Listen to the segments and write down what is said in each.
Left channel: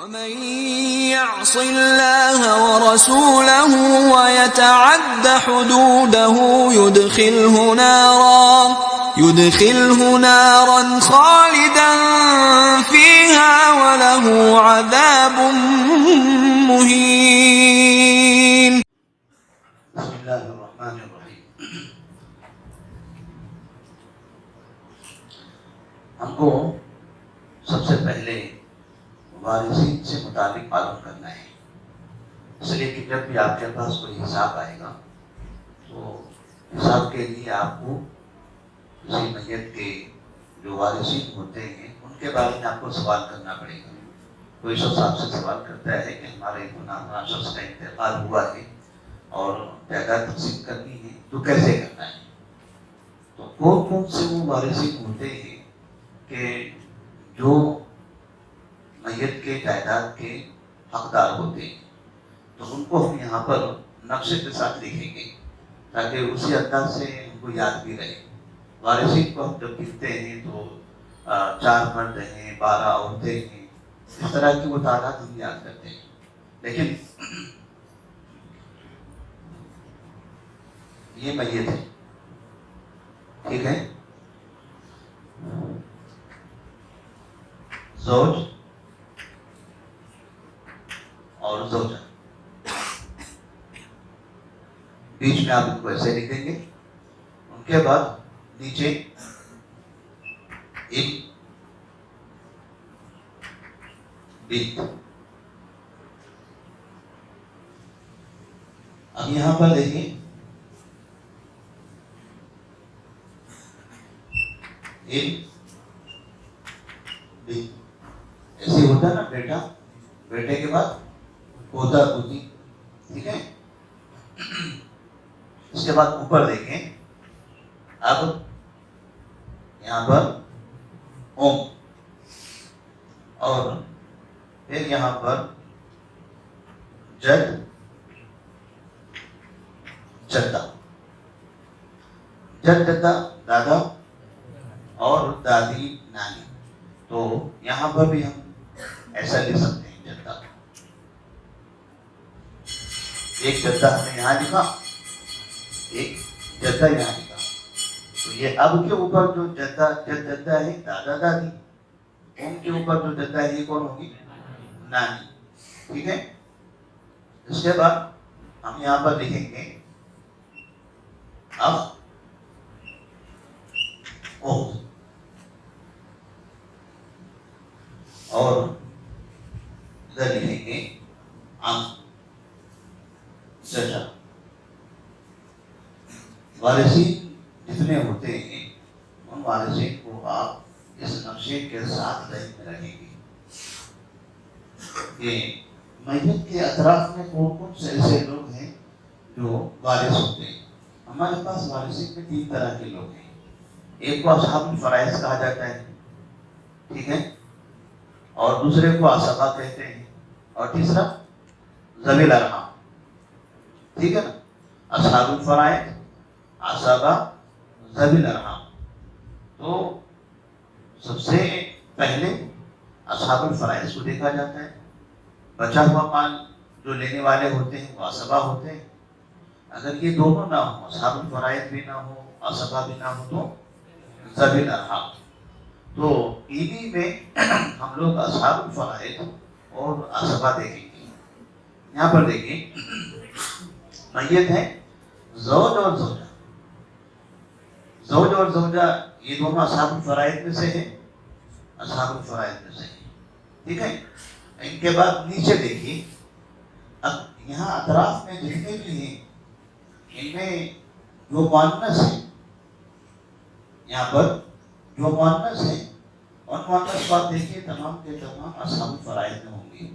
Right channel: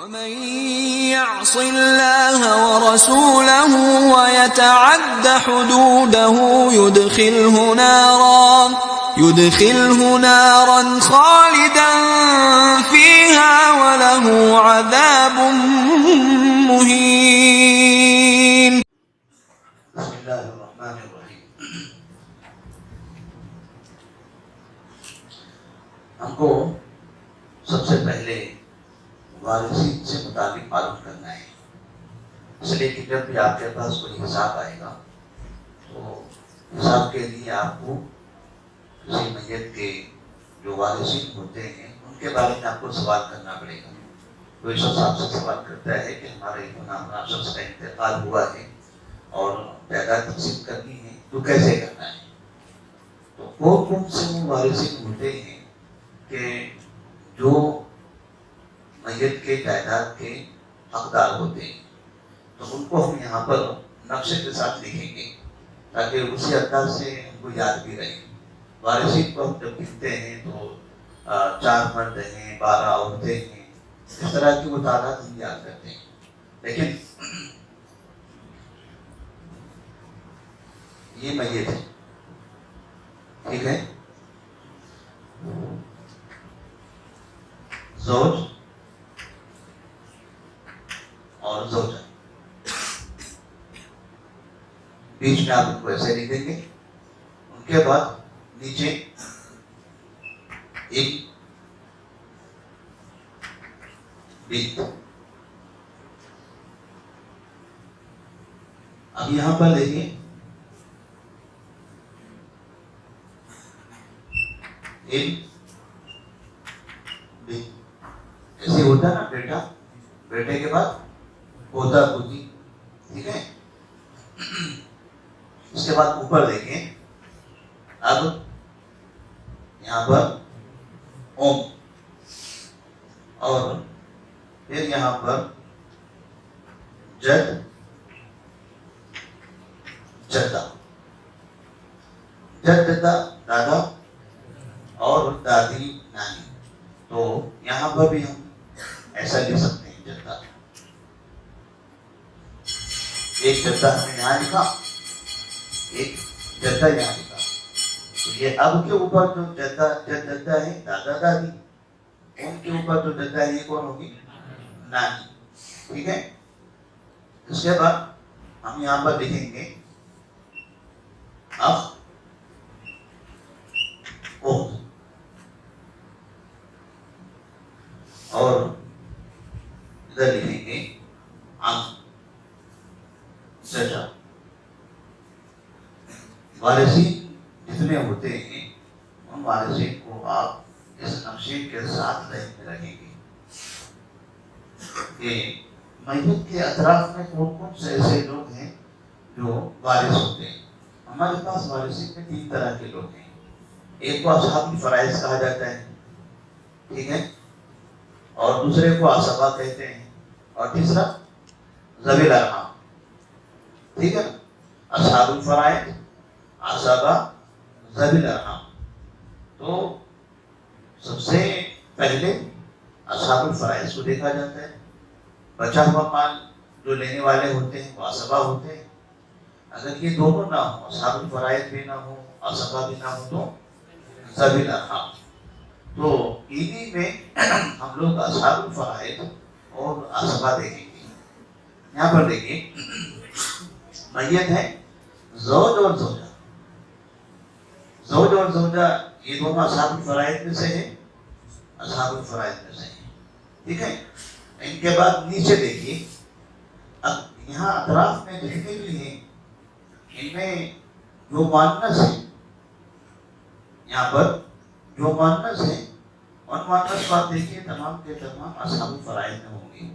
ومن يعص الله ورسوله ويتعد حدوده يدخله نارا خالدا فيها وله عذاب مهين. بسم اللہ الرحمن الرحیم. ہم کو سب سے پہلے ہمارے ذہن سے متعلق معلوم کرنا ہے، اس لیے کہ جب بھی آپ کے پاس کوئی حساب آئے گا تو حساب کے لیے آپ کو کسی میت کے جو وارثین ہوتے ہیں ان کے بارے میں آپ کو سوال کرنا پڑے گا. کوئی شخص آپ سے سوال کرتا ہے کہ ہمارے فلاں شخص کا انتقال ہوا ہے اور جائیداد تقسیم کرنی ہے تو کیسے کرنا ہے. تو کون سے وہ وارثین ہوتے ہیں کہ جو میت کے جائیداد کے حقدار ہوتے ہیں، تو ان کو ہم یہاں پر نقشے کے ساتھ لکھیں گے تاکہ اسی انداز سے ان کو یاد بھی رہے. وارثین کو ہم جب لکھتے ہیں تو 4 مرد ہیں، 12 عورتیں ہیں، اس طرح کی وہ تعداد ہم یاد کرتے ہیں. لیکن یہ میت ہے، ٹھیک ہے، زوج اور زوجہ، بیچ میں آپ ان کو ایسے لکھ دیں گے. ان کے بعد نیچے ایک بنت. اب یہاں پر دیکھیے ایک بنت، ایسے ہوتا ہے نا، بیٹا، بیٹے کے بعد پوتا پوتی، ٹھیک ہے. اس کے بعد اوپر دیکھیں، اب یہاں پر اوم، اور پھر یہاں پر جد جدہ، جد جدہ دادا اور دادی نانی. تو یہاں پر بھی ہم ایسا لکھ سکتے ہیں، جدہ. ایک جدہ ہم نے یہاں لکھا، ایک جدہ یہاں لکھا. یہ اب کے اوپر جو جدہ ہے دادا دادی، ان کے اوپر جو جدہ ہے یہ کون ہوگی؟ نانی، ٹھیک ہے. اس کے بعد ہم یہاں پر لکھیں گے اخ، اخت، اور ادھر لکھیں گے عم، چچا. وارثین جتنے ہوتے ہیں ان وارثین کو آپ اس نقشے کے ساتھ رکھیں گے کہ میت کے اطراف میں کون سے ایسے لوگ ہیں جو وارث ہوتے ہیں. ہمارے پاس وارثین میں 3 طرح کے لوگ ہیں. ایک کو اصحاب الفرائض کہا جاتا ہے، ٹھیک ہے، اور دوسرے کو عصبہ کہتے ہیں، اور تیسرا ذوی الارحام، ٹھیک ہے. اصحاب الفرائض، عصبہ، ذوی الارحام. تو سب سے پہلے اصحاب الفرائض کو دیکھا جاتا ہے. بچا ہوا مال جو لینے والے ہوتے ہیں وہ عصبہ ہوتے ہیں. اگر یہ دونوں نہ ہو، اصحاب الفرائض بھی نہ ہو، عصبہ بھی نہ ہو، تو ذوی الارحام. تو انہی میں ہم لوگ اصحاب الفرائض اور عصبہ دیکھیں گے. یہاں پر دیکھیے میت ہے زوج اور زوجہ. زوج اور زوجہ یہ دونوں اصحاب الفرائض میں سے ہیں، اصحاب الفرائض میں سے ہیں، ٹھیک ہے. ان کے بعد نیچے دیکھیے، اب یہاں اطراف میں جتنے بھی ہیں ان میں جو مؤنث ہے، یہاں پر جو مؤنث ہے ان مؤنث بات دیکھیے تمام کے تمام اصحاب الفرائض میں ہوں گی.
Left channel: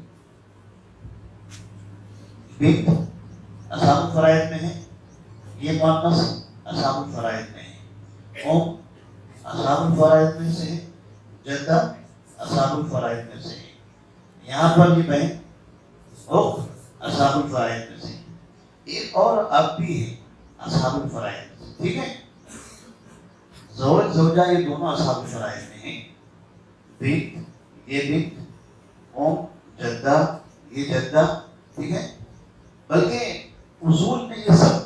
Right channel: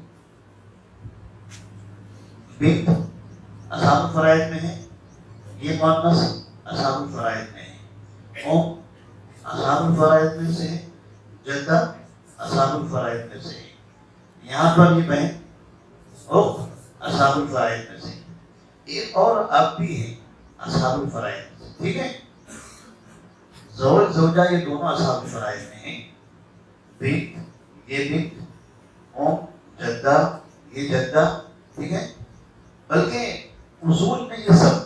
بنت اصحاب الفرائض میں ہے، یہ مؤنث اصحاب الفرائض میں ہے. ام اصحاب الفرائض میں سے ہے، جدہ اصحاب الفرائض میں سے ہے. یہاں پر بھی بہن اخت اصحاب الفرائض میں سے. ایک اور اب بھی ہے اصحاب الفرائض، ٹھیک ہے. زوج زوجہ یہ دونوں اصحاب الفرائض میں ہیں. بنت یہ بنت، ام جدہ جدہ، یہ جدہ، ٹھیک ہے. بلکہ اصول میں یہ سب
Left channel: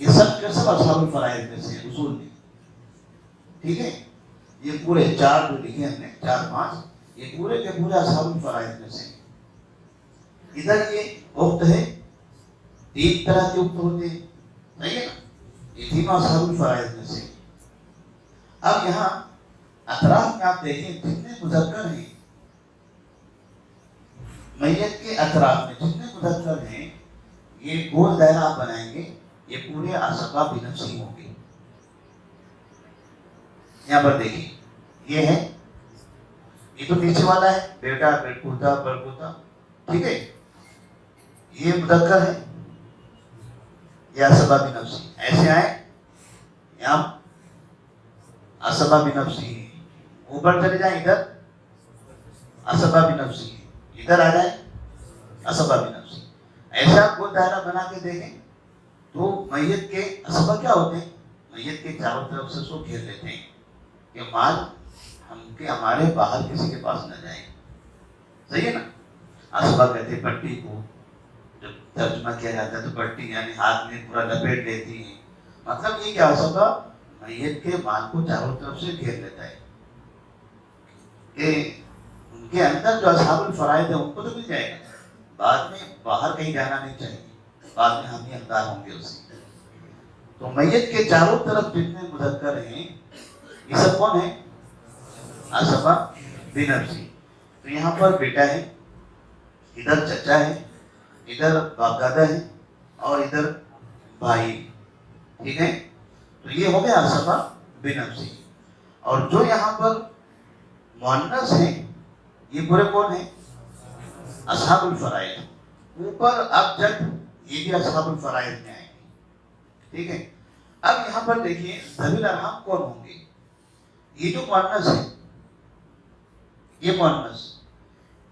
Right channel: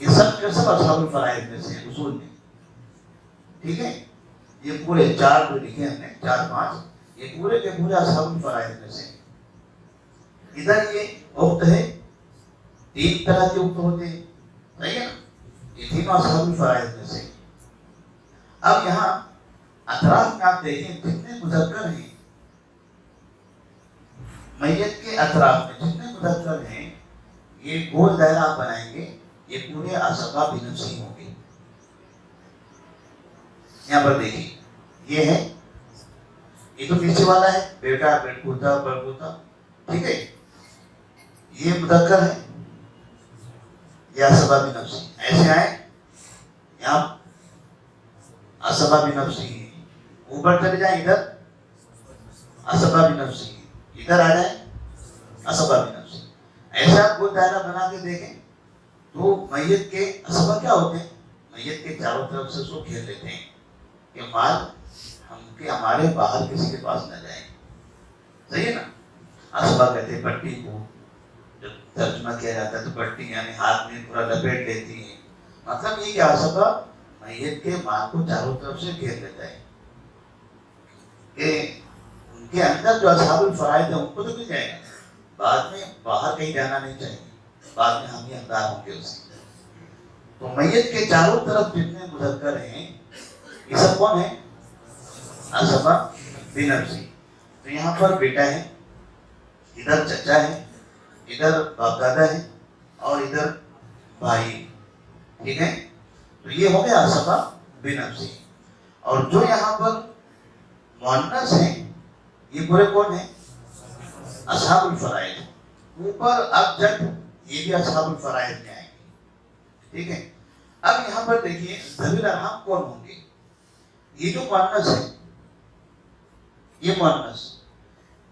جو سب اصحاب الفرائض میں سے ہیں اصول میں، ٹھیک ہے. یہ پورے 4 جو لکھے ہم نے 4 5 یہ پورے کے پورے اصحاب الفرائض میں سے ہیں. ادھر یہ وقت ہے 3 طرح کے وقت ہوتے ہیں، نہیں ہے نا، یہ تینوں اصحاب الفرائض میں سے. اب یہاں اطراف میں آپ دیکھیں جتنے مذکر ہیں میت کے اطراف میں، جتنے مذکر ہیں یہ گول دائرہ آپ بنائیں گے، یہ پورے اسباب نفسی ہوں گے. یہاں پر دیکھیے یہ ہے، یہ تو نیچے والا ہے بیٹا بیٹپوتا بڑپوتا، ٹھیک ہے. یہ مذکر ہے، یہ اسباب نفسی. ایسے آئے یہاں اسباب نفسی، اوپر چلے جائیں ادھر اسباب نفسی، ادھر آ جائیں اسباب نفسی. ایسا آپ کو دائرہ بنا کے دیکھیں تو میت کے اسباب کیا ہوتے ہیں؟ میت کے چاروں طرف سے اس کو گھیر لیتے ہیں کہ مال ہمارے باہر کسی کے پاس نہ جائے. صحیح ہے نا. اسباب کہتے ہیں پٹی کو، جب ترجمہ کیا جاتا ہے تو پٹی یعنی ہاتھ میں پورا لپیٹ لیتی ہے. مطلب یہ کہ اسباب میت کے مال کو چاروں طرف سے گھیر لیتا ہے کہ ان کے اندر جو اصحاب الفرائض ہیں ان کو تو مل جائے گا، بعد میں باہر کہیں جانا نہیں چاہیے، بعد میں ہم ہی حقدار ہوں گے اس کے. تو میت کے چاروں طرف جتنے مذکر ہیں یہ سب کون ہیں؟ اسباب بنفسی. تو یہاں پر بیٹا ہے، ادھر چچا ہے، ادھر باپ دادا ہے اور ادھر بھائی، ٹھیک ہے. تو یہ ہو گیا اسباب بنفسی. اور جو یہاں پر مؤنث ہیں یہ پورے کون ہیں؟ اصحاب الفرائض. اوپر اب جب یہ بھی اصحاب الفرائض میں آئیں گے، ٹھیک ہے. اب یہاں پر دیکھیے ذوی الارحام کون ہوں گے؟ یہ جو مؤنث ہے، یہ مؤنث،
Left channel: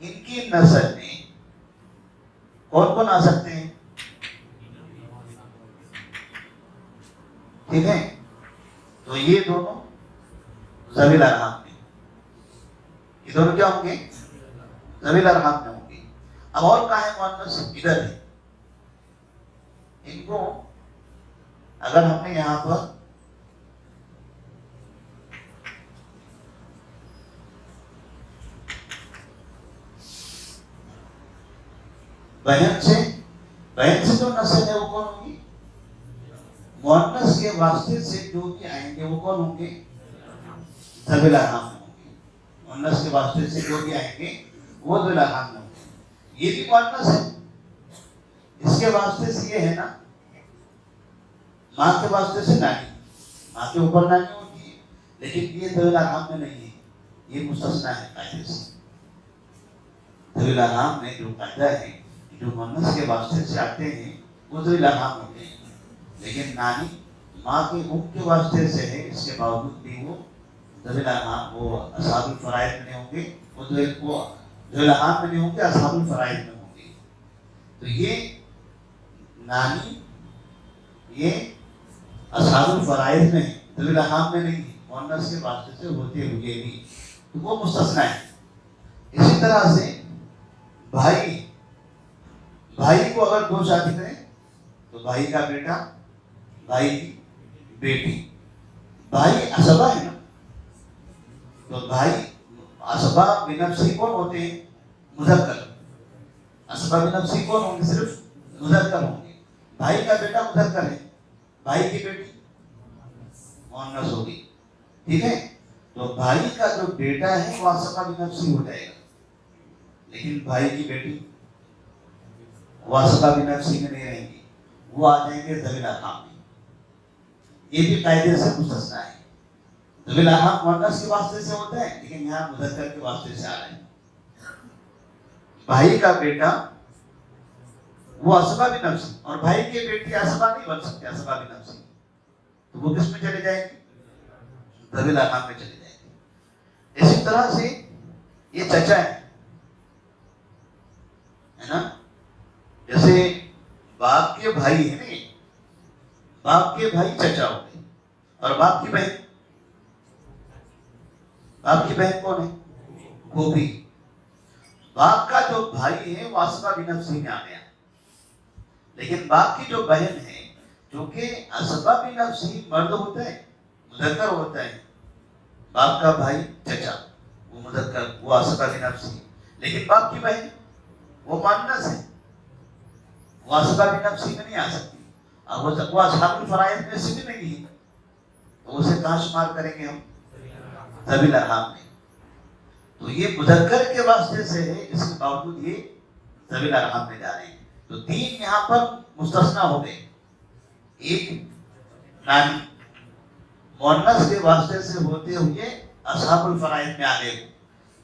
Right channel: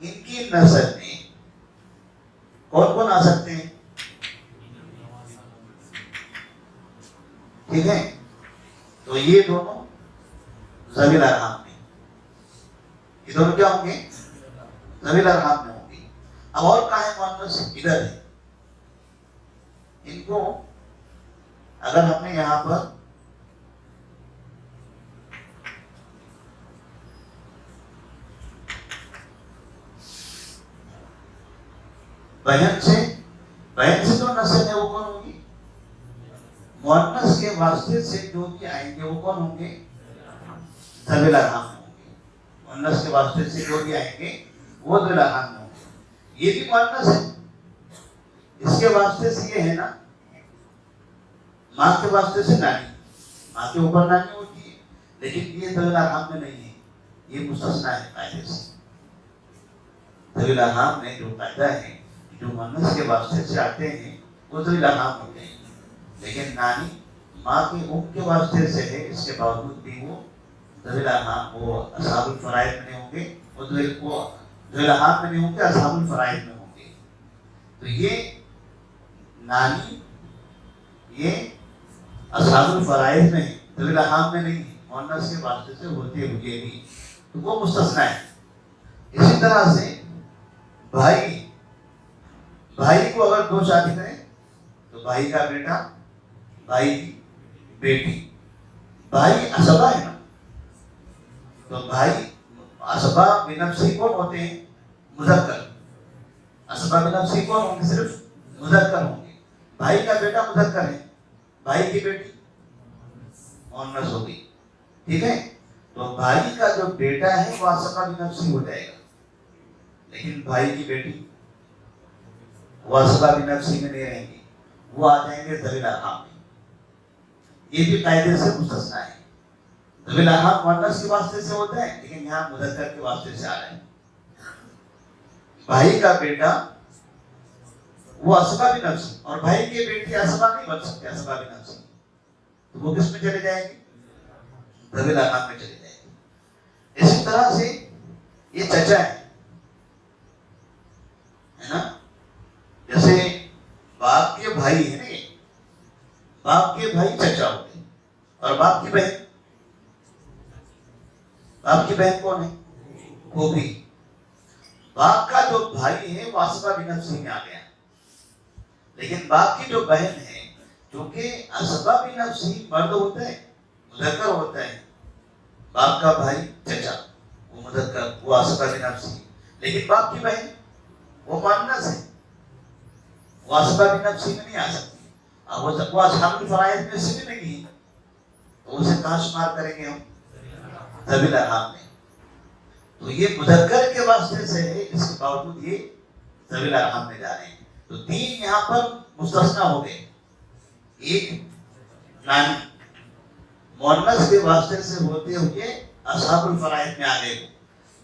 ان کی نسل میں کون کون آ سکتے ہیں؟ ٹھیک ہے. تو یہ دونوں ذوی الارحام میں، یہ دونوں کیا ہوں گے؟ ذوی الارحام میں ہوں گے. اب اور کہاں ہے مؤنث؟ ادھر ہے. ان کو اگر ہم نے یہاں پر بہن سے جو نسل ہے وہ کون ہوگی؟ مؤنث کے واسطے سے جو بھی آئیں گے وہ کون ہوں گے؟ ذوی الارحام ہوں گے. مؤنث کے واسطے سے جو بھی آئیں گے وہ ذوی الارحام ہوں گے. یہ بھی مؤنث ہے، اس کے واسطے سے یہ ہے نا، ماں کے واسطے سے نانی، ماں کے اوپر نانی ہوتی ہے، لیکن یہ ذوی الارحام میں نہیں ہے، یہ مستثنا ہے قاعدے سے. ذوی الارحام میں جو قاعدہ ہے جو مؤنث کے واسطے سے آتے ہیں وہ ذوی الارحام ہوتے ہیں، لیکن نانی ماں کے منہ کے واسطے سے ہے، اس کے باوجود بھی وہ ذوی الارحام، وہ اصحاب الفرائض میں نہیں ہوں گے، وہ ذوی الارحام میں نہیں ہوں گے، اصحاب الفرائض میں ہوں گے. تو یہ نانی یہ اصحاب الفرائض میں ذوی الارحام میں نہیں، مؤنث کے واسطے سے ہوتے ہوئے بھی تو وہ مستثنا ہے. اسی طرح سے بھائی کو اگر 2 شادی کریں تو بھائی کا بیٹا، بھائی کی بیٹی، بھائی اسبا ہے نا. تو بھائی اسباب بنفسی کون ہوتے ہیں؟ مذکر. اسباب بنفسی کون ہوں گے؟ صرف مذکر ہوں گے. بھائی کا بیٹا مذکر ہے، بھائی کی بیٹی مؤنث ہوگی، ٹھیک ہے. تو بھائی کا جو بیٹا ہے وہ اسباب بنفسی ہو جائے گا، لیکن بھائی کی بیٹی وہ اسباب نفسی میں نہیں رہیں گی، وہ آ جائیں گے ذوی الارحام میں. یہ بھی قاعدے سے مستثنا ہے. ذوی الارحام مؤنث کے واسطے سے ہوتا ہے، لیکن یہاں مذکر کے واسطے سے آ رہا ہے. بھائی کا بیٹا وہ اسباب نفسی، اور بھائی کی بیٹی اسباب نہیں بن سکتے اسباب نفسی، تو وہ کس میں چلے جائیں گے؟ ذوی الارحام میں چلے جائیں گے. اسی طرح سے یہ چچا ہے نا، جیسے باپ کے بھائی ہیں نا، باپ کے بھائی چچا ہوتے ہیں. اور باپ کی بہن کون ہے؟ پھوپھی. باپ کا جو بھائی ہے وہ اسباب نفسی میں آ گیا، لیکن باپ کی جو بہن ہے، کیونکہ اسباب نفسی مرد ہوتا ہے، مذکر ہوتا ہے، باپ کا بھائی چچا وہ مذکر، وہ اسباب نفسی، لیکن باپ کی بہن وہ مؤنث ہے، وہ اسباب نفسی میں نہیں آ سکتی۔ اب وہ اصحاب الفرائض میں سے بھی نہیں ہے، تو اسے کہاں شمار کریں گے ہم؟ ذوی الارحام میں۔ تو یہ مذکر کے واسطے سے ہے، اس کے باوجود یہ ذوی الارحام میں جا رہے ہیں۔ تو تین یہاں پر مستثنا ہو گئے، ایک نانی مؤنث کے واسطے سے ہوتے ہوئے اصحاب الفرائض میں آ گئے،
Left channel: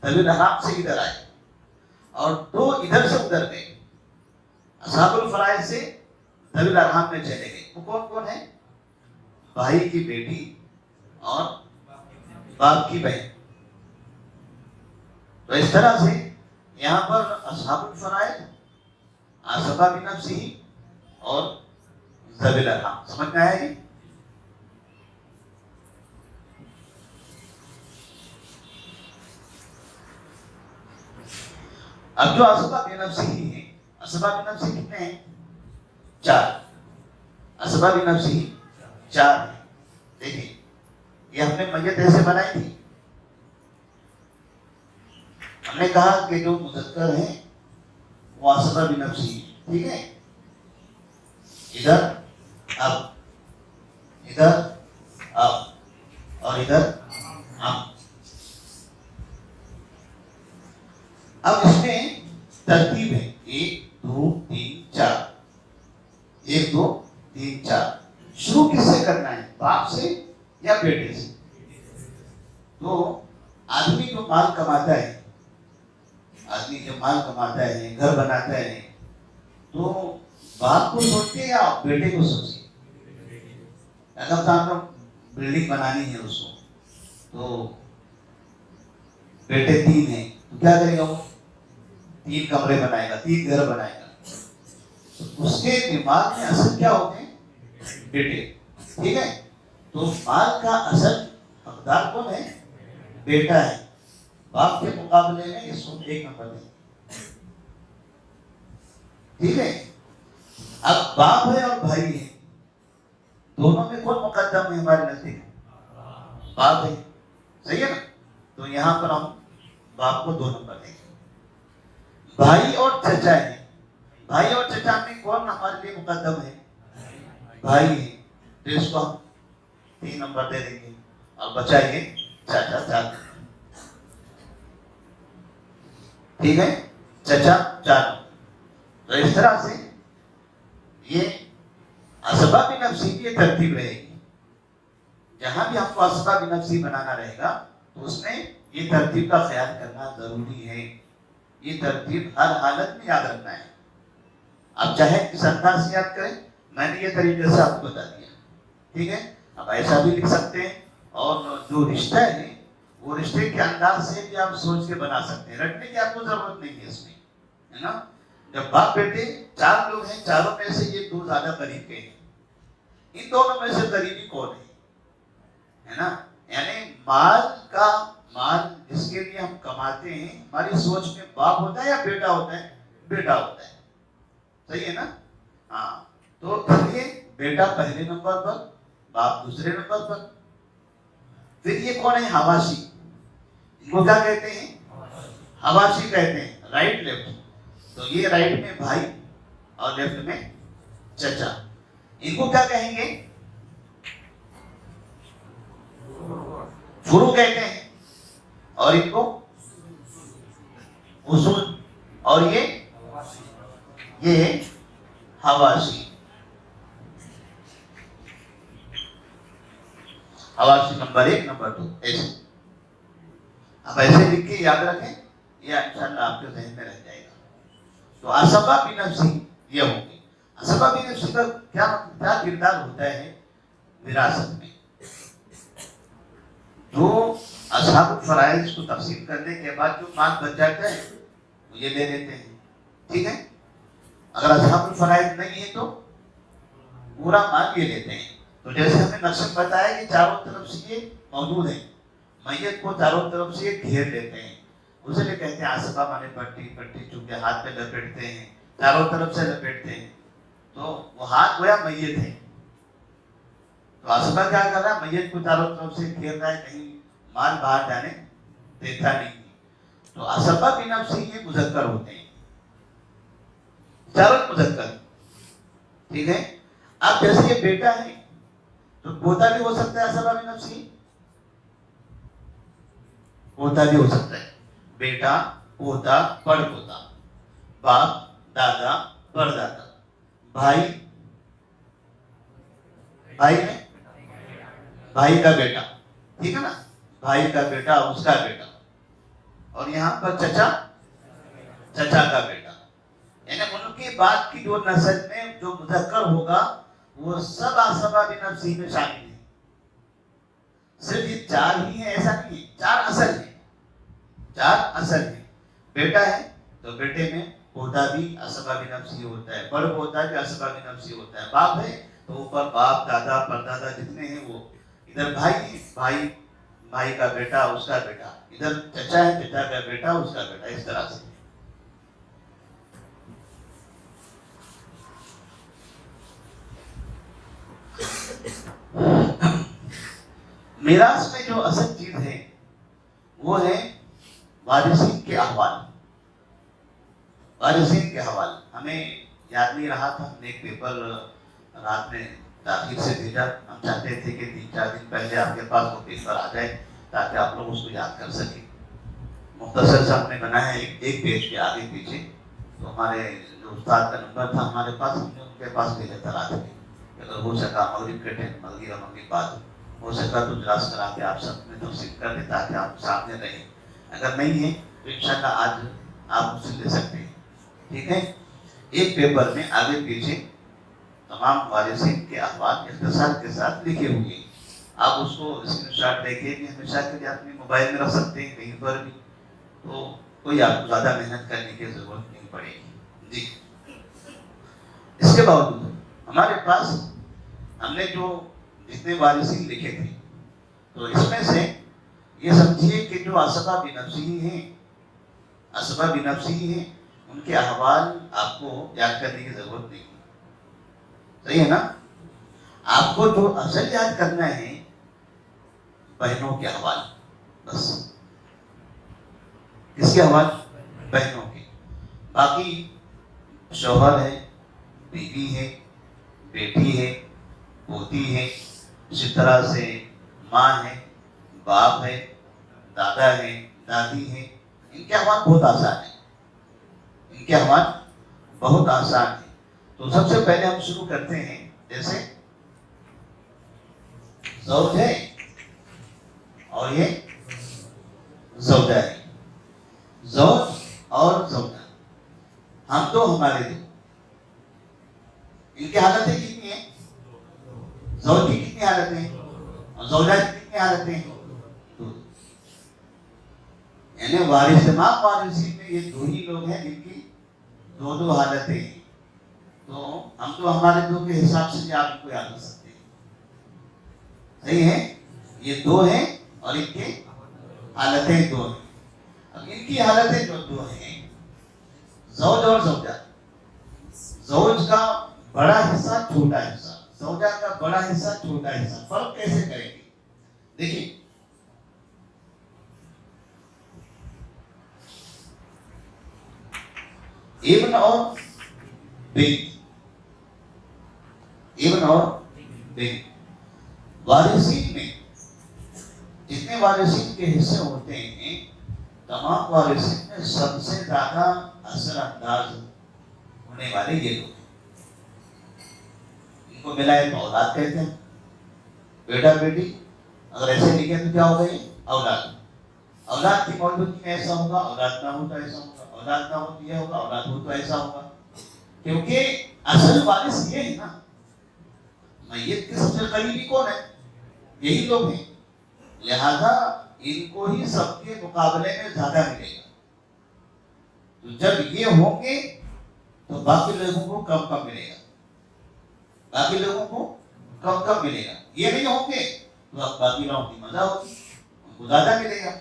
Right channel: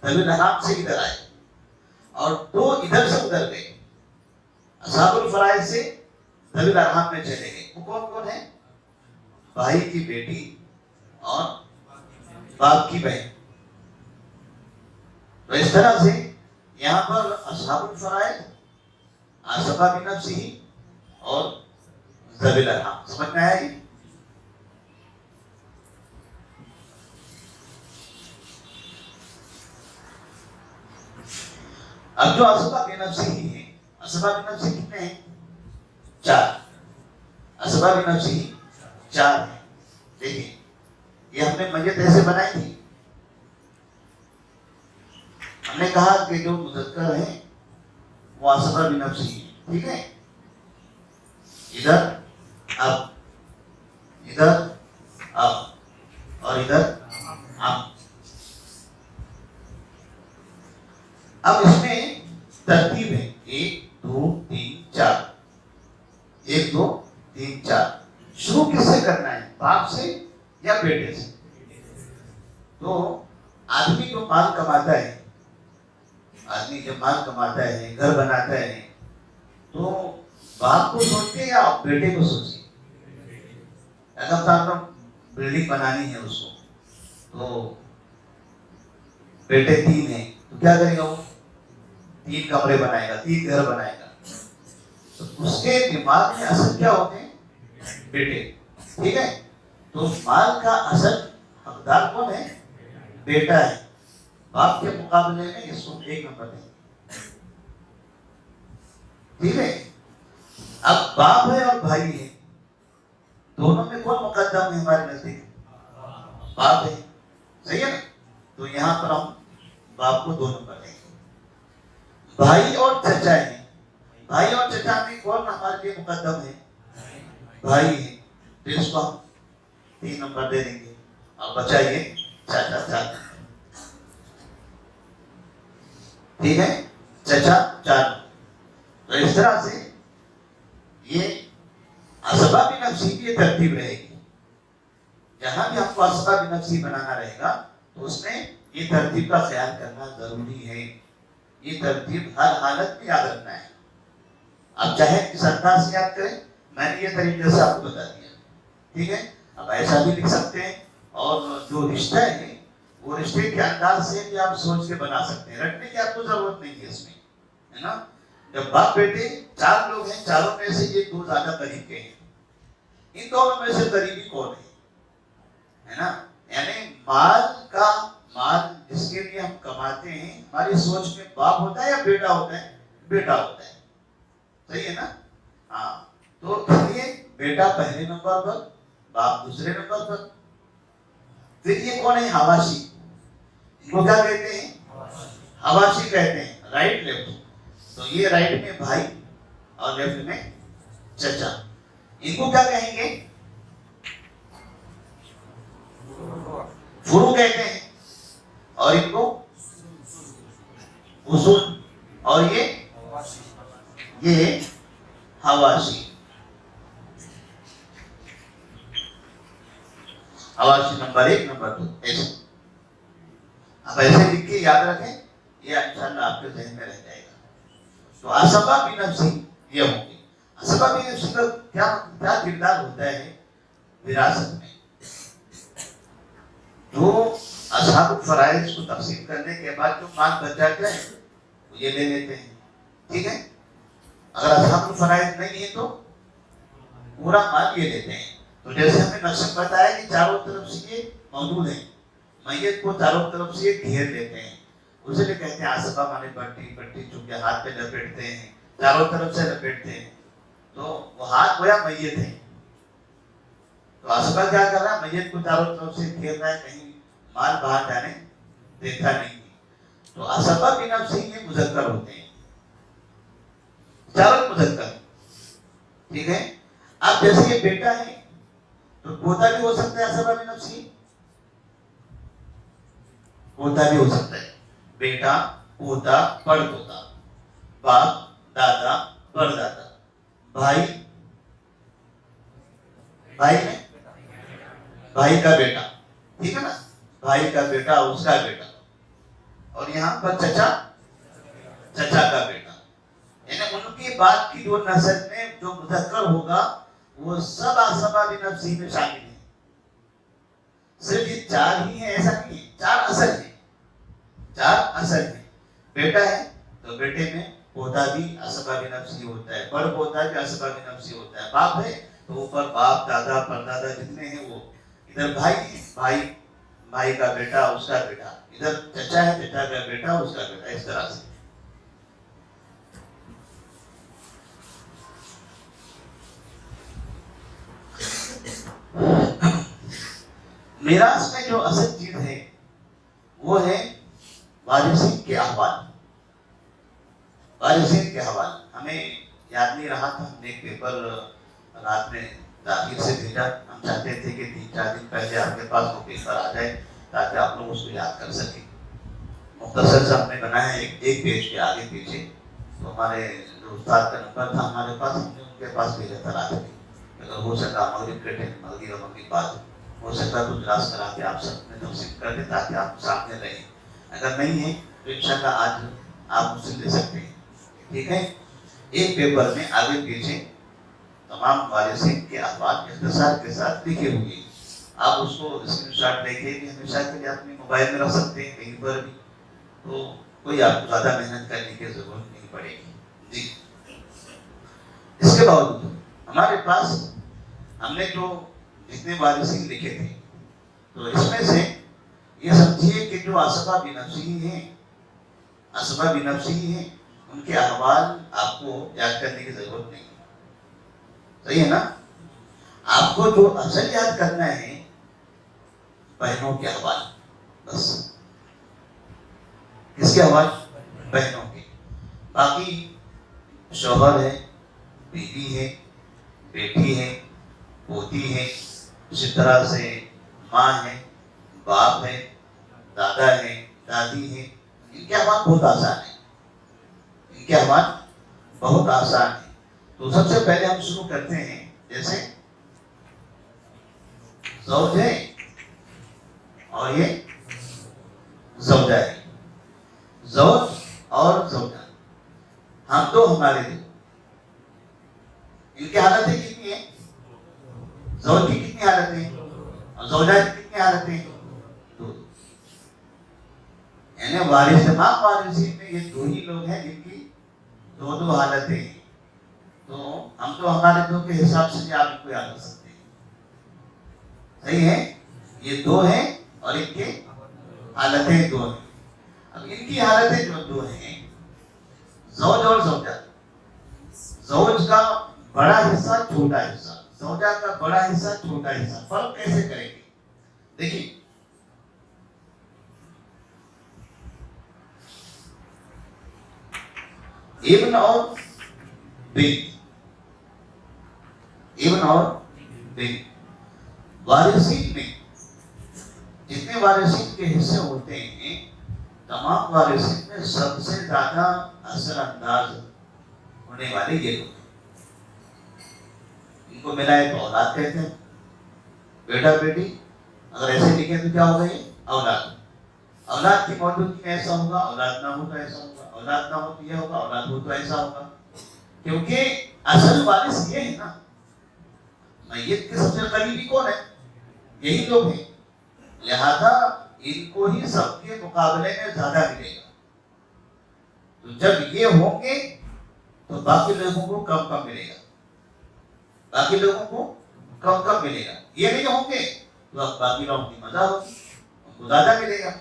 ذوی الارحام سے ادھر آئے، اور دو ادھر سے ادھر گئے، اصحاب الفرائض سے ذوی الارحام میں چلے گئے۔ وہ کون کون ہے؟ بھائی کی بیٹی اور باپ کی بہن۔ تو اس طرح سے یہاں پر اصحاب الفرائض، اسباب نفسی اور ذوی الارحام، سمجھ میں آیا یہ؟ اب جو اسباب نفسی ہے، اسباب نفسی کتنے ہیں؟ چار۔ اسباب نفسی چار ہیں۔ دیکھیں یہ ہم نے میت ایسے بنائی تھی، ہم نے کہا کہ جو مذکر ہیں وہ اسباب نفسی ہیں، ٹھیک ہے؟ ادھر اب، ادھر اب، اور ادھر اب۔ اب اس میں ترتیب ہے 1 2 3 4، 1 2 3 4۔ شروع کس سے کرنا ہے؟ باپ سے یا بیٹے سے؟ تو آدمی جو مال کماتا ہے، آدمی جب مال کماتا ہے، گھر بناتا ہے، تو باپ کو سوچتے یا بیٹے کو سوچتے؟ اگر آپ بلڈنگ بنانی ہے اس کو، تو بیٹے 3 ہیں، تو کیا کرے گا؟ وہ 3 کمرے بنائے گا، 3 گھر بنائے گا۔ تو اس کے دماغ میں اصل کیا ہوتے ہیں؟ بیٹے، ٹھیک ہے؟ تو مال کا اصل حقدار کون ہے؟ بیٹا ہے۔ باپ کے مقابلے میں اس کو 1 نمبر دیں، ٹھیک ہے؟ اب باپ ہے اور بھائی ہے، دونوں میں کون مقدم ہے ہمارے نزدیک؟ باپ ہے، صحیح ہے نا؟ تو یہاں پر ہم باپ کو 2 نمبر دیں گے۔ بھائی اور چچا ہے، بھائی اور چچا میں کون ہمارے لیے مقدم ہے؟ بھائی ہے، تو اس کو ہم 3 نمبر دے دیں گے، اور بچائیے چاچا 4، ٹھیک ہے؟ چچا 4۔ تو اس طرح سے یہ اسباب نفسی کی یہ ترتیب رہے گی۔ جہاں بھی ہم کو اسباب نفسی بنانا رہے گا تو اس میں یہ ترتیب کا خیال کرنا ضروری ہے۔ یہ ترتیب ہر حالت میں یاد رکھنا ہے۔ اب چاہے کس انداز سے یاد کریں، میں نے یہ طریقے سے آپ کو بتا دیا، ٹھیک ہے؟ اب ایسا بھی لکھ سکتے ہیں، اور جو رشتہ ہے وہ رشتے کے انداز سے بھی آپ سوچ کے بنا سکتے ہیں، رکھنے کی آپ کو ضرورت نہیں ہے اس میں، ہے نا؟ جب باپ بیٹے 4 لوگ ہیں، چاروں میں سے یہ 2 زیادہ قریب کے ہیں، ان دونوں میں سے قریبی کون ہے نا؟ یعنی مال جس کے لیے ہم کماتے ہیں، ہماری سوچ میں باپ ہوتا ہے یا بیٹا ہوتا ہے؟ بیٹا ہوتا ہے، صحیح ہے نا؟ ہاں، تو یہ بیٹا پہلے نمبر پر، باپ دوسرے نمبر پر۔ پھر یہ کون ہے؟ حواشی۔ ان کو کیا کہتے ہیں؟ حواشی کہتے ہیں، رائٹ لیفٹ۔ تو یہ رائٹ میں بھائی اور لیفٹ میں چچا، ان کو کیا کہیں گے؟ فروع کہتے ہیں، اور ان کو اصول، اور یہ حواشی۔ حواشی نمبر 1 نمبر 2 ایسے۔ اب ایسے لکھ کے یاد رکھیں، یہ انشاءاللہ آپ کے ذہن میں رہ جائے گا۔ تو اسباب نفسی یہ ہوں گے۔ اسباب نفسی کا کیا کردار ہوتا ہے وراثت میں؟ جو اصحاب الفرائض کو تقسیم کرنے کے بعد جو مال بچ جاتا ہے یہ لے لیتے ہیں، ٹھیک ہے؟ اگر اصحاب الفرائض نہیں ہے تو پورا مال یہ لیتے ہیں۔ تو جیسے ہم نے نقشہ بتایا کہ چاروں طرف سے یہ موجود ہے، میت کو چاروں طرف سے یہ گھیر لیتے ہیں، اسے لیے کہتے ہیں آسبا مانے پٹی، پٹی چونکہ ہاتھ میں لپیٹتے ہیں، چاروں طرف سے لپیٹتے ہیں، تو وہ ہاتھ گویا میت ہے، تو آسبا کیا کرنا، میت کو چاروں طرف سے گھیرنا ہے، کہیں مال باہر جانے دیکھتا نہیں. تو آسبا بھی نفسی کے مذکر ہوتے ہیں، چاروں مذکر. ٹھیک ہے. اب جیسے یہ بیٹا ہے تو پوتا بھی ہو سکتا ہے آسبا بھی نفسی، پوتا بھی ہو سکتا ہے، بیٹا، پوتا، پڑ پوتا، باپ، دادا، پردادا، بھائی، بھائی ہے، بھائی کا بیٹا، ٹھیک ہے نا، بھائی کا بیٹا، اس کا بیٹا، اور یہاں پر چچا، چچا کا بیٹا. یعنی ان کے بعد کی جو نسل میں جو مذکر ہوگا وہ سب آسبا بھی نفسی میں شامل ہیں. صرف یہ چار ہی ہیں ایسا نہیں ہے، چار اصل ہیں، چار اصل ہیں. بیٹا ہے تو بیٹے میں پوتا بھی آسبا بھی نفسی ہوتا ہے، بڑ پوتا بھی آسبا بھی نفسی ہوتا ہے. باپ ہے تو اوپر باپ، دادا، پردادا جتنے ہیں وہ. ادھر بھائی ہے، بھائی، بھائی کا بیٹا، اس کا بیٹا. ادھر چچا ہے، چچا کا بیٹا، اس کا بیٹا. اس طرح سے. میراث میں جو اصل چیز ہے وہ ہے وارثین کے احوال. وارثین کے حوال ہمیں یاد نہیں رہا تھا، ہم نے ایک پیپر رات میں تاخیر سے بھیجا. ہم چاہتے تھے کہ 3-4 دن پہلے آپ کے پاس وہ پیپر آ جائے تاکہ آپ لوگ اس کو یاد کر سکیں. مختصر سا ہم نے بنایا ہے ایک پیج کے آگے پیچھے. تو ہمارے جو استاد کا نمبر تھا ہمارے پاس، ہم نے ان کے پاس بھیجا تھا رات میں. اگر ہو سکا مغرب کے ٹائم، مغرب کے بعد ہو سکتا تو اجلاس کرا کے آپ سب میں تفصیل کر دیں تاکہ آپ سامنے رہیں. اگر نہیں ہے تو انشاءاللہ آج آپ مجھ سے لے سکتے ہیں. ٹھیک ہے. ایک پیپر میں آگے پیچھے تمام وارثین کے احوال اختصار کے ساتھ لکھے ہوئے ہیں. آپ اس کو اسکرین شاٹ لے کے بھی ہمیشہ کے لیے اپنے موبائل میں رکھ سکتے ہیں کہیں پر بھی، تو کوئی آپ کو زیادہ محنت کرنے کی ضرورت نہیں پڑے گی. جی. اس کے باوجود ہمارے پاس ہم نے جو جتنے وارثین لکھے تھے تو اس میں سے یہ سمجھیے کہ جو آسبا بھی نفسی ہیں، آسبا بھی نفسی ہیں، ان کے احوال آپ کو یاد کرنے کی ضرورت نہیں. صحیح ہے نا. آپ کو جو اصل یاد کرنا ہے بہنوں کے احوال. بس. کس کے احوال؟ بہنوں کے. باقی شوہر ہے، بیوی ہے، بیٹی ہے، پوتی ہے، اسی طرح سے ماں ہے، باپ ہے، دادا ہے، دادی ہے. ان کے احوال بہت آسان ہے، ان کے احوال بہت آسان ہے. تو سب سے پہلے ہم شروع کرتے ہیں. جیسے زوج ہے اور یہ زوجہ ہے. زوج اور زوجہ ہم تو ہمارے دو. ان کی حالتیں کتنی ہیں؟ زوج کی کتنی حالتیں اور زوجہ کی کتنی حالتیں؟ دو. یعنی وارث تمام وارثین میں یہ دو ہی لوگ ہیں جن کی دو دو حالتیں ہیں. تو ہم تو ہمارے دو کے حساب سے بھی آپ ان کو یاد کر سکتے ہیں. صحیح ہے. یہ دو ہیں اور ان کی حالتیں دو ہیں. اب ان کی حالتیں جو دو ہیں، زوج اور زوجہ. زوج کا بڑا حصہ، چھوٹا حصہ، زوجہ کا بڑا حصہ، چھوٹا حصہ. فرق کیسے کریں گے؟ دیکھیے، ابن اور بنت، ابن اور بنت. وارثین میں جتنے وارثین کے حصے ہوتے ہیں، تمام وارثین میں سب سے زیادہ اثر انداز ہونے والے یہ لوگ ہیں. ان کو ملائے تو اولاد کہتے ہیں. بیٹا بیٹی اگر ایسے لکھے تو کیا ہوگا؟ یہ اولاد. اولاد کی موجودگی میں ایسا ہوگا، اولاد نہ ہو تو ایسا ہوگا، اولاد نہ ہو تو یہ ہوگا، اولاد ہو تو ایسا ہوگا. کیونکہ اصل وارث یہ ہے نا. میت کے سب سے قریبی کون ہے؟ یہی لوگ ہیں. لہذا ان کو ہی سب کے مقابلے میں زیادہ ملے گا. تو جب یہ ہوں گے تو باقی لوگوں کو کم کم ملے گا. باقی لوگوں کو کم کم ملے گا. یہ نہیں ہوں گے تو باقی لوگوں کی مزہ ہوگی، ان کو زیادہ ملے گا.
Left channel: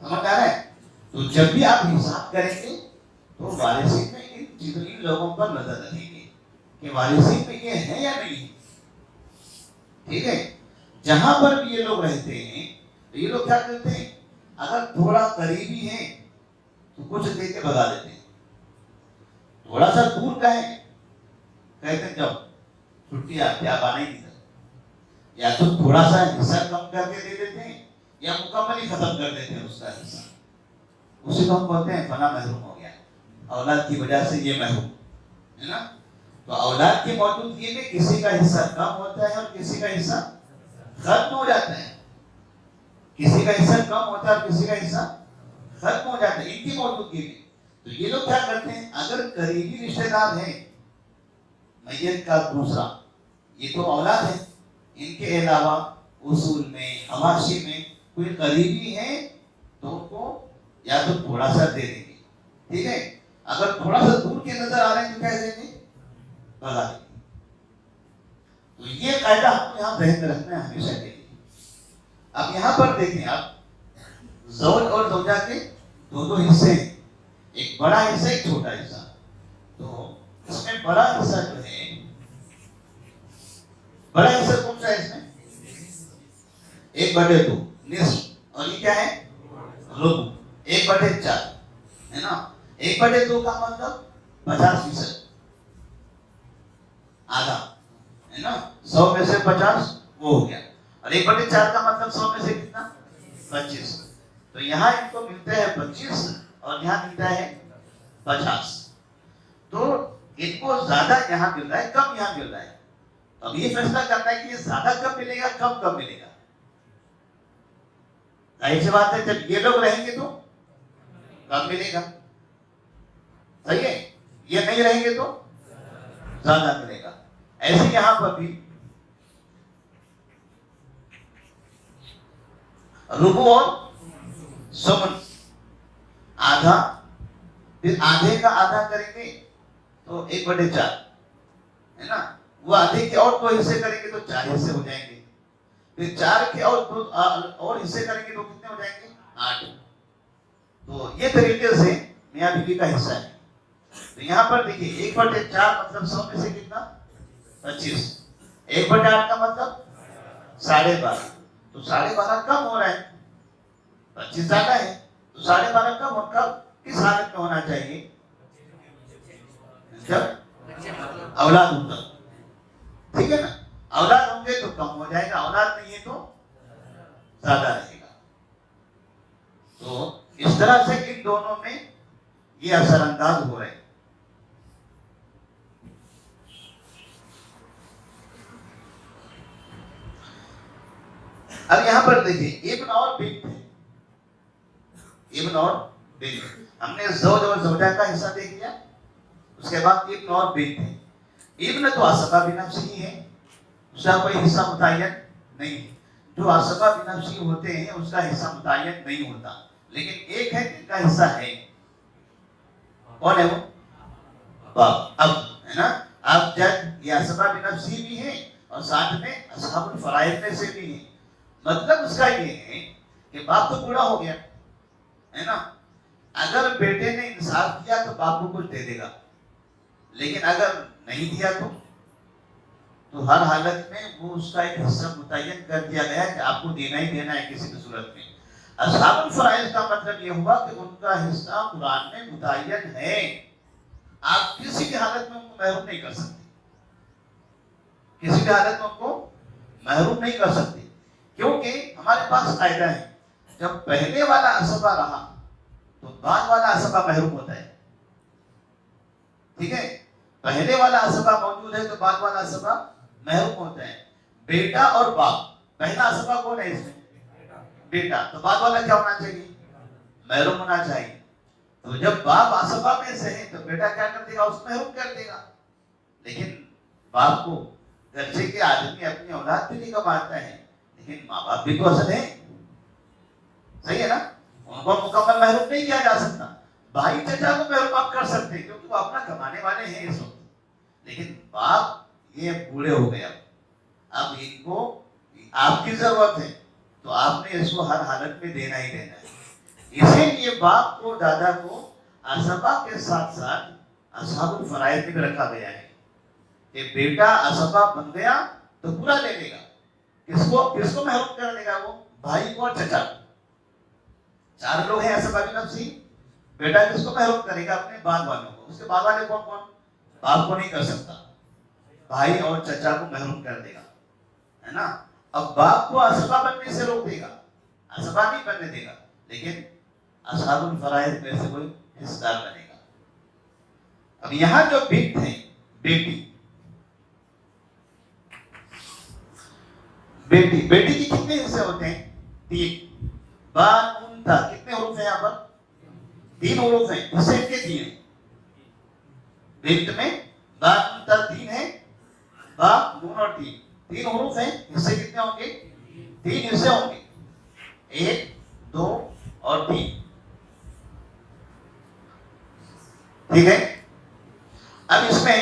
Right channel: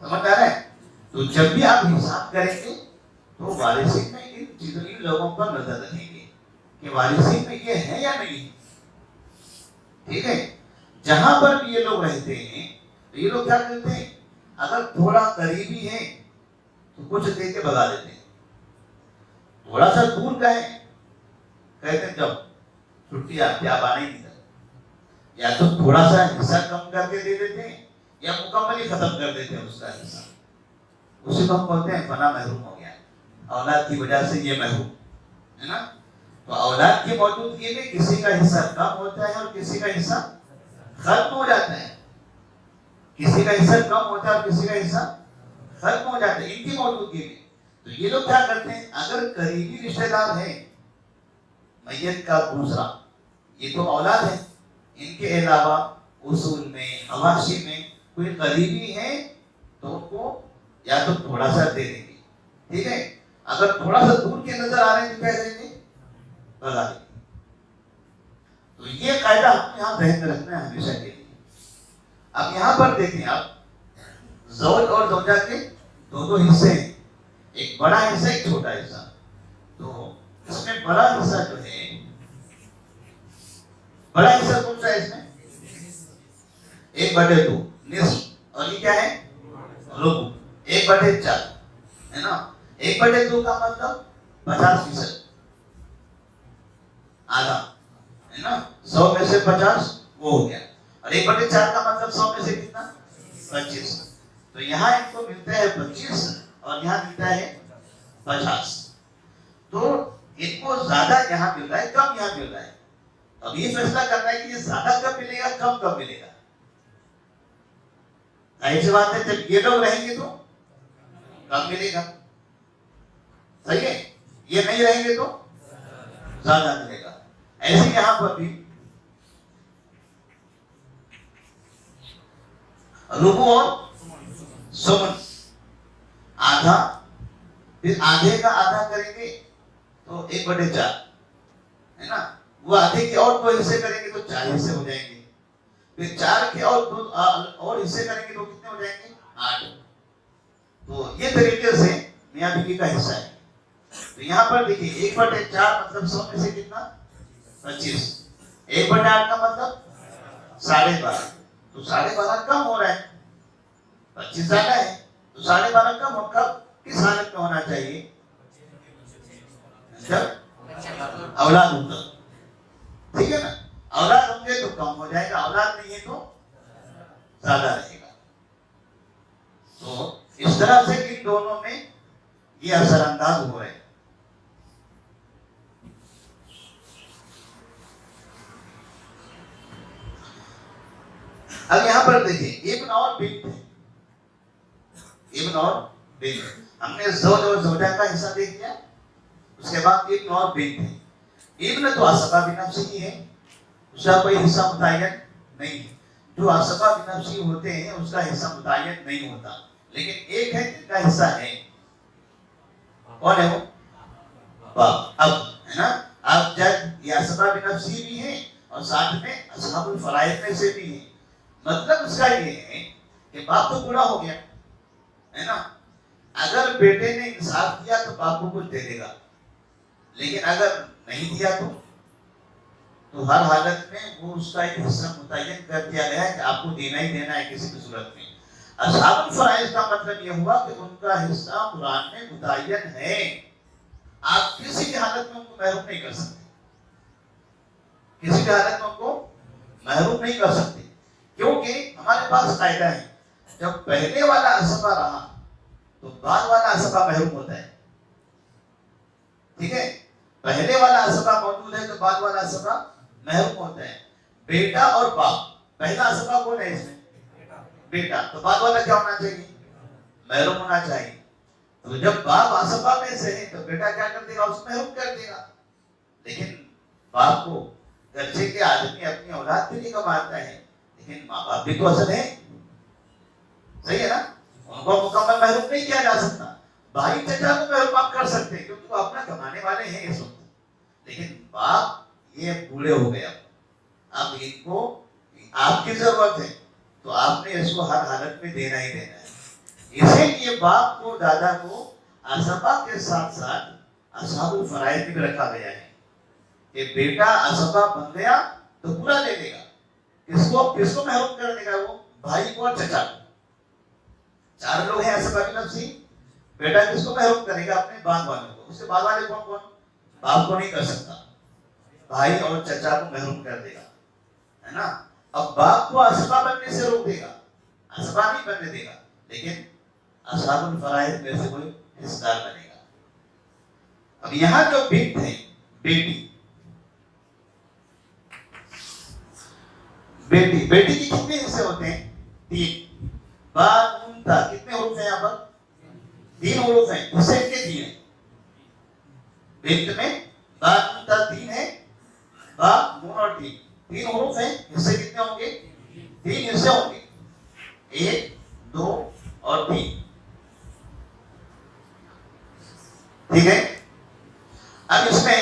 سمجھ آ رہا ہے؟ تو جب بھی آپ حساب کریں گے تو وارثین میں ان لوگوں پر نظر رکھیں گے کہ وارثین میں یہ ہے یا نہیں. ٹھیک ہے. جہاں پر بھی یہ لوگ رہتے ہیں تو یہ لوگ کیا کرتے ہیں, اگر تھوڑا قریبی ہے تو کچھ دے کے بتا دیتے ہیں. تھوڑا سا دور کا ہے کہتے ہیں جب چھٹی آتی آپ آنا ہی نہیں تھا, یا تو تھوڑا سا حصہ کم کر کے دے دیتے ہیں یا مکمل ہی ختم کر دیتے ہیں اس کا حصہ. اسی کو ہم کہتے ہیں فنا محروم ہو گیا, اولاد کی وجہ سے یہ محروم ہے نا. تو اولاد کی موجودگی میں کسی کا حصہ کم ہوتا ہے اور کسی کا حصہ ختم ہو جاتا ہے. کسی کا حصہ کم ہوتا ہے اور کسی کا حصہ ختم ہو جاتا ہے ان کی موجودگی میں. تو یہ لوگ کیا کرتے ہیں, اگر قریبی رشتہ دار ہے میت کا دوسرا, یہ تو اولاد ہے, ان کے علاوہ اصول میں حواشی میں کوئی قریبی ہے تو ان کو یا تو تھوڑا سا دے دیں گے. ٹھیک ہے. اگر تھوڑا سا دور کے نظر آ رہے ہیں تو کیا دیں گے, بتا دیں گے. تو یہ قاعدہ آپ کو یہاں ذہن میں رکھنا ہے ہمیشہ کے لیے. اب یہاں پر دیکھیں آپ, زوج اور زوجہ کے دونوں حصے, ایک بڑا حصہ ایک چھوٹا حصہ. تو اس میں بڑا حصہ جو ہے, بڑا حصہ کون سا ہے اس میں, 1/2 نصف, اور یہ کیا ہے ربع 1/4 ہے نا. 1/2 کا مطلب 50%, آدھا ہے نا. 100 میں سے 50 وہ ہو گیا, اور 1/4 کا مطلب 100 میں سے کتنا, 25. تو یہاں ان کو ملتے ہیں 25 اور یہاں ملتا ہے 50. تو ان کو زیادہ یہاں مل رہا ہے, کم یہاں مل رہا ہے. اب یہ فیصلہ کرنا ہے کہ یہ زیادہ کب ملے گا, کم ملے گا. ظاہر سی بات ہے جب یہ لوگ رہیں گے تو کم ملے گا, صحیح ہے. یہ نہیں رہیں گے تو زیادہ ملے گا. ایسے یہاں پر بھی ربع اور ثمن, آدھا, پھر آدھے کا آدھا کریں گے تو 1/4 ہے نا. وہ آدھے کے اور 2 حصے کریں گے تو 4 حصے ہو جائیں گے. پھر 4 کے اور حصے کریں گے تو کتنے ہو جائیں گے, 8. تو یہ طریقے سے میاں بیوی کا حصہ ہے. تو یہاں پر دیکھیے 1/4 مطلب 100 میں سے کتنا, 25. 1/8 کا مطلب 12.5. تو 12.5 کم ہو رہا ہے, 25 زیادہ ہے. تو 12.5 کم ہو, کب کس حالت میں ہونا چاہیے, جب اولاد ہوگا. ٹھیک ہے نا. اولاد ہوں گے تو کم ہو جائے گا, اولاد نہیں ہے تو زیادہ رہے گا. تو اس طرح سے ان دونوں میں یہ اثر انداز ہو رہے ہیں. اب یہاں پر دیکھیں ابن اور بنت ہے, ابن اور بنت. ہم نے زوج اور زوجہ کا حصہ دیکھ لیا, اس کے بعد ابن اور بنت ہے. ابن تو اسباب نفسی ہی ہے, اس کا کوئی حصہ متعین نہیں ہے. جو اسباب نفسی ہوتے ہیں اس کا حصہ متعین نہیں ہوتا, لیکن ایک ہے جن کا حصہ ہے. کون ہے وہ, باپ, اب ہے نا. اب جب یہ اسباب نفسی بھی ہے اور ساتھ میں اصحاب الفرائض میں سے بھی ہے. مطلب اس کا یہ ہے کہ باپ تو بوڑھا ہو گیا ہے نا. اگر بیٹے نے انصاف کیا تو باپ کو کچھ دے دے گا, لیکن اگر نہیں دیا تو ہر حالت میں وہ اس کا ایک حصہ متعین کر دیا گیا کہ آپ کو دینا ہی دینا ہے کسی بھی صورت میں. اصحاب الفرائض کا مطلب یہ ہوا کہ ان کا حصہ قرآن میں متعین ہے, آپ کسی بھی حالت میں ان کو محروم نہیں کر سکتے, کسی بھی حالت میں ان کو محروم نہیں کر سکتے. کیونکہ ہمارے پاس قاعدہ ہے, جب پہلے والا اسبہ رہا تو بعد والا اسبہ محروم ہوتا ہے. ٹھیک ہے. پہلے والا اسبہ موجود ہے تو بعد والا اسبہ محروم ہوتا ہے. بیٹا اور باپ, پہلا اسبہ کون ہے اس میں, بیٹا, تو بعد والا کیا ہونا چاہیے, محروم ہونا چاہیے. تو جب باپ اسبہ میں سے ہے تو بیٹا کیا کر دے گا, اس محروم کر دے گا. لیکن باپ کو گرچہ کہ آدمی اپنی اولاد کے لیے کماتا ہے, لیکن ماں باپ بھی تو اصل ہے, صحیح ہے نا. ان کو مکمل محروم نہیں کیا جا سکتا. بھائی چچا کو محروم آپ کر سکتے ہیں کیونکہ وہ اپنا کمانے والے ہیں اس وقت, لیکن باپ یہ بوڑھے ہو گئے, اب ان کو آپ کی ضرورت ہے تو آپ نے اس کو ہر حالت میں دینا ہی دینا ہے. اسی لیے باپ کو دادا کو اسبا کے ساتھ ساتھ اصحاب الفرائض میں رکھا گیا ہے کہ بیٹا اسبا بن گیا تو پورا لے لے گا. کس کو محروم کر دے گا؟ وہ بھائی کو اور چچا کو. 4 لوگ ہیں اسبا کی نفسی. بیٹا کس کو محروم کرے گا؟ اپنے باپ والے کو. اس کے بعد والے کون؟ باپ کو نہیں کر سکتا. بھائی اور چچا کو محروم کر دے گا, ہے نا. اب باپ کو اسبا بننے سے روک دے گا, اسبا نہیں بننے دے گا, لیکن اصحاب الفرائض میں سے کوئی حصہ دار بنے گا. اب یہاں جو بنت ہے, بیٹی کی کتنے حصے ہوتے ہیں؟ 3. با نون تا کتنے حروف ہیں یہاں پر؟ 3 حروف ہیں. حصے کے 3 ہیں. بنت میں با نون تا 3 ہے, با نون اور 3 حروف ہیں. حصے کتنے ہوں گے؟ 3 حصے ہوں گے. 1 2 اور 3. ٹھیک ہے. اب اس میں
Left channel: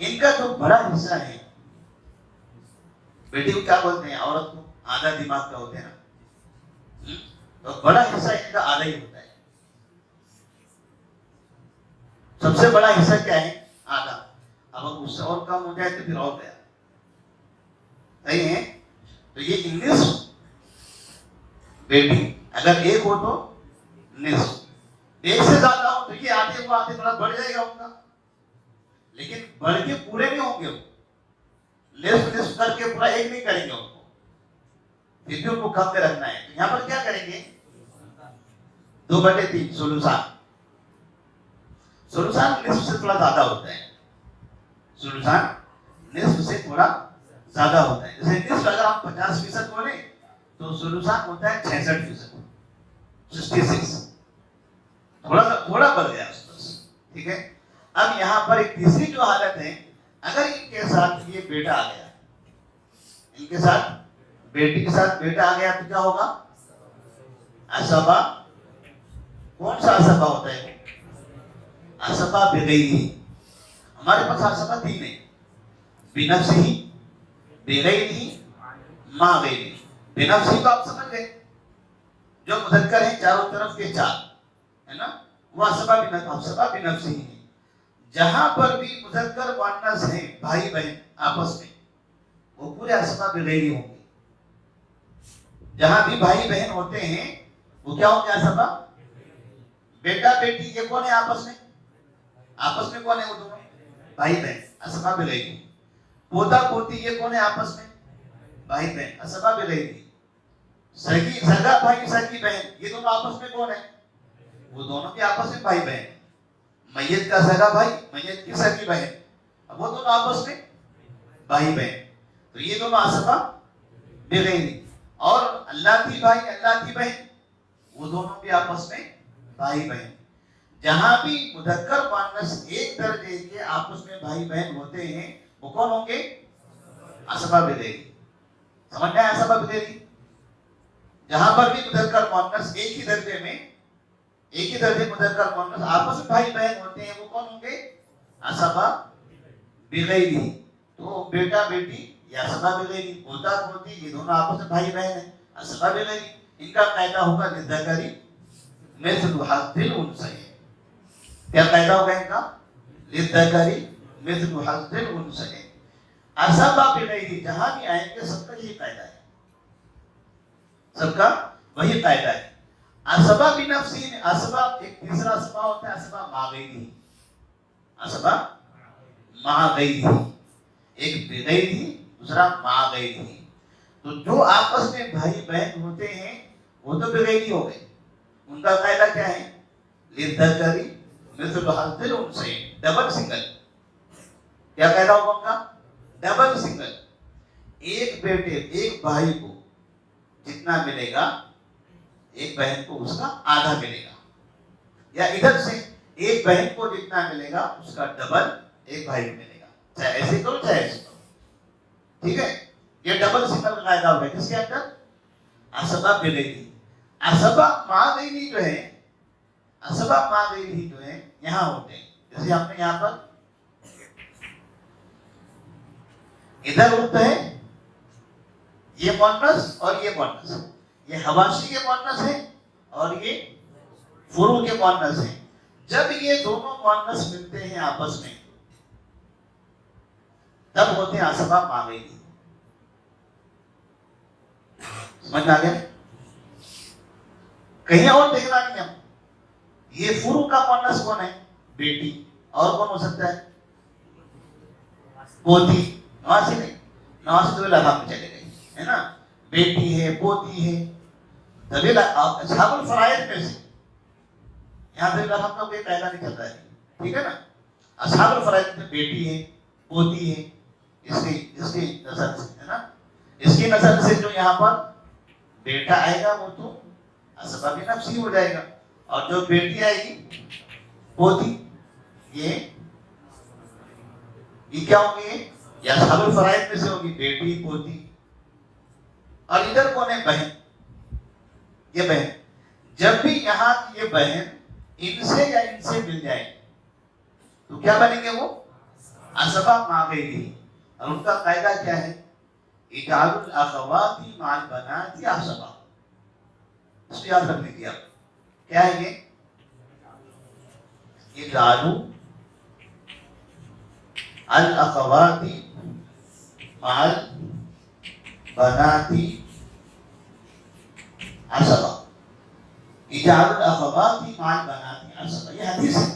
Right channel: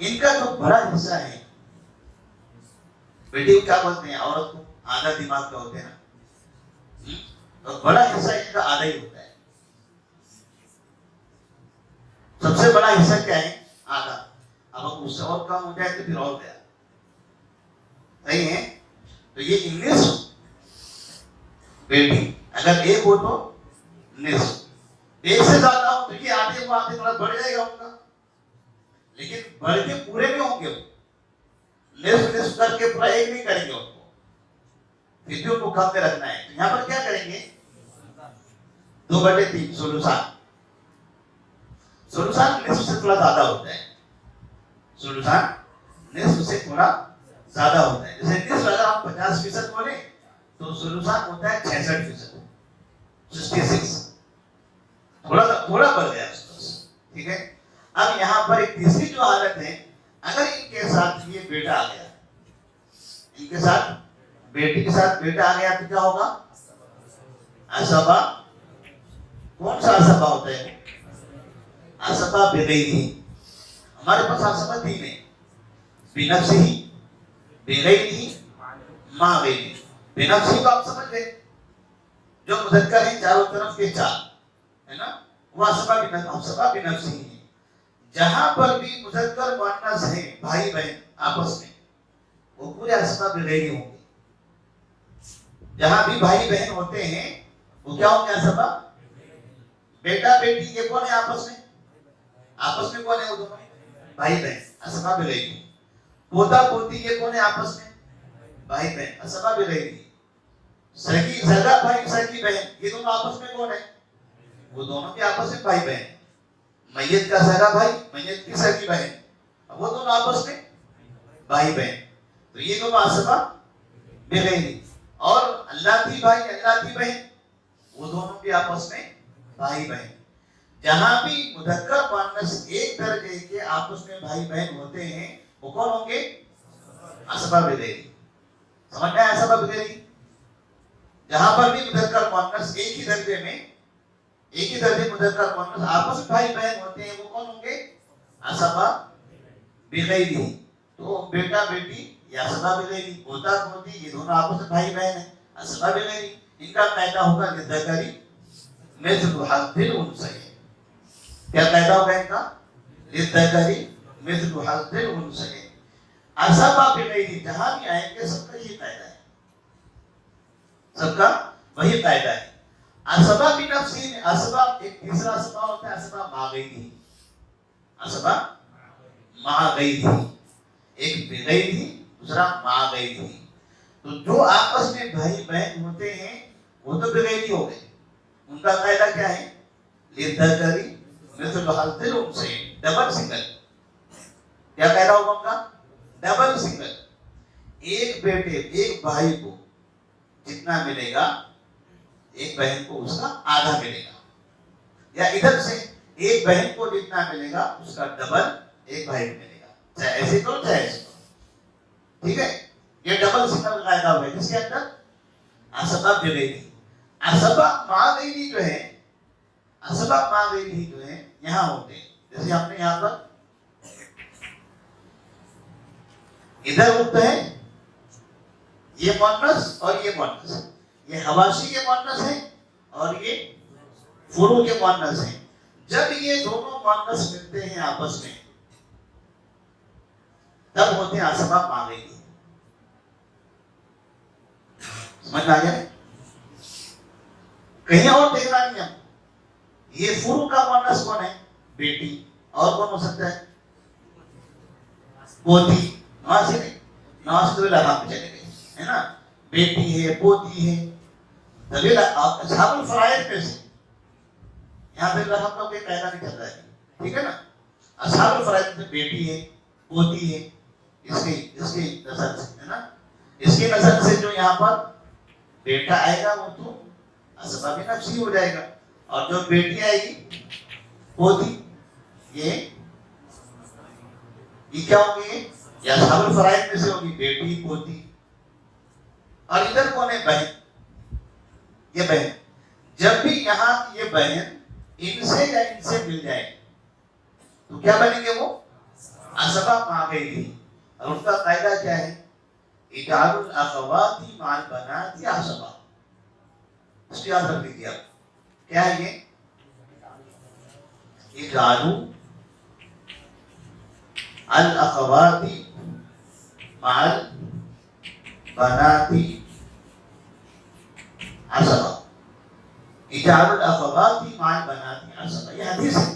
ان کا جو بڑا حصہ ہے, بیٹی کو کیا بولتے ہیں؟ عورت کو آدھا دماغ کا ہوتے ہیں نا, تو بڑا حصہ ان کا آدھا ہی ہوتا ہے. سب سے بڑا حصہ کیا ہے؟ آدھا. اب اس سے اور کم ہو جائے تو پھر اور گیا. صحیح ہے. تو یہ نصف بیٹی, اگر 1 ہو تو نصف. 1 سے زیادہ ہو تو یہ آدھے تھوڑا بڑھ جائے گا ان کا, لیکن بڑھ کے پورے نہیں ہوں گے. وہ نصف کر کے پورا 1 نہیں کریں گے ان کو, پھر بھی ان کو کم میں رکھنا ہے. یہاں پر کیا کریں گے؟ 2/3 سلوسان. سلوسان نصف سے تھوڑا زیادہ ہوتا ہے. سلوسان نصف سے تھوڑا زیادہ ہوتا ہے. جیسے نصف اگر آپ 50% بولیں تو سلوسان ہوتا ہے 66%, 66. تھوڑا بڑھ گیا. ٹھیک ہے. اب یہاں پر ایک تیسری جو حالت ہے, اگر ان کے ساتھ یہ بیٹا آ گیا, ان کے ساتھ بیٹی کے ساتھ بیٹا آ گیا تو کیا ہوگا؟ اسبا. کون سا اسبا ہوتا ہے؟ اسبا بغیرہ. ہمارے پاس اسبا 3 ہے, بنفسہ, بغیرہ, ما غیرہ. بنفسہ تو آپ سمجھ گئے, جو مذکر ہیں چاروں طرف کے 4, ہے نا, وہ اسبا بنفسہ ہے. جہاں پر بھی مذکر مؤنث ہیں بھائی بہن آپس میں, وہ پورے اسبا بغیرہ ہوں گے. جہاں بھی بھائی بہن ہوتے ہیں وہ کیا ہوں گے؟ اسبا. بیٹا بیٹی یہ کون ہے آپس میں؟ آپس میں کون ہے؟ وہ دونوں بھائی بہن, اسبا بغیرہ. پوتا پوتی یہ کون ہے آپس میں؟ بھائی بہن, اسبا بغیرہ. سگا بھائی سگی بہن یہ دونوں آپس میں کون ہے؟ وہ دونوں بھی آپس میں بھائی بہن. میت کا سگا بھائی, میت کی سگی بہن, وہ دونوں آپس میں بھائی بہن. تو یہ دونوں اسبا بغیرہ. اور اللہ کی بھائی اللہ کی بہن, وہ دونوں بھی آپس میں بھائی بہن. جہاں بھی مذکر مؤنث ایک درجے کے آپس میں بھائی بہن ہوتے ہیں وہ کون ہوں گے؟ اسبا بغیرہ. سمجھ میں اسبا بغیرہ. جہاں پر بھی مذکر مؤنث ایک ہی درجے میں, ایک ہی درجے مذکر مؤنث آپس میں بھائی بہن ہوتے ہیں وہ کون ہوں گے؟ اسبا بغیرہ. تو بیٹا بیٹی یہ اسبا بغیرہ, پوتا پوتی یہ دونوں آپس میں بھائی بہن ہیں, اسبا بغیرہ. ان کا قاعدہ ہوگا للذکر مثل حظ الانثیین. کیا قاعدہ ہوگا ان کا؟ للذکر مثل حظ الانثیین. اسبا بغیرہ جہاں بھی آئیں گے سب کا یہ قاعدہ ہے, سب کا وہی قاعدہ ہے. اسبا بنفسہ, اسبا ایک تیسرا اسبا ہوتا ہے اسبا ما غیرہ. اسبا ما غیرہ, ایک بغیرہ دوسرا ما غیرہ. تو جو آپس میں بھائی بہن ہوتے ہیں وہ تو بغیرہ ہو گئے. ان کا قاعدہ کیا ہے؟ للذکر مثل حظ الانثیین, ڈبل سنگل. کیا قاعدہ ہوگا ان کا؟ Double single. ایک بیٹے ایک بھائی کو جتنا ملے گا ایک بہن کو اس کا آدھا ملے گا, یا ادھر سے ایک بہن کو جتنا ملے گا اس کا ڈبل ایک بھائی کو ملے گا, چاہے ایسے تو چاہے ایسے تو. ٹھیک ہے. یہ ڈبل سنگل قاعدہ ہوا ہے جس کے اندر اسبا بغیرہ. اسبا ما غیرہ جو ہے, اسبا ما غیرہ جو ہے یہاں ہوتے ہیں. جیسے ہم نے یہاں پر ادھر ہوتا ہے یہ مؤنث اور یہ مؤنث, یہ حواشی کے مؤنث ہے اور یہ فروع کے مؤنث ہیں. جب یہ دونوں مؤنث ملتے ہیں آپس میں تب ہوتے ہیں اسباب ما غیری. سمجھ میں آ گیا؟ کہیں اور دیکھنا نہیں ہم. یہ فروع کا مؤنث کون ہے؟ بیٹی. اور کون ہو سکتا ہے؟ پوتی. وہاں سے نہیں، وہاں سے تو لگام چلے گئے ہے نا. بیٹی ہے، پوتی ہے، دلیل اصحاب الفرائض میں سے. یہاں پہ لفظ میں کوئی قاعدہ نہیں چلتا ہے، ٹھیک ہے نا. اصحاب الفرائض میں بیٹی ہے، پوتی ہے، اس کی نظر سے ہے نا. اس کی نظر سے جو یہاں پر بیٹا آئے گا وہ تو اسباب نفسی ہو جائے گا، اور جو بیٹی آئے گی پوتی، یہ کیا ہوگی؟ یہ اصحاب الفرائض میں سے ہوگی، بیٹی پوتی. اور ادھر کون ہے؟ بہن. یہ بہن. جب بھی یہاں یہ بہن ان سے یا ان سے مل جائے تو کیا بنیں گے؟ وہ اسباب ما غیری. اور ان کا قاعدہ کیا ہے؟ اجعلوا الاخوات مع البنات اسباب. اس کو یاد رکھ لیجیے آپ. کیا ہے یہ؟ اجعلوا الاخوات مع البنات اسباب. اجعلوا الاخوات مع البنات اسباب. یہ حدیث ہے،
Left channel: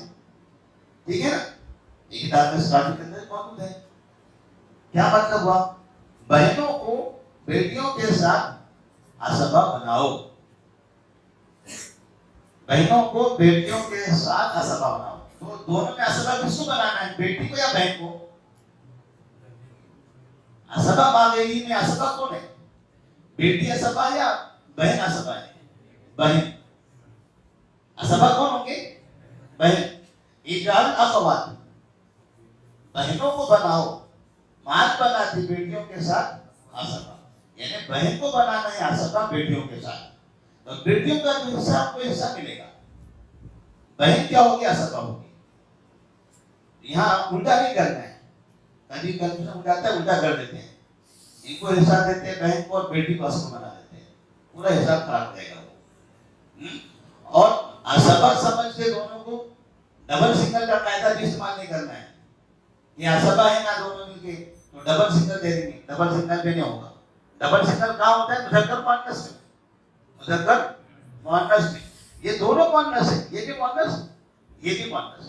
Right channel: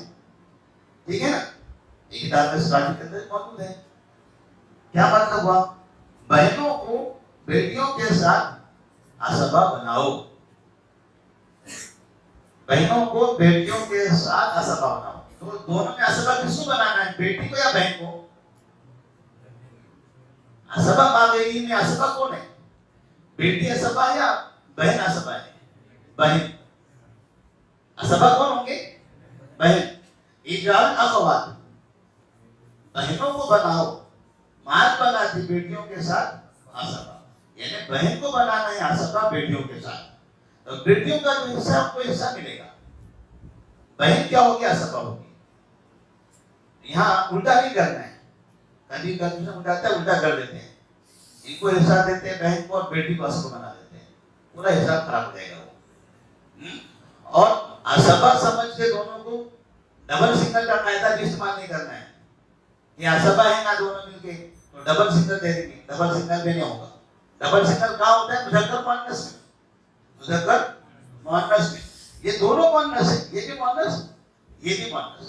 ٹھیک ہے نا. یہ کتاب اسلام کے اندر موجود ہے. کیا مطلب ہوا؟ بہنوں کو بیٹیوں کے ساتھ اسباب بناؤ. بہنوں کو بیٹیوں کے ساتھ اسباب بناؤ. تو دونوں میں اسباب کس کو بنانا ہے؟ بیٹی کو یا بہن کو؟ اسباب آ گئی میں اسباب کون ہے؟ بیٹی اسباب یا بہن اسباب ہے؟ بہن. اسباب کون ہوں گے؟ بہن. اجعل اخوات، بہنوں کو بناؤ، مات بناتی بیٹیوں کے ساتھ اسباب. یعنی بہن کو بنانا ہے اسباب بیٹیوں کے ساتھ. تو بیٹیوں کا جو حصہ کو حصہ ملے گا. بہن کیا ہوگی؟ اسباب ہوگی. یہاں الٹا نہیں کرنا ہے. کبھی کنفیوژن ہو جاتا ہے، الٹا کر دیتے ہیں. ان کو حصہ دیتے ہیں بہن کو اور بیٹی کو اسباب بنا دیتے ہیں. پورا حساب خراب ہو جائے گا وہ. اور اسباب سمجھ کے دونوں کو ڈبل سگنل کا قاعدہ بھی استعمال نہیں کرنا ہے. یہ اسباب ہے نا دونوں مل کے تو ڈبل سگنل دے دیں گے. ڈبل سگنل بھی نہیں ہوگا. ڈبل سگنل کہاں ہوتا ہے؟ مذکر مؤنث میں. مذکر مؤنث میں. یہ دونوں مؤنث ہے، یہ بھی مؤنث، یہ بھی مؤنث.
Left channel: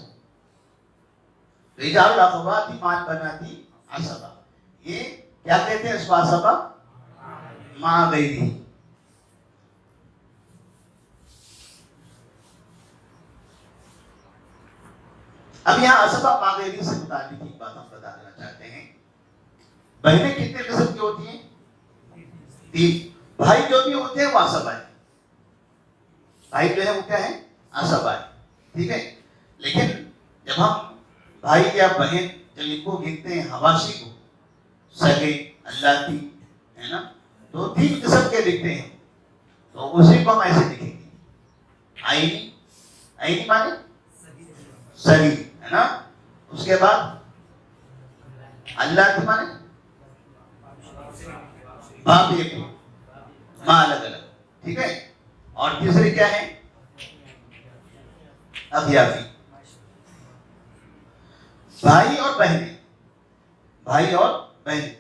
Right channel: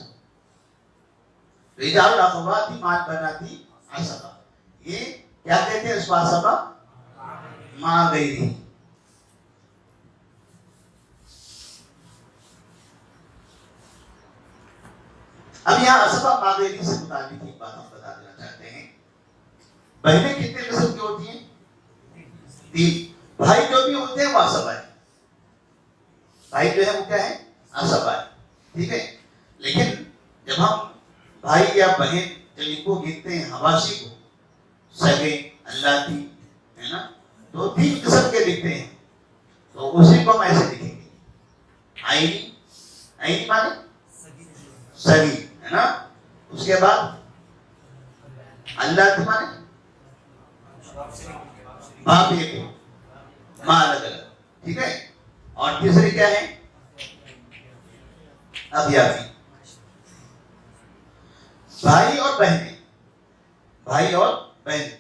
تو اجعلوا الاخوات مع البنات اسباب. یہ کیا کہتے ہیں اس کو؟ اسباب ما غیری. اب یہاں اسباب ما غیری سے متعلق ایک بات ہم بتا دینا چاہتے ہیں. بہنیں کتنے قسم کی ہوتی ہیں؟ 3. بھائی جو بھی ہوتے ہیں وہ اسباب ہیں. بھائی جو ہے وہ کیا ہے؟ اسباب ہے. ٹھیک ہے. لیکن جب ہم بھائی یا بہن جب ان کو گنتے ہیں، حواشی کو، سگے، اللاتی، ہے نا، تو 3 قسم کے لکھتے ہیں. تو اسی کو ہم ایسے لکھیں گے. عینی، عینی مانے سگی، ہے نا. اس کے بعد اللاتی مانے باپ بیٹے، ماں الگ الگ. ٹھیک ہے. اور تیسری کیا ہے؟ اضیافی. بھائی اور بہنیں، بھائی اور بہنیں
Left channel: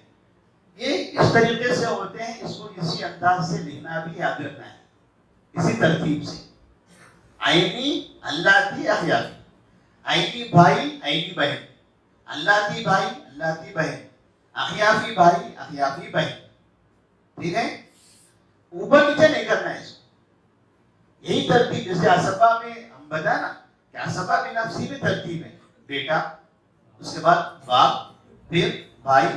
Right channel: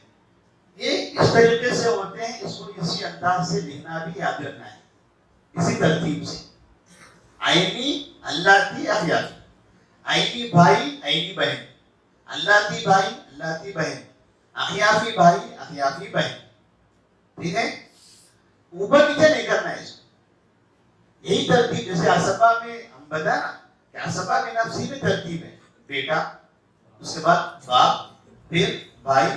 یہ اس طریقے سے ہوتے ہیں. اس کو اسی انداز سے لکھنا بھی یاد رکھنا ہے، اسی ترتیب سے. عینی، اللاتی، اضیافی. عینی بھائی، عینی بہن. اللاتی بھائی، اللاتی بہن. اخیافی بھائی، اخیافی بہن. ٹھیک ہے. اوپر نیچے نہیں کرنا ہے اس کو. یہی ترتیب جیسے اسباب میں ہم بتانا کہ اسباب نفسی میں ترتیب ہے. بیٹا، اس کے بعد باپ، پھر بھائی،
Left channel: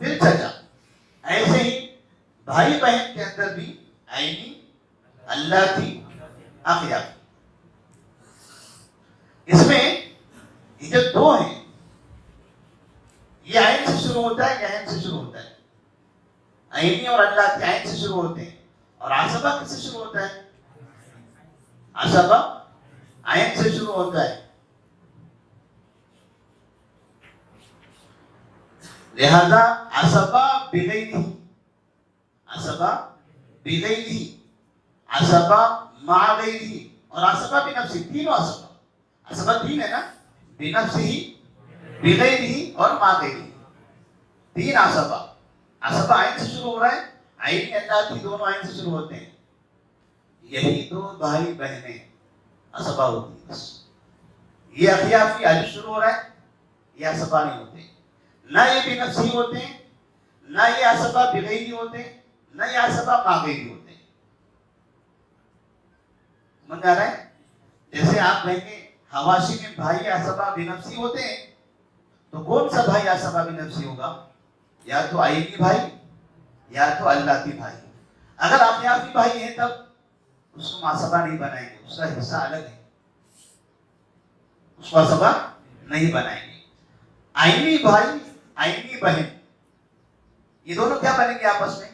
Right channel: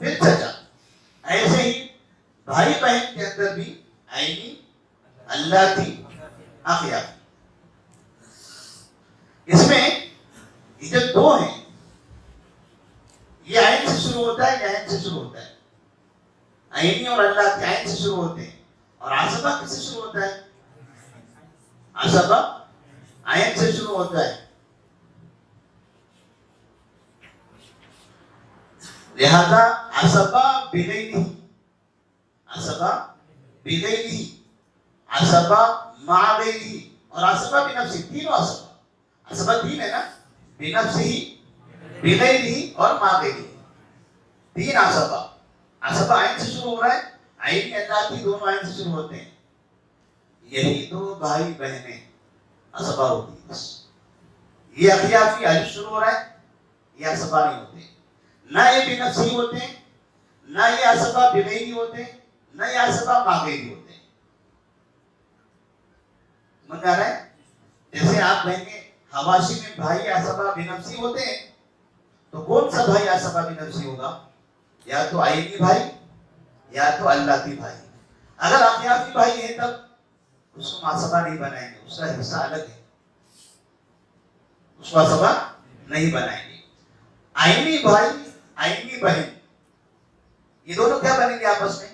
پھر چچا. ایسے ہی بھائی بہن کے اندر بھی عینی، اللاتی، اخیافی. اس میں یہ جو 2 ہیں، یہ عین سے شروع ہوتا ہے، یہ عین سے شروع ہوتا ہے. عینی اور اللاتی عین سے شروع ہوتے ہیں. اور اسباب کس سے شروع ہوتا ہے؟ اسباب عین سے شروع ہوتا ہے. لہذا اسباب بغیرہ، اسباب بغیرہ، اسباب مع غیرہ اور عصبہ بنفسی، تینوں عصبہ، عصبہ تین ہے نا، بنفسی، بغیرہ اور ما غیرہ، تین عصبہ. عصبہ عین سے شروع ہو رہا ہے، عین اللہ کی دونوں عین سے شروع ہوتے ہیں. یہی دو بھائی بہنیں عصبہ ہوتی ہیں بس. یہ اخیافی الف شروع ہو رہا ہے، یہ عصبہ نہیں ہوتے، نہ یہ بنفسی ہوتے ہیں، نہ یہ عصبہ بغیری ہوتے ہیں، نہ یہ عصبہ ماغیری ہوتے ہیں. سمجھ آ رہا ہے؟ جیسے آپ کہیں گے حواشی میں بھائی عصبہ بنفسی ہوتے ہیں، تو کون سا بھائی عصبہ بنفسی ہوگا؟ یا تو آئینی بھائی یا تو اللہ کی بھائی. اگر اخیافی بھائی ہیں تب اس کو عصبہ نہیں بنائیں گے، اس کا حصہ الگ ہے، اس کو عصبہ نہیں بنائیں گے. آئینی بھائی، آئینی بہن، یہ دونوں کیا بنیں گے آپس میں؟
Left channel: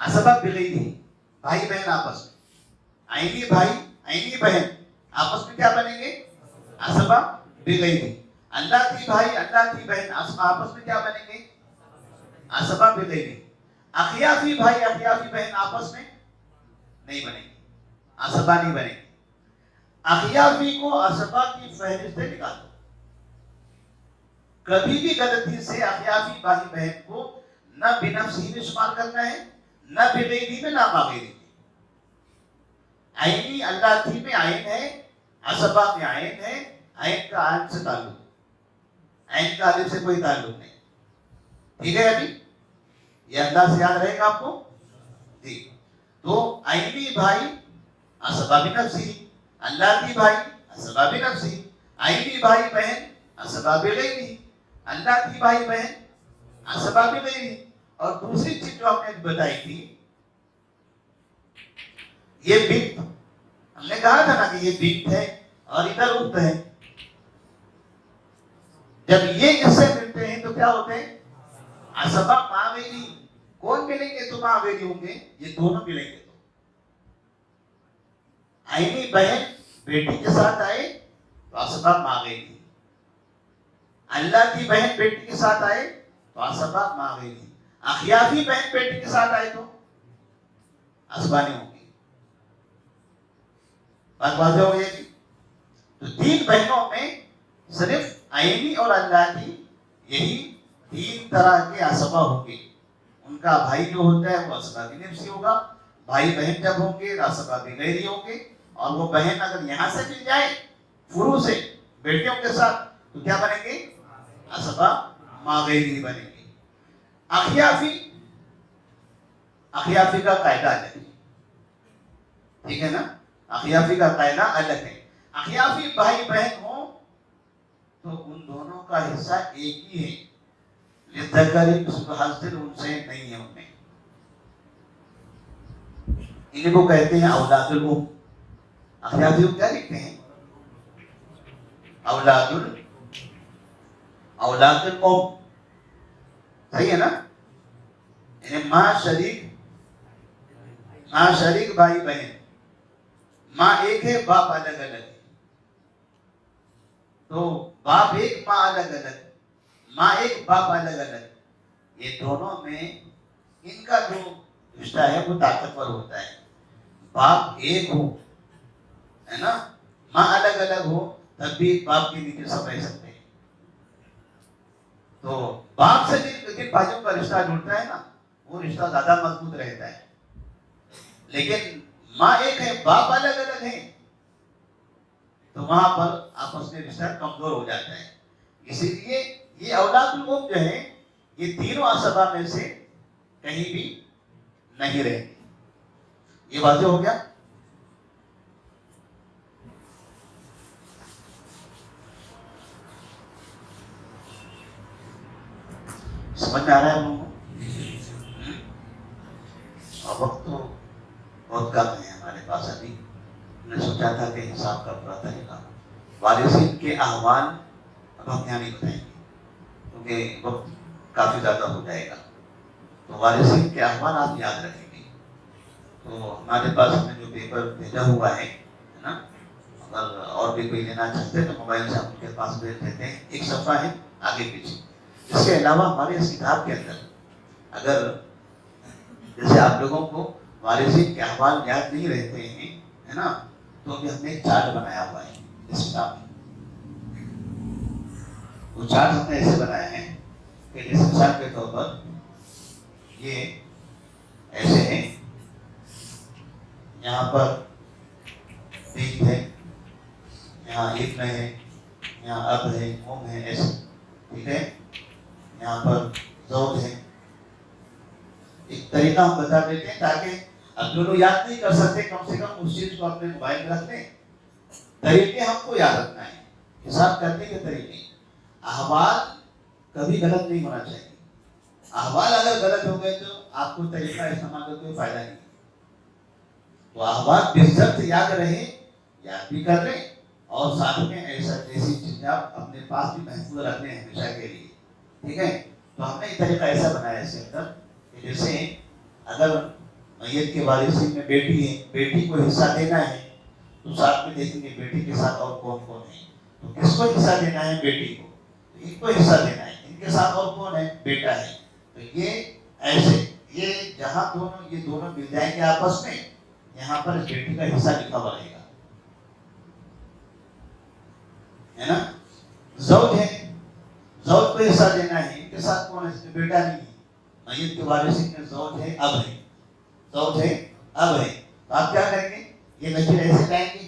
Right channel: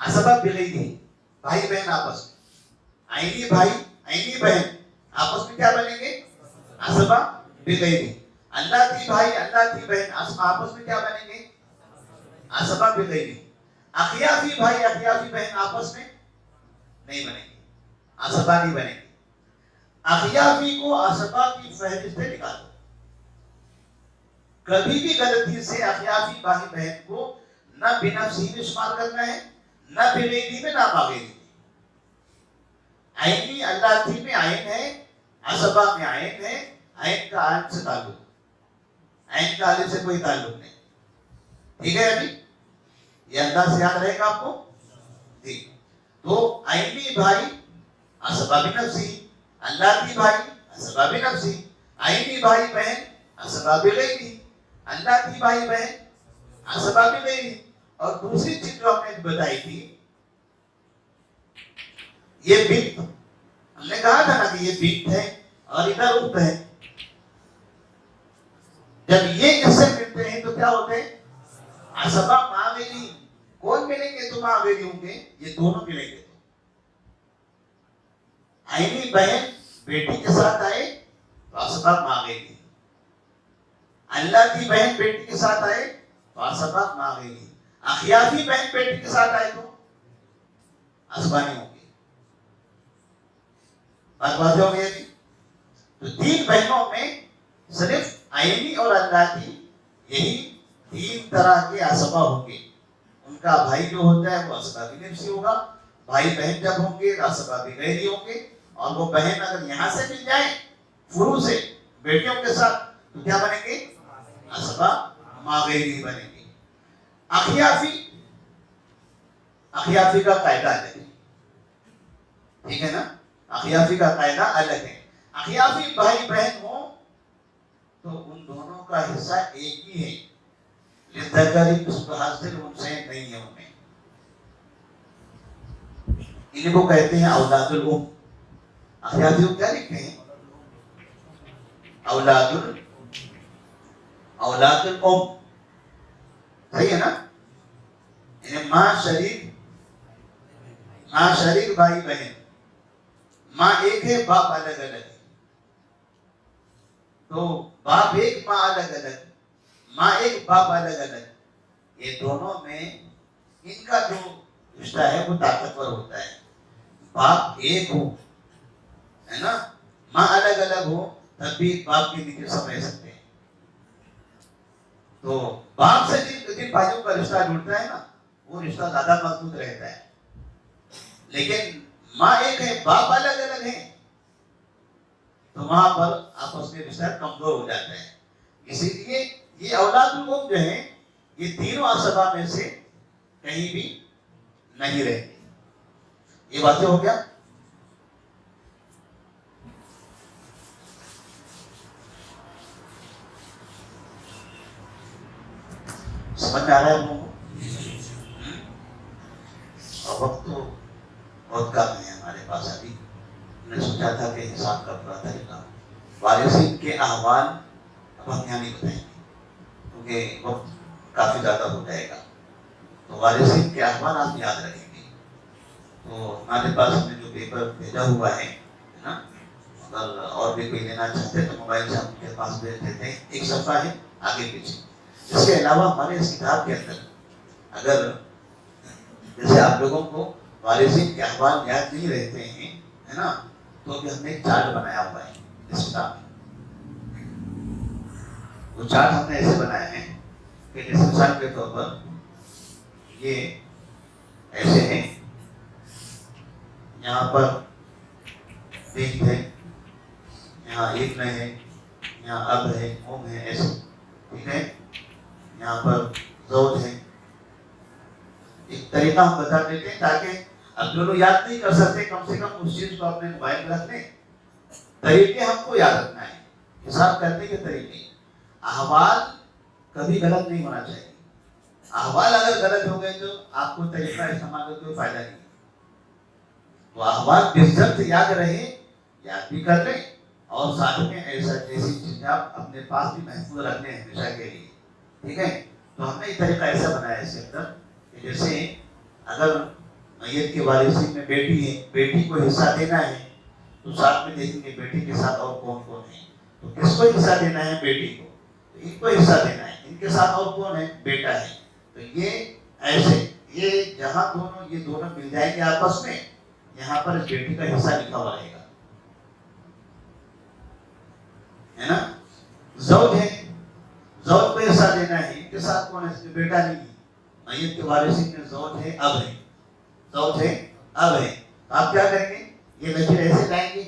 عصبہ بغیری، بھائی بہن آپس میں. آئینی بھائی، آئینی بہن آپس میں کیا بنیں گے؟ عصبہ بغیری. اللہ کی بھائی، اللہ کی بہن آپس میں کیا بنیں گے؟ عصبہ بغیری. اخیافی بھائی، اخیافی بہن آپس میں نہیں بنیں گے، عصبہ نہیں بنیں گے. اخیافی کو عصبہ کی فہرست سے نکالو. کبھی بھی غلطی سے اخیافی بھائی بہن کو نہ بنفسی میں شمار کرنا ہے، نہ بغیری میں، نہ ماغیری. عینی اللہ کی میں عین ہے، عصبہ میں عین ہے، عین کا الف سے تعلق، عین کا الف سے کوئی تعلق نہیں. ٹھیک ہے؟ ابھی یہ اللہ سے یاد رہے گا آپ کو. ٹھیک. تو عینی بھائی عصبہ بنفسی، اللہ کی بھائی عصبہ بنفسی، عینی بھائی بہن عصبہ بغیری، اللہ کی بھائی بہن عصبہ بغیری. اور دوسری چیز جو ہم نے بتائی تھی، یہ بنت، ہم نے کہا تھا نا کہ یہ بنت ہے اور ادھر اخت ہے. جب یہ اس سے ملتے ہیں تو کیا ہوتے ہیں؟ عصبہ ماغیری. کون ملیں گے تو ماغیری ہوں گے؟ یہ دونوں ملیں گے. عینی بہن بیٹی کے ساتھ آئے تو عصبہ ماغیری، اللہ کی بہن بیٹی کے ساتھ آئے تو عصبہ ماغیری. اخیافی بہن بیٹی کے ساتھ آئے تو عصبہ نہیں ہوگی. بات واضح ہو گئی. تو تین بہنوں میں صرف عینی اور اللہ کی یہی تین طرح کے عصبہ ہوں گے. ان کا بھائی جو ہوتا ہے وہ عصبہ بنفسی ہوگا، بھائی بہن جب ہوں گے عصبہ بغیری ہوں گے. اور وہ بہن اگر یہاں سے مل جائے فروع سے بیٹیوں کے ساتھ تو کیا بنیں گے؟ عصبہ ماغیری بنیں گے. اخیافی، اخیافی کا قاعدہ الگ ہے. ٹھیک ہے نا؟ اخیافی کا قاعدہ الگ ہے. اخیافی بھائی بہن ہو تو ان دونوں کا حصہ ایک ہی ہے. للذکر مثل حظ الانثیین نہیں ہے. انہیں انہیں کو کہتے ہیں اولاد الام. اخیافی کو کیا لکھتے ہیں؟ اولاد الام. صحیح ہے نا؟ یعنی ماں شریک بھائی بہن، ماں ایک ہے باپ الگ الگ ہے. تو باپ ایک ماں الگ الگ، ماں ایک باپ الگ الگ. یہ دونوں میں ان کا جو رشتہ ہے وہ طاقتور ہوتا ہے. باپ ایک ہو ہے نا، ماں الگ الگ ہو تب بھی باپ کے نیچے سب رہ سکتے ہیں. تو باپ سے جن بھائیوں کا رشتہ جڑتا ہے نا وہ رشتہ زیادہ مضبوط رہتا ہے. لیکن ماں ایک ہے باپ الگ الگ ہے تو وہاں پر آپس میں رشتہ کمزور ہو جاتا ہے. اسی لیے یہ اولاد الام جو ہے یہ تینوں عصبہ میں سے کہیں بھی نہیں رہتی. یہ واضح ہو گیا؟ سمجھ میں آ رہا ہے آپ لوگوں کو؟ اور وقت تو بہت کم ہے ہمارے پاس. ابھی میں نے سوچا تھا کہ حساب کا پورا طریقہ وارثین کے احوال اب ہم یہاں نہیں بتائیں گے کیونکہ وقت کافی زیادہ ہو جائے گا. تو وارثین کے احوال آپ یاد رکھیں گے. تو ہمارے پاس میں جو پیپر بھیجا ہوا ہے نا، اگر اور بھی کوئی لینا چاہتے ہیں تو موبائل سے ہم ان کے پاس بھیج دیتے ہیں. ایک صفحہ ہے آگے پیچھے. اس کے علاوہ ہمارے اس کتاب کے اندر اگر جیسے آپ لوگوں کو وارثین کے احوال یاد نہیں رہتے ہیں ہے نا. تو ابھی ہم نے ایک چارٹ بنایا ہوا ہے اس کتاب میں. وہ چارٹ ہم نے ایسے بنایا ہے کہ جیسے مثال کے طور پر یہ ایسے ہیں. یہاں پر بنت ہے, یہاں ابن ہے, یہاں اب ہے, ہے, ایسے. ٹھیک ہے. یہاں پر زوج ہے. ایک طریقہ ہم بتا دیتے ہیں تاکہ اب جو لوگ یاد نہیں کر سکتے کم سے کم اس چیز کو اپنے موبائل میں رکھ لیں. طریقے ہم کو یاد رکھنا ہے, حساب کرنے کے طریقے. احوال کبھی غلط نہیں ہونا چاہیے. احوال اگر غلط ہو گئے تو آپ کو طریقہ استعمال کا کوئی فائدہ نہیں. تو احوال بزرگ یاد رہے, یاد بھی کر لیں, اور ساتھ میں ایسا جیسی چیزیں آپ اپنے پاس بھی محفوظ رکھ لیں ہمیشہ کے لیے. ٹھیک ہے. تو ہم نے یہ طریقہ ایسا بنایا اس کے اندر کہ جیسے اگر میت کے وارثین میں بیٹی ہے, بیٹی کو حصہ دینا ہے تو ساتھ میں دیکھیں گے بیٹی کے ساتھ اور کون کون ہے. تو کس کو حصہ دینا ہے؟ بیٹی کو. ان کو حصہ دینا ہے. ان کے ساتھ اور کون ہے؟ بیٹا ہے. تو یہ ایسے یہ جہاں یہ دونوں مل جائیں گے آپس میں, یہاں پر بیٹی کا حصہ لکھا ہوا رہے گا, ہے نا. زوج ہے, زوج کو حصہ دینا ہے. ان کے ساتھ کون ہے؟ اس میں بیٹا نہیں ہے. میت کے وارثین میں زوج ہے, اب ہے. زوج ہے, اب ہے. آپ کیا کریں گے؟ یہ لکیر ایسے لائیں گے,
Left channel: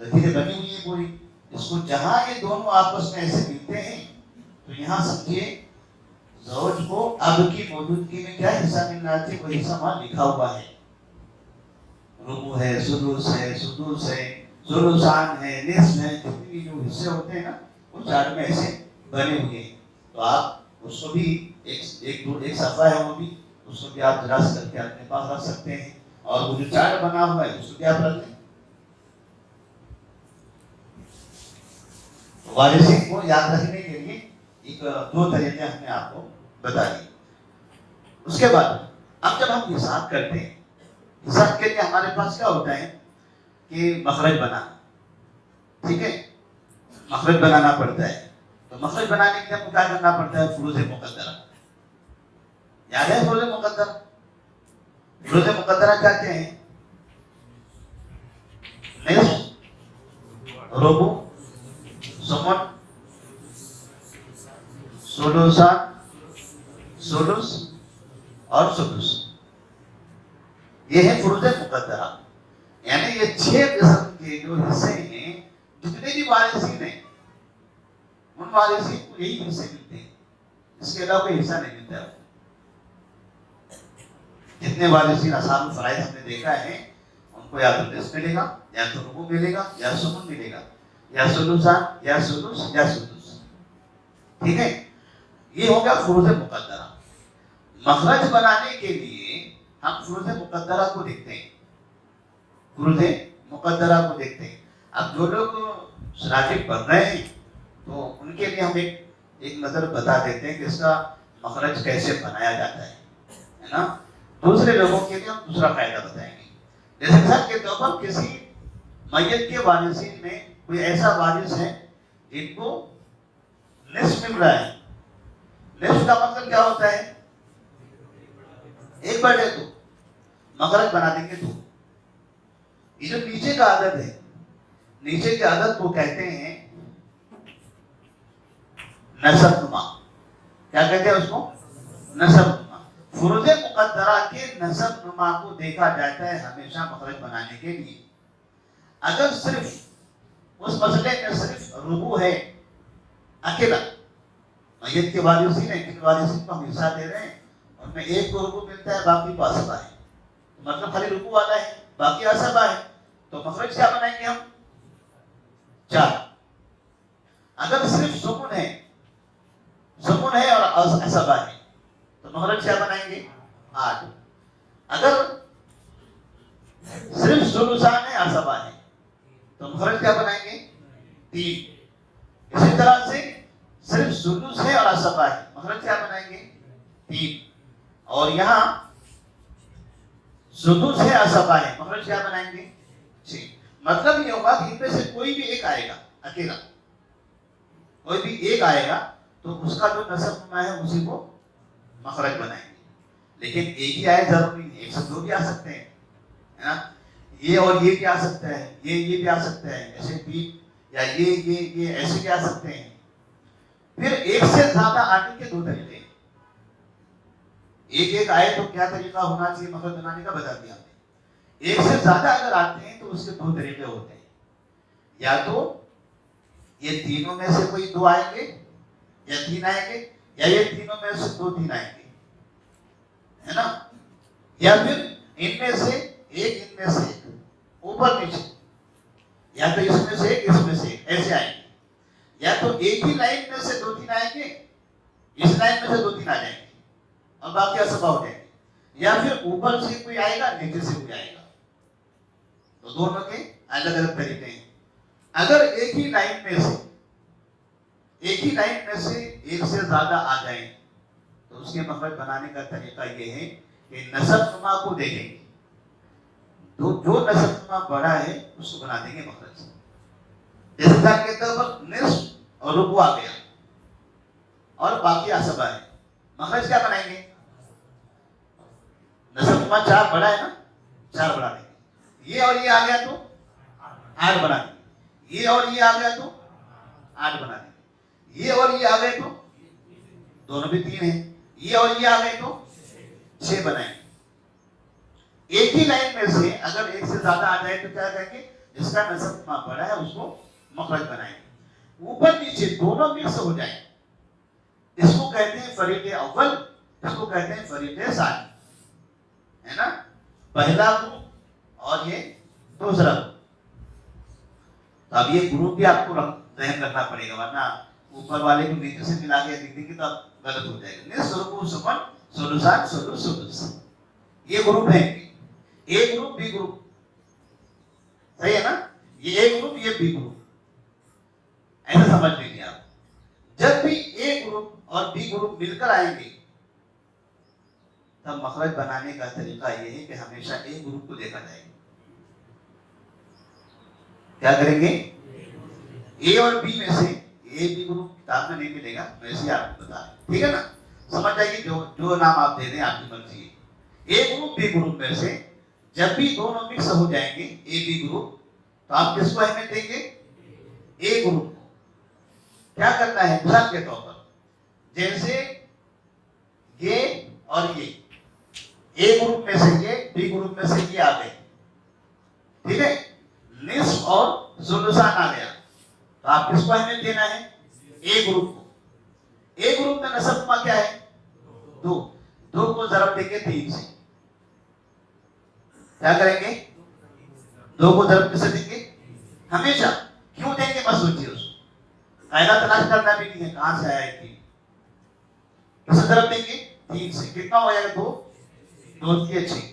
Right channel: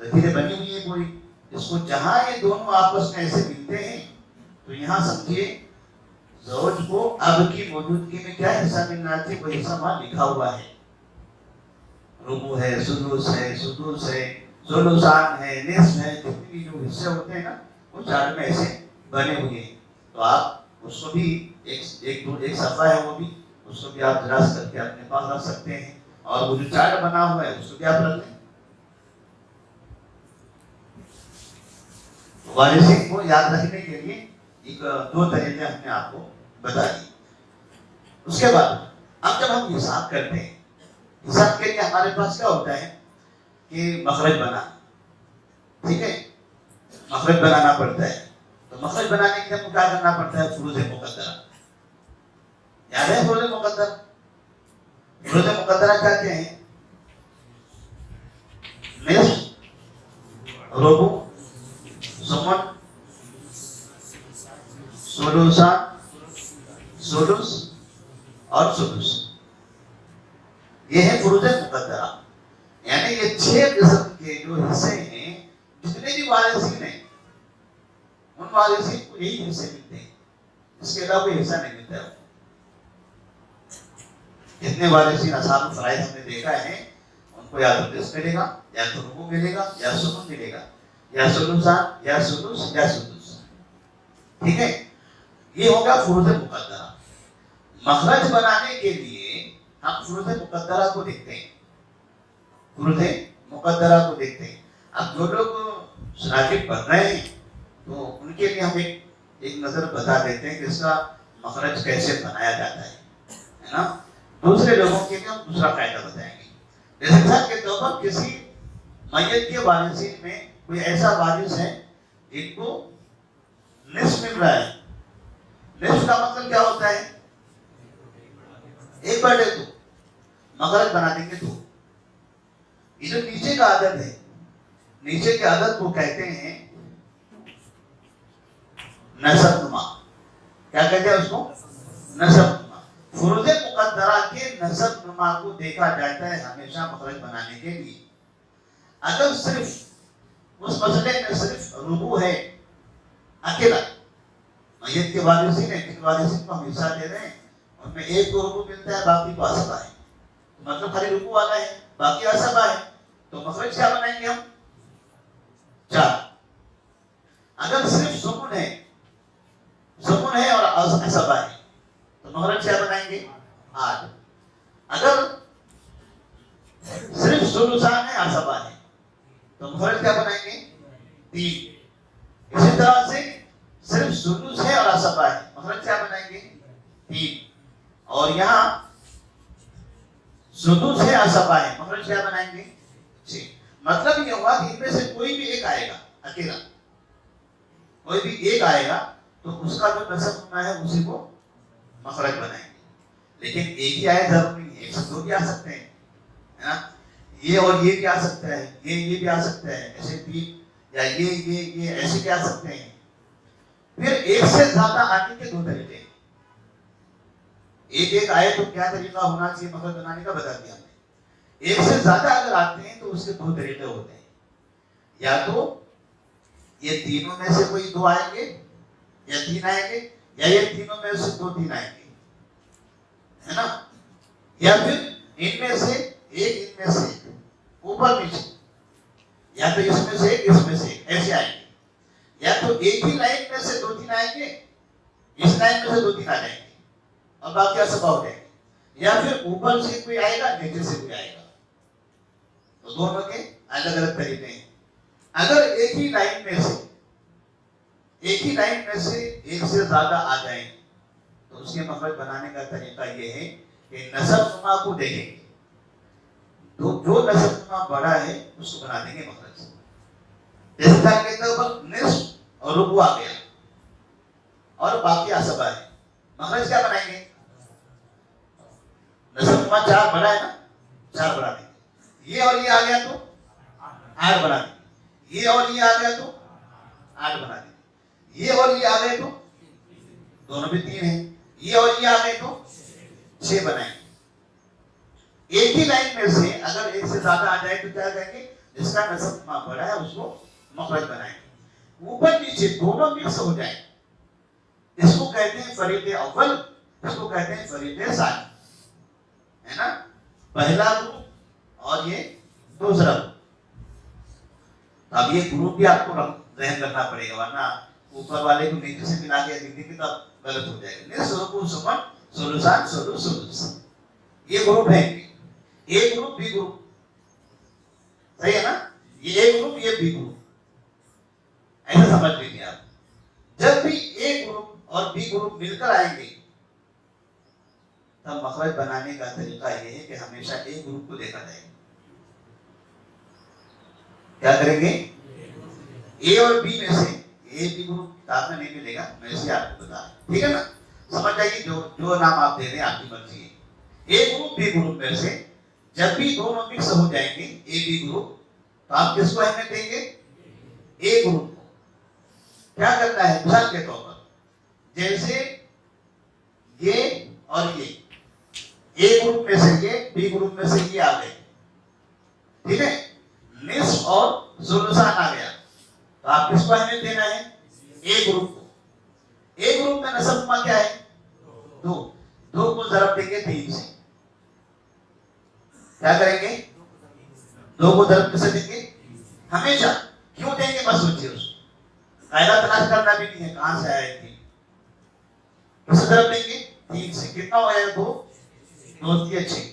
لکیریں بنی ہوئی ہیں پوری. اس کو جہاں یہ دونوں آپس میں ایسے ملتے ہیں تو یہاں سمجھیے زوج کو اب کی موجودگی میں کیا حصہ ملنا چاہیے, وہ حصہ وہاں لکھا ہوا ہے. ربع ہے, سدس ہے, سدس ہے, ثلثان ہے, نصف ہے, جتنے بھی جو حصے ہوتے ہیں نا وہ چارٹ میں ایسے بنے ہوئے ہیں. تو آپ اس کو بھی ایک صفحہ ہے, وہ بھی اس کو بھی آپ دراز کر کے اپنے پاس رکھ سکتے ہیں. اور وہ جو چارٹ بنا ہوا ہے اس کو بھی آپ رکھ لیں. وارثین کو یاد رکھنے کے لیے ایک دو طریقے ہم نے آپ کو بتا دیے. اس کے بعد اب جب ہم حساب کرتے ہیں, حساب کے لیے ہمارے پاس کیا ہوتا ہے کہ مخرج بنانا. ٹھیک ہے, مخرج بنانا پڑتا ہے. تو مخرج بنانے کے لیے ہم کو کیا کرنا پڑتا ہے؟ فروض مقدرہ. یاد ہے فروض مقدرہ؟ فروض مقدرہ کیا ہیں؟ نصف, ربع, ثمن, ثلثان, سدس اور سدس. یہ ہے فروض مقدرہ. یعنی یہ 6 قسم کے جو حصے ہیں, جتنے بھی وارثین ہیں ان وارثین کو یہی حصے ملتے ہیں, اس کے علاوہ کوئی حصہ نہیں ملتا ہے. جتنے وارثین اصحاب فرائض ہم نے دیکھا ہے ان کو یا تو نصف ملے گا, یا تو ربع ملے گا, یا ثمن ملے گا, یا ثلثان, یا سدس, یا سدس. ٹھیک ہے. یہ ہو گیا فروض مقدرہ. مخرج بنانے کے لیے ہم فروض مقدرہ کو دیکھتے ہیں. فروض مقدرہ کو دیکھتے ہیں. اب جو لوگ شراکت پڑھ رہے ہیں تو ان کے لیے ہم ایک نظر بتا دیتے ہیں کہ اس کا مخرج کیسے بنایا جاتا ہے نا. دوسرے لوگوں کے لیے ہم دوسرا قاعدہ بتائیں گے. جیسے مثال کے طور پر کسی میت کے وارثین میں کوئی ایسا وارث ہے جن کو نصف مل رہا ہے. نصف کا مطلب کیا ہوتا ہے؟ 1/2. مخرج بنا دیں گے تو یہ جو نیچے کا عدد ہے, نیچے کے عدد کو کہتے ہیں نسب نما. کیا کہتے ہیں اس کو؟ نسب نما. فروض مقدرہ کے نسب نما کو دیکھا جاتا ہے ہمیشہ مخرج بنانے کے لیے. اگر صرف اس مسئلے میں صرف ربع ہے اکیلا, میت کے وارثین ہیں, جن وارثین کو ہم حصہ دے رہے ہیں ان میں ایک کو ربع ملتا ہے, باقی کو عصبہ ہے. مطلب خالی ربع والا ہے, باقی عصبہ ہے. تو مخرج کیا بنائیں گے ہم؟ 4. اگر صرف ثمن ہے اور عصبہ ہے تو مخرج کیا بنائیں گے؟ 8. اگر صرف ثلثان ہے, عصبہ ہے تو مخرج کیا بنائیں گے؟ 3. اسی طرح سے صرف سدس ہے اور عصبہ ہے, مخرج کیا بنائیں گے؟ 3. اور یہاں سدس ہے, عصبہ ہے, مخرج کیا بنائیں گے؟ 6. مطلب یہ ہوگا کہ ان میں سے کوئی بھی ایک آئے گا, اکیلا کوئی بھی ایک آئے گا تو اس کا جو نسب نما ہے اسی کو مخرج بنائیں گے. لیکن ایک ہی آئے ضروری نہیں, ایک سے 2 بھی آ سکتے ہیں. یہ اور یہ کیا آ سکتا ہے، یہ بھی آ سکتا ہے ایسے بھی، یا یہ ایسے بھی آ سکتے ہیں. پھر ایک سے زیادہ آنے کے دو طریقے. ایک آئے تو کیا طریقہ ہونا چاہیے مخرج بنانے کا بتا دیا. ایک سے زیادہ اگر آتے ہیں تو اس کے دو طریقے ہوتے ہیں. یا تو یہ تینوں میں سے کوئی دو آئیں گے یا تین آئیں گے، یا یہ تینوں میں سے دو تین آئیں گے، ہے نا. یا پھر ان میں سے ایک، ان میں سے اوپر نیچے، یا تو اس میں سے ایک، اس میں سے ایک، ایسے آئیں گے. یا تو ایک ہی لائن میں سے دو تین آئیں گے، اس لائن میں سے دو تین آ جائیں گے، اب بات کیا سب ہو جائے گی. یا پھر اوپر سے کوئی آئے گا، نیچے سے کوئی آئے گا. تو دونوں کے الگ الگ طریقے ہیں. اگر ایک ہی لائن میں سے ایک سے زیادہ آ جائیں تو اس کے مخرج بنانے کا طریقہ یہ ہے کہ نسب نما کو دیکھیں گے، تو جو نسب نما بڑا ہے اس کو بنا دیں گے مخرج. جیسے مثال کے طور پر نصف اور ربع آ گیا اور باقی عصبہ ہے، مخرج کیا بنائیں گے؟ نسب نما 4 بڑا ہے نا، 4 بنا دیں گے. یہ اور یہ آ گیا تو 8 بنا دیں گے. یہ اور یہ آ گیا تو 8 بنا دیں گے. یہ اور یہ آ گئے تو دونوں بھی 3 ہیں. یہ اور یہ آ گئے تو 6 بنائیں گے. ایک ہی لائن میں سے اگر ایک سے زیادہ آ جائے تو کیا کہیں گے؟ جس کا نسب بڑا ہے اس کو مخرج بنائیں گے. اوپر نیچے دونوں مکس ہو جائیں اس کو کہتے ہیں فریق اول، اس کو کہتے ہیں فریق ثانی، ہے نا. پہلا گروپ اور یہ دوسرا گروپ. اب یہ گروپ بھی آپ کو ذہن رکھنا پڑے گا، ورنہ اوپر والے کو نیچے سے ملا کے لکھنے کی تب غلط ہو جائے گا. نصف ربع ثمن ثلثان ثلث ثلث، یہ گروپ ہے. اے گروپ بی گروپ، صحیح ہے نا. یہ اے گروپ یہ بی گروپ، ایسا سمجھ لیجیے آپ. جب بھی اے گروپ اور بی گروپ مل کر آئیں گے تب مخرج بنانے کا طریقہ یہ ہے کہ ہمیشہ اے گروپ کو دیکھا جائے گا. کیا کریں گے؟ اے اور بی میں سے اے بی گروپ کتاب میں نہیں ملے گا، ویسے آپ کو بتا رہے، ٹھیک ہے نا. سمجھ جائے گی جو نام آپ دے دیں آپ کی مرضی ہے. اے گروپ بی گروپ میں سے جب بھی دونوں مکس ہو جائیں گے اے بی گروپ تو آپ کس کو اہمیت دیں گے؟ اے گروپ کو. کیا کرنا ہے؟ مثال کے طور پر جیسے یہ اور یہ اے گروپ میں سے یہ، بی گروپ میں سے یہ آ گئے، ٹھیک ہے. نصف اور ثلثان آ گیا تو آپ کس کو اہمیت دینا ہے؟ اے گروپ کو. اے گروپ میں نسب نما کیا ہے؟ 2. 2 کو ضرب دیں گے 3 سے. کیا کریں گے؟ 2 کو ضرب کیسے دیں گے؟ ہمیشہ. کیوں دیں گے؟ بس سوچیے اس کو، قاعدہ تلاش کرنا بھی نہیں ہے کہاں سے آیا 3. کیسے ضرب دیں گے؟ 3 سے. کتنا ہو جائے گا؟ 2 3 6.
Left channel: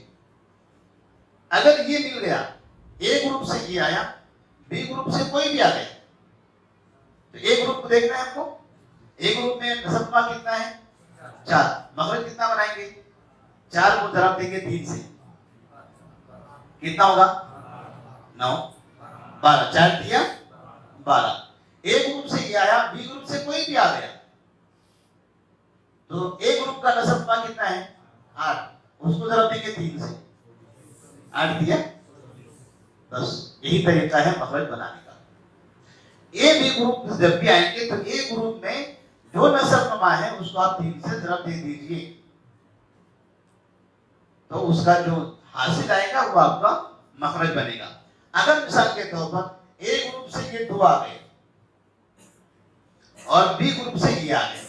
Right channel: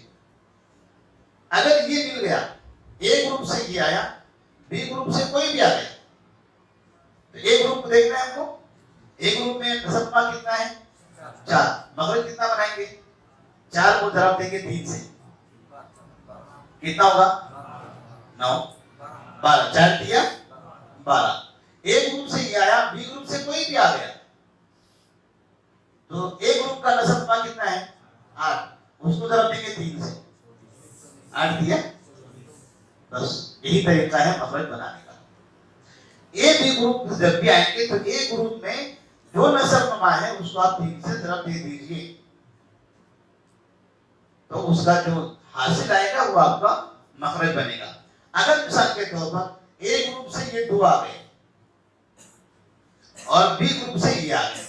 اگر یہ مل گیا، اے گروپ سے یہ آیا، بی گروپ سے کوئی بھی آ گیا، تو اے گروپ کو دیکھنا ہے ہم کو. اے گروپ میں نسب نما کتنا ہے؟ 4. مخرج کتنا بنائیں گے؟ 4 کو ضرب دیں گے 3 سے، کتنا ہوگا؟ 9 12. 4 دیا 12. اے گروپ سے یہ آیا، بی گروپ سے کوئی بھی آ گیا، تو اے گروپ کا نسب نما کتنا ہے؟ 8. اس کو ضرب دیں گے 3 سے، 8 دیا. بس یہی طریقہ ہے مخرج بنانے کا. اے بی گروپ جب بھی آئیں گے تو اے گروپ میں جو نسب نما ہے اس کو آپ 3 سے ضرب دے دیجیے، تو اس کا جو حاصل آئے گا وہ آپ کا مخرج بنے گا. اگر مثال کے طور پر اے گروپ سے یہ 2 آ گئے اور بی گروپ سے یہ آ گئے،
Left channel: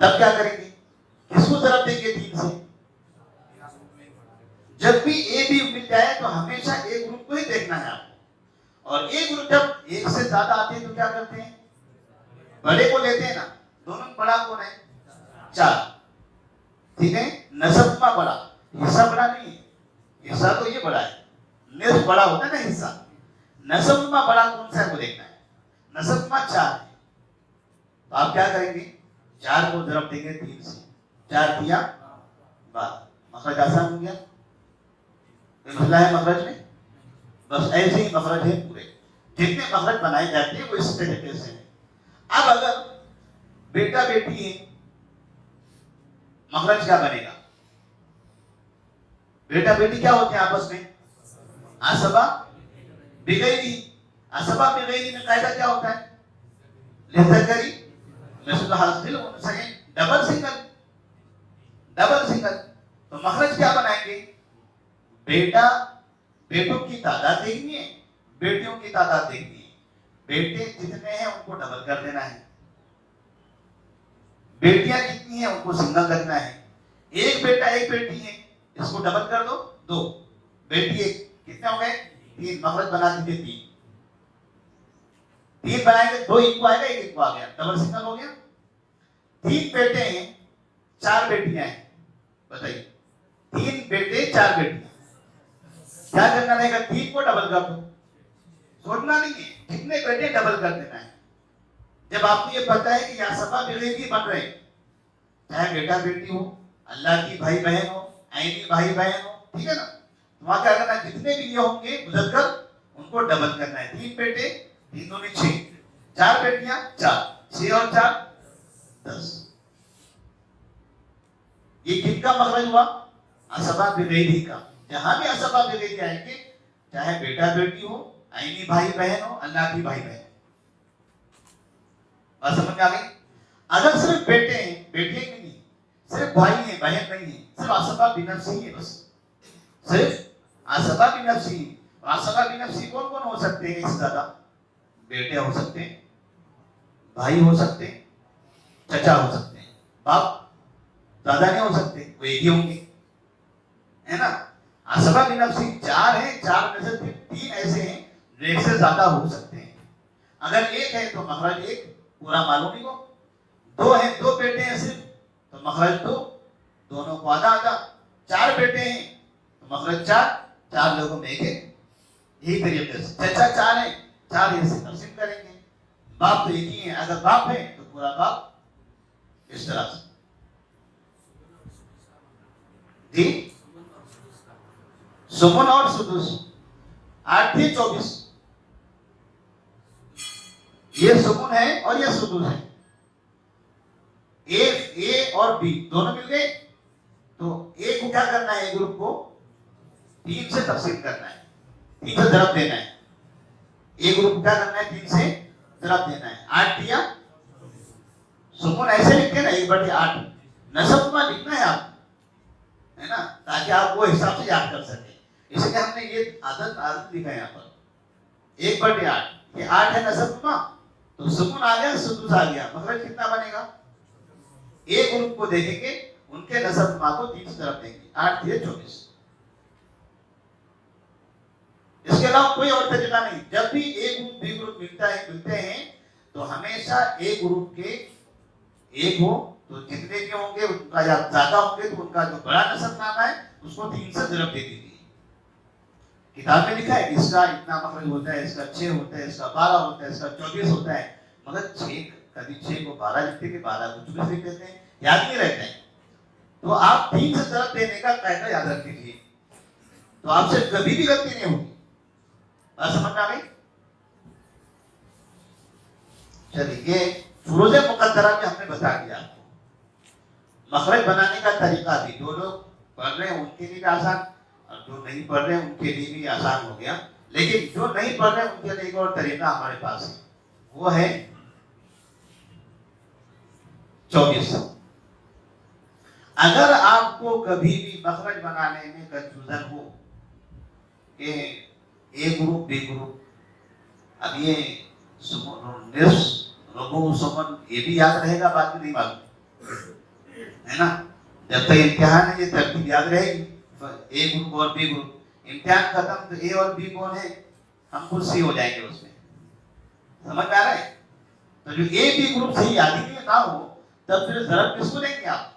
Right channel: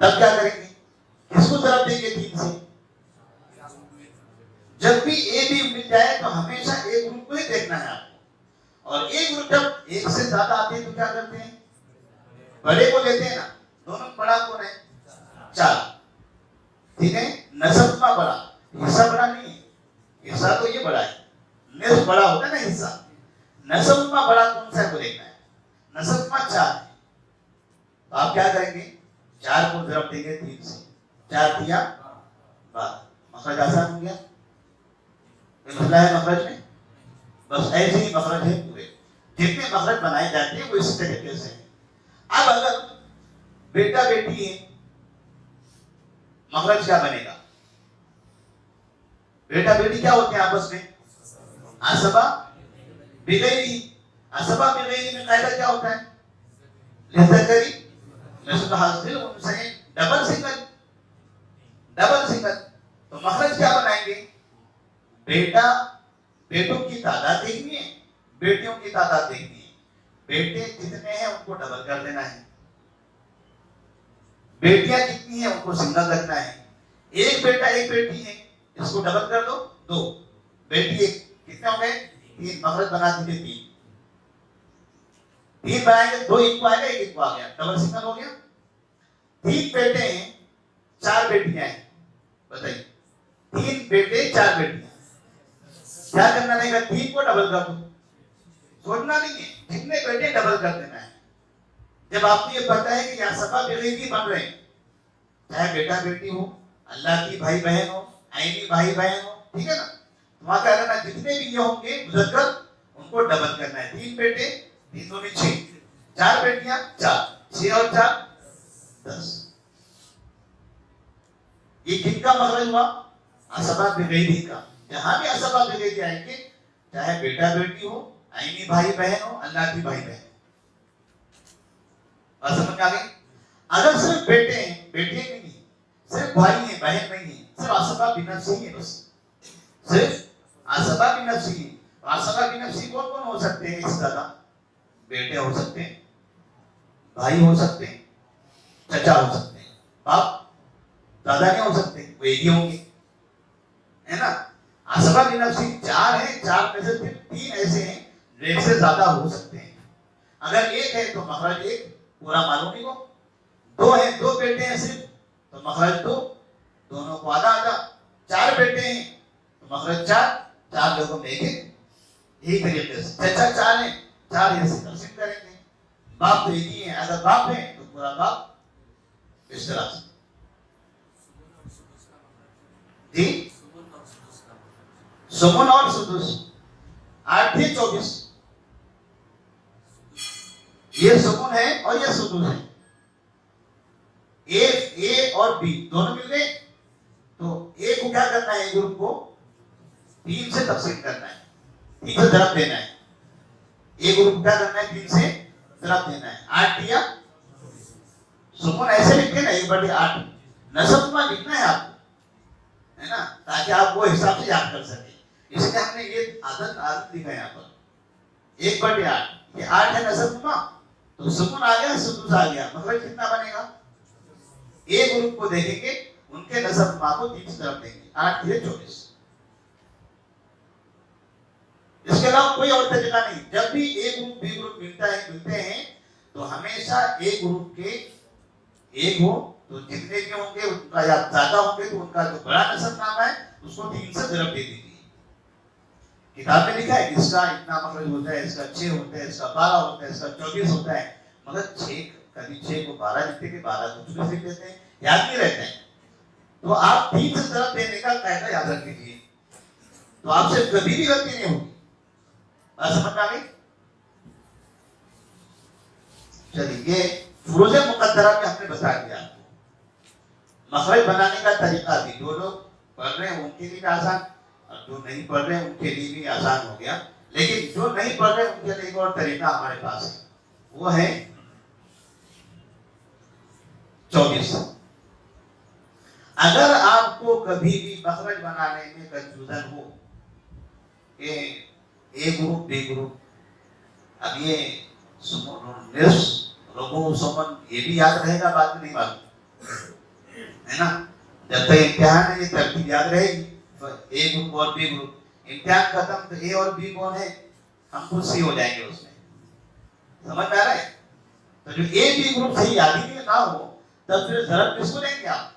تب کیا کریں گے؟ کس کو ضرب دیں گے 3 سے؟ جب بھی اے بی مل جائے تو ہمیشہ اے گروپ کو ہی دیکھنا ہے آپ کو. اور اے گروپ جب ایک سے زیادہ آتے ہیں تو کیا کرتے ہیں؟ بڑے کو لیتے ہیں نا. دونوں بڑا کون ہے؟ 4. ٹھیک ہے. نسب نما بڑا، حصہ بڑا نہیں ہے. حصہ تو یہ بڑا ہے، نصف بڑا ہوتا ہے نا حصہ. نسب نما بڑا کون سا کو دیکھنا ہے؟ نسب نما 4 ہے. تو آپ کیا کریں گے؟ 4 کو ضرب دیں گے 3 سے. 4 دیا 12. مخرج آسان ہو گیا. یہ مسئلہ ہے مخرج میں. بس ایسے ہی مخرج ہے پورے. جتنے مخرج بنائے جاتے ہیں وہ اس طریقے سے. اب اگر بیٹا بیٹی ہے، مخرج کیا بنے گا؟ بیٹا بیٹی کیا ہوتے ہیں آپس میں؟ عصبہ بغیری. عصبہ بغیری میں قاعدہ کیا ہوتا ہے؟ للذکر مثل حاصل انثیین، ڈبل سنگل. Double single. تو مخرج کیا بنائیں گے؟ بیٹا بیٹوں کی تعداد دیکھنی ہے، بیٹیوں کی تعداد دیکھنی ہے. بیٹے جتنے ہیں ان کو ڈبل کر دینا ہے، بیٹیاں کتنی ہیں ان کو سنگل رکھنا ہے. ایک بیٹا ایک بیٹی ہے، اس کو ڈبل کر دو، دو. بیٹی ایک، کتنے ہو گئے؟ تین. مخرج بنا دیجیے تین. تین بنائیں گے، دو ایک کو آئے گا، ایک کو آ گیا، ڈبل سنگل ہو گیا. تین بیٹے ہیں، چار بیٹیاں ہیں. بتائیے، تین بیٹے چار بیٹیاں، کیا کرنا رہے گا؟ تین کو ڈبل کر دو. سوچنا نہیں ہے، کتنے بیٹے ڈبل کر دینا ہے. جب آپ کو یہ پتا ہے کہ یہ عصبہ بغیری بن رہے ہیں، چاہے بیٹا بیٹی ہو، اللہ کی بھائی بہن ہو، عینی بھائی بہن ہو، ٹھیک ہے نا. وہاں کیا کرنا ہے؟ جتنے بھی یہ ہوں گے مذکر ان کو ڈبل کرنا ہے. تین بیٹے، تین دو میں چھ، چار بیٹیاں چار، چھ اور چار 10. یہ کن کا مخرج ہوا؟ عصبہ بغیری کا. جہاں بھی عصبہ بغیری آئیں گے، چاہے بیٹا بیٹی ہو، عینی بھائی بہن ہو، اللہ کی بھائی بہن. سمجھ آ گئی؟ اگر صرف بیٹے ہیں، بیٹیاں بھی نہیں، صرف بھائی ہیں بہن نہیں ہیں، صرف عصبہ بنفسی ہے، بس صرف عصبہ بنفسی. عصبہ بنفسی کون کون ہو سکتے ہیں؟ اس طرح بیٹے ہو سکتے ہیں، بھائی ہو سکتے ہیں، چچا ہو سکتے ہیں، باپ دادا نہیں ہو سکتے، وہ ایک ہی ہوں گے، ہے نا. عصبہ بنفسی چار ہیں، چار میں سے تین ایسے ہیں جو ایک سے زیادہ ہو سکتے ہیں. اگر ایک ہے تو مخرج ایک پورا معلوم نہیں ہو. دو ہیں، دو بیٹے ہیں صرف، تو مخرج دو، دونوں کو آدھا آدھا. چار بیٹے ہیں تو مخرج چار، چار لوگوں میں ایک ایک. یہی طریقے سے چچا چار ہیں، چار ایسے تقسیم کریں گے. باپ تو ایک ہی ہے، اگر باپ ہے تو پورا باپ. اس طرح سے جی. سمن اور سدس 8 تھی 24. یہ سمن ہے اور یہ سدس ہے. اے اور بی دونوں مل گئے تو اے کو کیا کرنا ہے؟ گروپ کو 3 سے تقسیم کرنا ہے، 3 سے ضرب دینا ہے. اے گروپ کیا کرنا ہے؟ 3 سے ضرب دینا ہے. 8 دیا سمن ایسے لکھتے ہیں نا 1/8. نسب میں لکھنا ہے آپ کو، ہے نا، تاکہ آپ وہ حساب سے یاد کر سکیں. اس لیے ہم نے یہ عادت لکھا ہے یہاں پر 1/8. یہ 8 ہے نسب میں، تو سمن آ گیا، سدس آ گیا. مطلب کتنا بنے گا؟ ایک گروپ کو دیکھیں گے، ان کے نسب ماں کو 3 سے ضرب دیں گے. 8 3 24. اس کے علاوہ کوئی اور طریقہ نہیں. جب بھی ایک گروپ بی گروپ ملتے ہیں تو ہمیشہ ایک گروپ کے ایک ہو تو جتنے کے ہوں گے ان کا یا زیادہ ہوں گے تو ان کا جو بڑا نسب نامہ ہے اس کو 3 سے ضرب دے دیجیے. کتاب میں لکھا ہے کہ اس کا اتنا مخرج ہوتا ہے، اس کا 6 ہوتا ہے، اس کا 12 ہوتا ہے، اس کا 24 ہوتا ہے. مگر 6 کبھی 6 کو 12 لکھتے ہیں، 12 کو 24 لکھ دیتے ہیں، یاد نہیں رہتے ہیں. تو آپ 3 سے ضرب دینے کا قاعدہ یاد رکھ لیجیے، تو آپ سے کبھی بھی غلطی نہیں ہوگی. سمجھ آ گئی؟ چلیے، یہ فروض مقدرہ میں ہم نے بتا دیا آپ کو. مخرج بنانے کا طریقہ بھی جو لوگ پڑھ رہے ہیں ان کے لیے بھی آسان، جو نہیں پڑھ رہے ان کے لیے بھی آسان ہو گیا. لیکن جو نہیں پڑھ رہے ان کے لیے ایک اور طریقہ ہمارے پاس ہے، وہ ہے 24. اگر آپ کو کبھی بھی مخرج بنانے میں کنفیوژن ہو کہ اے گروپ بی گروپ، اب یہ نصف ربع سمن یہ بھی یاد رہے گا، بات نہیں معلوم ہے نا. جب تک امتحان ہے یہ ترتیب یاد رہے گی. اے گروپ اور بی گروپ، امتحان ختم تو اے اور بی کون ہے ہم خود سی ہو جائیں گے اس میں. سمجھ آ رہا ہے؟ تو جو اے بی گروپ صحیح یاد ہی نہ ہو تب پھر ضرب کس کو دیں گے آپ؟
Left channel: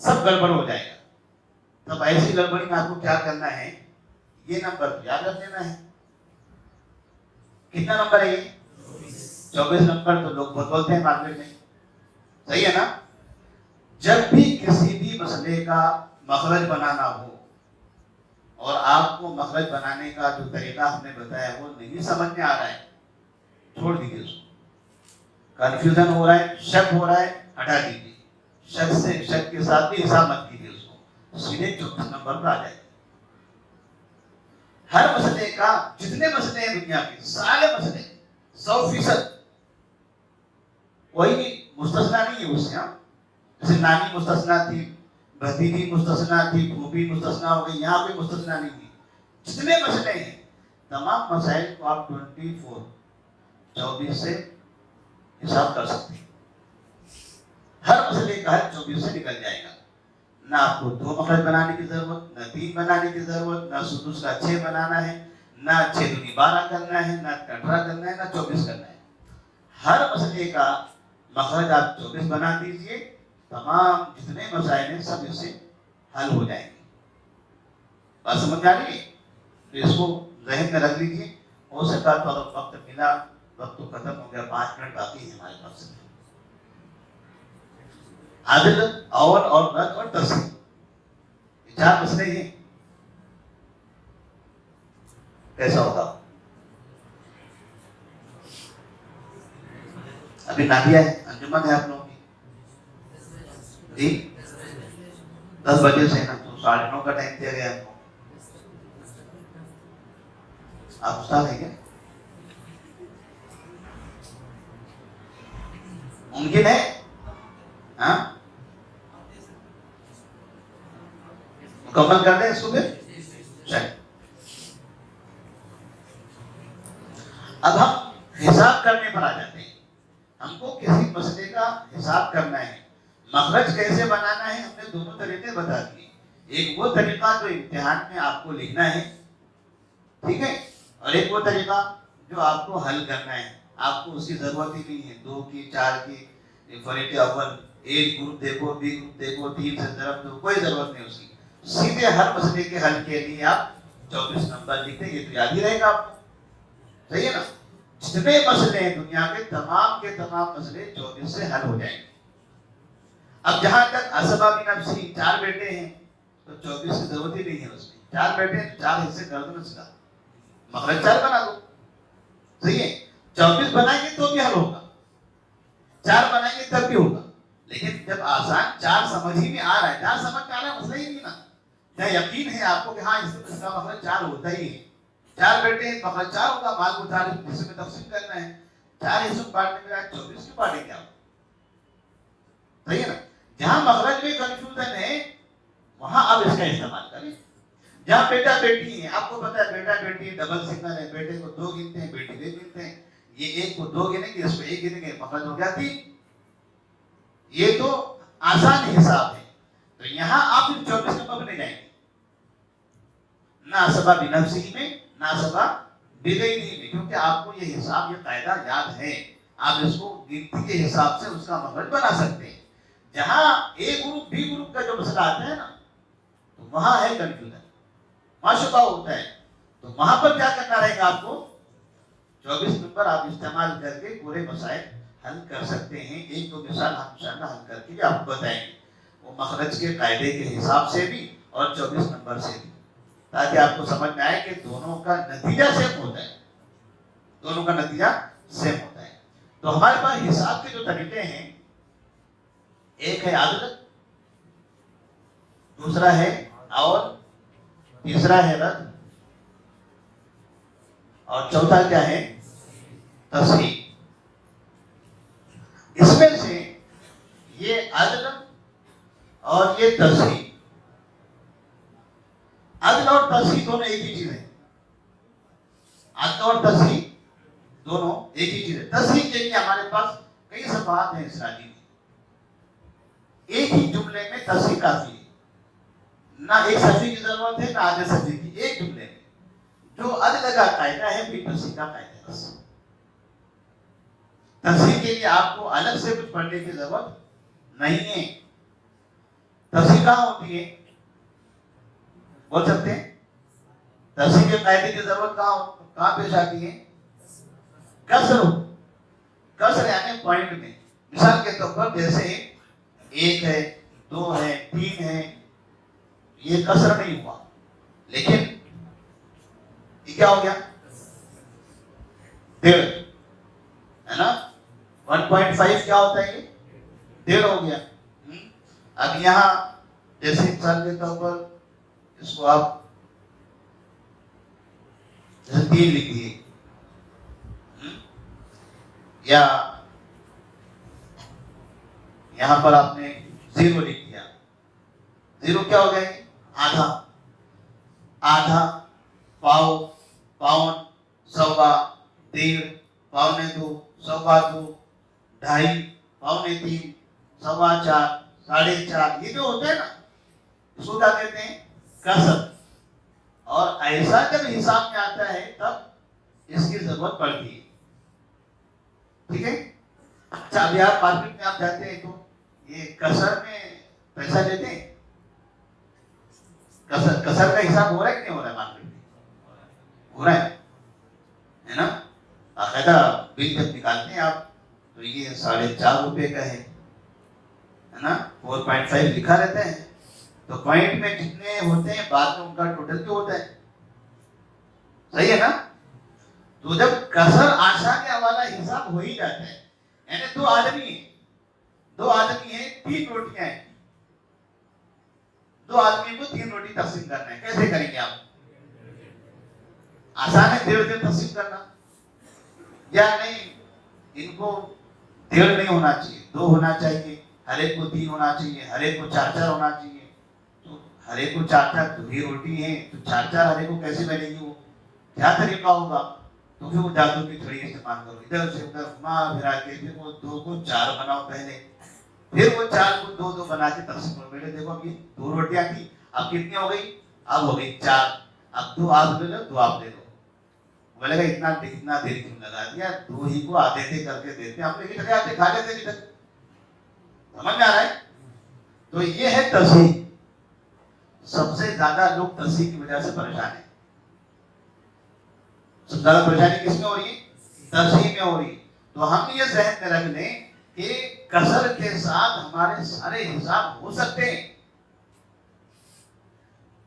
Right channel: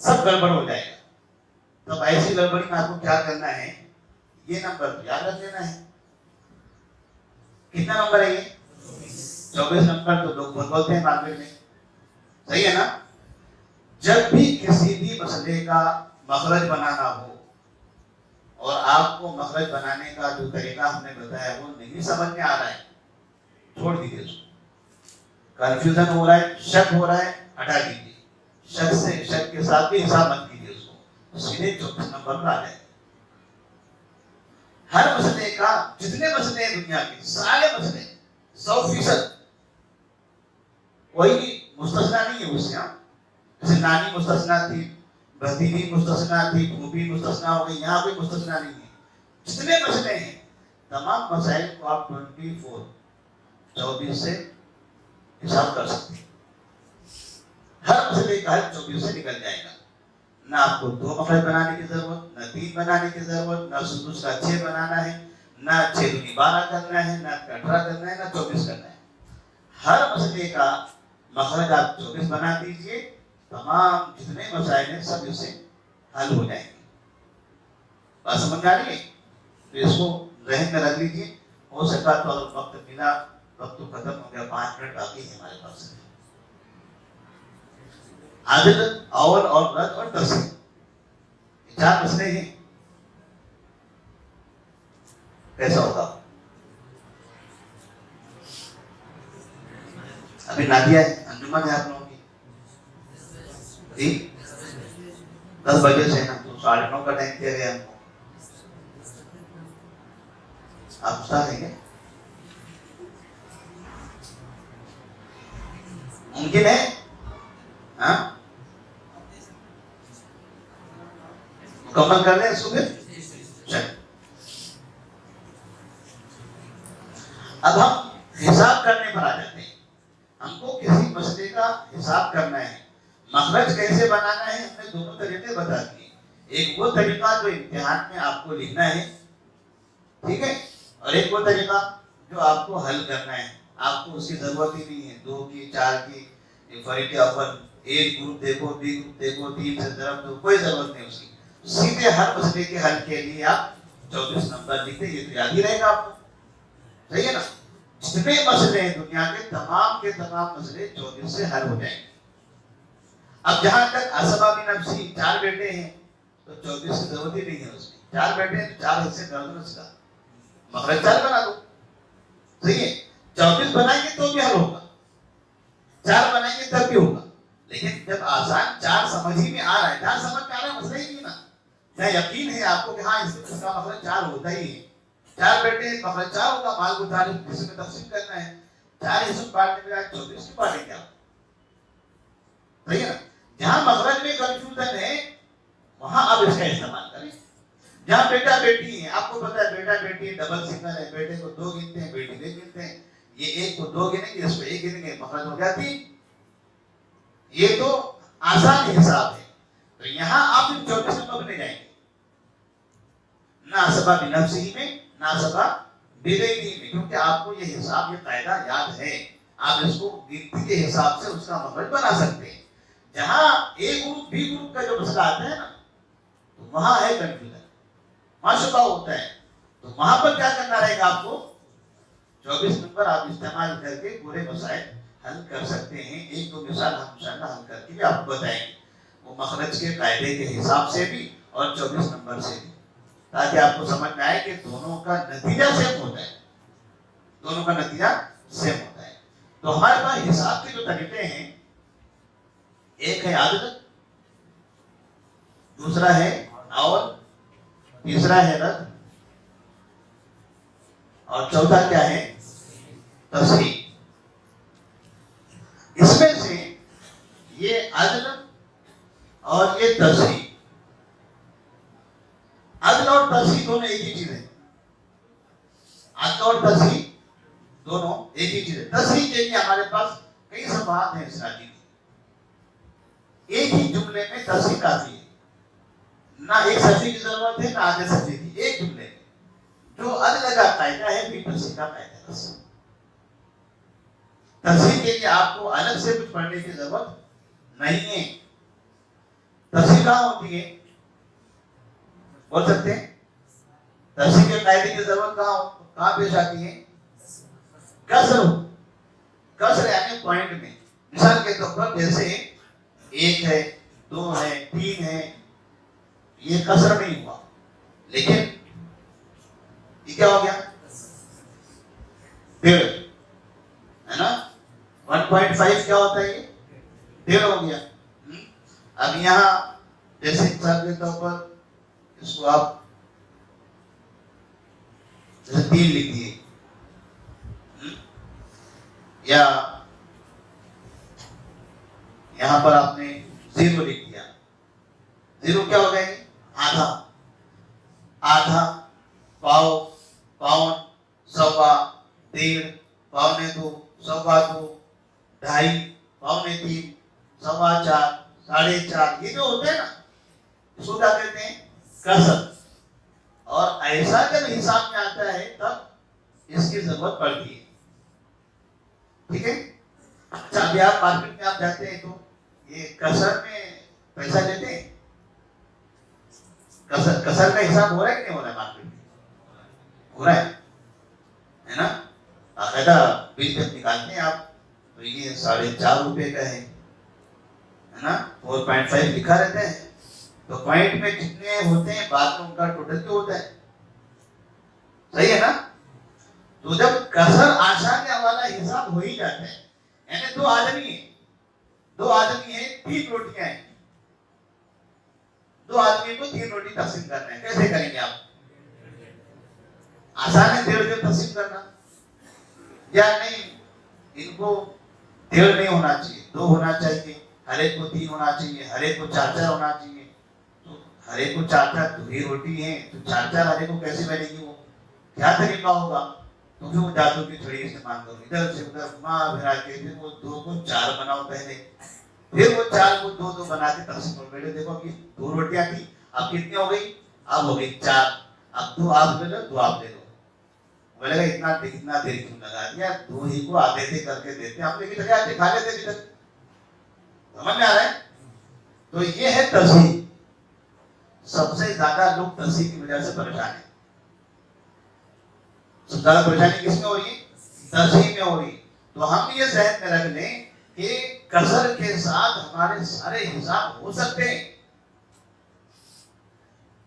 سب گڑبڑ ہو جائے گا. تب ایسی گڑبڑی میں آپ کو کیا کرنا ہے؟ یہ نمبر یاد رکھ لینا ہے. کتنا نمبر ہے یہ؟ 24 نمبر. تو لوگ بولتے ہیں معاملے میں، صحیح ہے نا. جب بھی کسی بھی مسئلے کا مخرج بنانا ہو اور آپ کو مخرج بنانے کا جو طریقہ ہم نے بتایا وہ نہیں سمجھ میں آ رہا ہے، چھوڑ دیجیے اس کو. کنفیوژن ہو رہا ہے، شک ہو رہا ہے، ہٹا دیجیے. شک کے ساتھ بھی حساب مت کیجیے اس کو. سیدھے 24 نمبر پر آ جائے. ہر مسئلے کا جتنے مسئلے ہیں دنیا کے سارے مسئلے 100% کوئی بھی مستثنا نہیں ہے اس سے. جیسے نانی مستثنا تھی, بھتیجی مستثنا تھی, پھوپھی مستثنا ہو گئی, یہاں بھی مستثنا نہیں ہے. جتنے مسئلے ہیں تمام مسائل کو آپ 24 سے حساب کر سکتے ہیں. ہر مسئلے کا حل 24 سے نکل جائے گا. نہ آپ کو 2 مخرج بنانے کی ضرورت, نہ 3 بنانے کی ضرورت, نہ سدس کا 6 بنانا ہے, نہ 6 دونی 12 کرنا ہے, نہ 18 کرنا ہے, نہ 24 کرنا ہے. ہر مسئلے کا مخرج آپ 24 بنا دیجئے, تمام جتنے مسائل ہیں سب اس سے حل ہو جائیں گے. بات سمجھ آ رہی ہے؟ تو اس کو ذہن میں رکھ لیجیے. ہو سکتا تو وقت ملا, وقت تو ختم ہو گیا, 5 منٹ باقی ہے ہمارے پاس. عدد, اول اور رد اور تصحیح, 4 مسئلے ہیں. کیسا ہوگا؟ ابھی نادیہ ہے, انجمن ہے آپ لوگوں کی جی, 10 بجے سے نا, تو 9:30 کا ٹائم دیا گیا ہم کو. آپ استاد ہیں کیا؟ ممکن ہے؟ ہاں مکمل کر لیں اس کو پھر. چلیں اب ہم حساب کرنے پر آ جاتے ہیں. ہم کو کسی مسئلے کا حساب کرنا ہے, مخرج کیسے بنانا ہے. ہم نے 2 طریقے بتا دیے. ایک وہ طریقہ جو امتحان میں آپ کو لکھنا ہے, ٹھیک ہے, اور ایک وہ طریقہ جو آپ کو حل کرنا ہے. آپ کو اس کی ضرورت ہی نہیں ہے 2 کی, 4 کی, فرید اول, ایک گروپ دیکھو, بی گروپ دیکھو, 3 سے ضرب دو, کوئی ضرورت نہیں اس کی. سیدھے ہر مسئلے کے حل کے لیے آپ 24 نمبر لکھتے, یہ تو یاد ہی رہے گا آپ کو. صحیح ہے نا؟ جتنے مسئلے ہیں دنیا کے تمام مسئلے 24 سے حل ہو جائیں گے. اب جہاں تک اسباب نفسی 4 بیٹے ہیں تو 24 کی ضرورت ہی نہیں ہے اس میں. 4 بیٹے ہیں تو 4 حصے کر دو اس کا, مخرج 4 بنا دو. صحیح ہے, 24 بنائیں گے تو بھی حل ہوگا, 4 بنائیں گے تب بھی ہوگا. لیکن جب آسان 4 سمجھ ہی میں آ رہا ہے, 4 سمجھ میں آ رہا ہے مسئلہ ہی نہیں نا. کیا یقین ہے آپ کو کہ ہاں اس کا مخرج 4 ہوتا ہی ہے. 4 بیٹے مخرج 4 ہوگا, مال کو 4 حصے میں تقسیم کرنا ہے, 4 حصوں بانٹنے میں 24 کی بانٹیں گے آپ. صحیح ہے نا؟ جہاں مخرج میں کنفیوژن ہے وہاں آپ اس کا استعمال کریں. جہاں بیٹا بیٹی ہے, آپ کو پتا ہے بیٹا بیٹی ڈبل سگنل ہے, بیٹے کو 2 گنتے ہیں, بیٹی کو 1 گنتے ہیں. یہ 1 کو 2 گنیں گے, اس کو 1 گنیں گے, مخرج ہو گیا 3. یہ تو آسان حساب ہے. تو یہاں آپ 24 نمبر لے جائیں گے, نہ اسباب نفسی میں نہ اسباب بغیری میں, کیونکہ آپ کو یہ حساب, یہ قاعدہ یاد ہے. آپ اس کو گنتی کے حساب سے اس کا مخرج بنا سکتے ہیں. جہاں اے گروپ بی گروپ کا جو مسئلہ آتا ہے نا, تو وہاں ہے کنفیوژن, وہاں شبہ ہوتا ہے. تو وہاں پر کیا کرنا رہے گا آپ کو, 24 نمبر آپ استعمال کر کے پورے مسائل حل کر سکتے ہیں. 1-2 مثال ہم انشاءاللہ حل کر کے بھی آپ کو بتائیں گے, وہ مخرج کے قاعدے کے حساب سے بھی اور 24 نمبر سے بھی, تاکہ آپ کو سمجھ میں آئے کہ دونوں کا نتیجہ سیم ہوتا ہے. دونوں کا نتیجہ سیم ہوتا ہے. تو ہمارے پاس حساب کے جو طریقے ہیں, ایک ہے عدد, دوسرا ہے اول, تیسرا ہے رد, اور چوتھا کیا ہے تصحیح. اس میں سے یہ عدل اور یہ تصحیح, عدل اور تصحیح دونوں ایک ہی چیز ہے. عدل اور تصحیح دونوں ایک ہی چیز ہے. تصحیح کے لیے ہمارے پاس کئی صفحات ہیں اس تعلیم میں. ایک ہی جملے میں تصحیح کافی ہے, نہ ایک صفحے کی ضرورت ہے نہ آدھے صفحے کی. ایک جملے میں جو عدل کا قاعدہ ہے بھی تصحیح کا قاعدہ ہے. بس تصحیح کے لیے آپ کو الگ سے کچھ پڑھنے کی ضرورت نہیں ہے. تصحیح کہاں ہوتی ہے بول سکتے ہیں؟ تصحیح کے قاعدے کی ضرورت کہاں پیش آتی ہے؟ کسر یعنی پوائنٹ میں. مثال کے طور پر جیسے 1 ہے, 2 ہے, 3 ہے, یہ کسر نہیں ہوا, لیکن یہ کیا ہو گیا 1.5 ہے نا. 1.5 کیا ہوتا ہے, یہ 1.5 ہو گیا. اب یہاں جیسے مثال کے طور پر اس کو آپ جیسے 3 لکھیے یا یہاں پر آپ نے 0 لکھ دیا. 0 کیا ہو گئے؟ آدھا. آدھا، پاؤ، پاؤن، سوا، 1.5، پونے 2، سوا 2، 2.5، پونے 3، سوا 4، 4.5. یہ جو ہوتا ہے نا اس کو کیا کہتے ہیں؟ کسر. اور ایسا جب حساب میں آتا ہے تب اس کی ضرورت پڑتی ہے. ٹھیک ہے. اچھا اب یار مارکیٹ میں آپ جاتے ہیں تو یہ کسر میں پیسہ لیتے ہیں. کسر کا حساب ہو رہا ہے کہ نہیں ہو رہا ہے مارکیٹ میں؟ ہو رہا ہے نا. باقاعدہ بل جب نکالتے ہیں آپ تو یہ 4.5 روپے کا ہے نا. 4.5 لکھا رہتا ہے تو پوائنٹ میں جتنے ہوتے ہیں بعد میں ان کا ٹوٹل کیوں ہوتا ہے؟ صحیح ہے نا. تو جب کسر آسانی والا حساب ہو ہی جاتا ہے یعنی 2 آدمی ہیں 3 روٹیاں ہیں. 2 آدمی کو 3 روٹی تقسیم کرنا ہے. کیسے کریں گے آپ؟ آسان ہے 1.5 تقسیم کرنا. یا نہیں ان کو 1.5 نہیں ہونا چاہیے 2 ہونا چاہیے. ہر ایک کو 3 ہونا چاہیے. ہر ایک کو 4 ہونا چاہیے. تو ہر ایک کو 4 تو یہ روٹی ہے تو 4 ہر ایک کو کیسے بنے گی؟ وہ کیا طریقہ ہوگا؟ تو پھر وہ جادو کی تھوڑی استعمال کرو. ادھر سے ادھر گھما پھرا کے پھر وہ 2 کو 4 بناؤ پہلے. پھر وہ 4 کو 2 بنا کے تقسیم کرو. میرے دیکھو اب 2 روٹیاں تھی اب کتنی ہو گئی؟ اب ہو گئی 4. اب 2 آپ لے لو 2 آپ لے لو. بولے گا اتنا دیر کیوں لگا دیا؟ 2 ہی کو آتے تھے کر کے دیتے آپ لے کے آتے کھا لیتے ادھر. سمجھ میں آ رہا ہے؟ تو یہ ہے تصحیح. سب سے زیادہ لوگ تصحیح کی وجہ سے پریشان ہیں. سب سے زیادہ پریشانی کس میں ہو رہی ہے؟ تصحیح میں ہو رہی ہے. تو ہم یہ ذہن میں رکھ لیں کہ کسر کے ساتھ ہمارے سارے حساب ہو سکتے ہیں.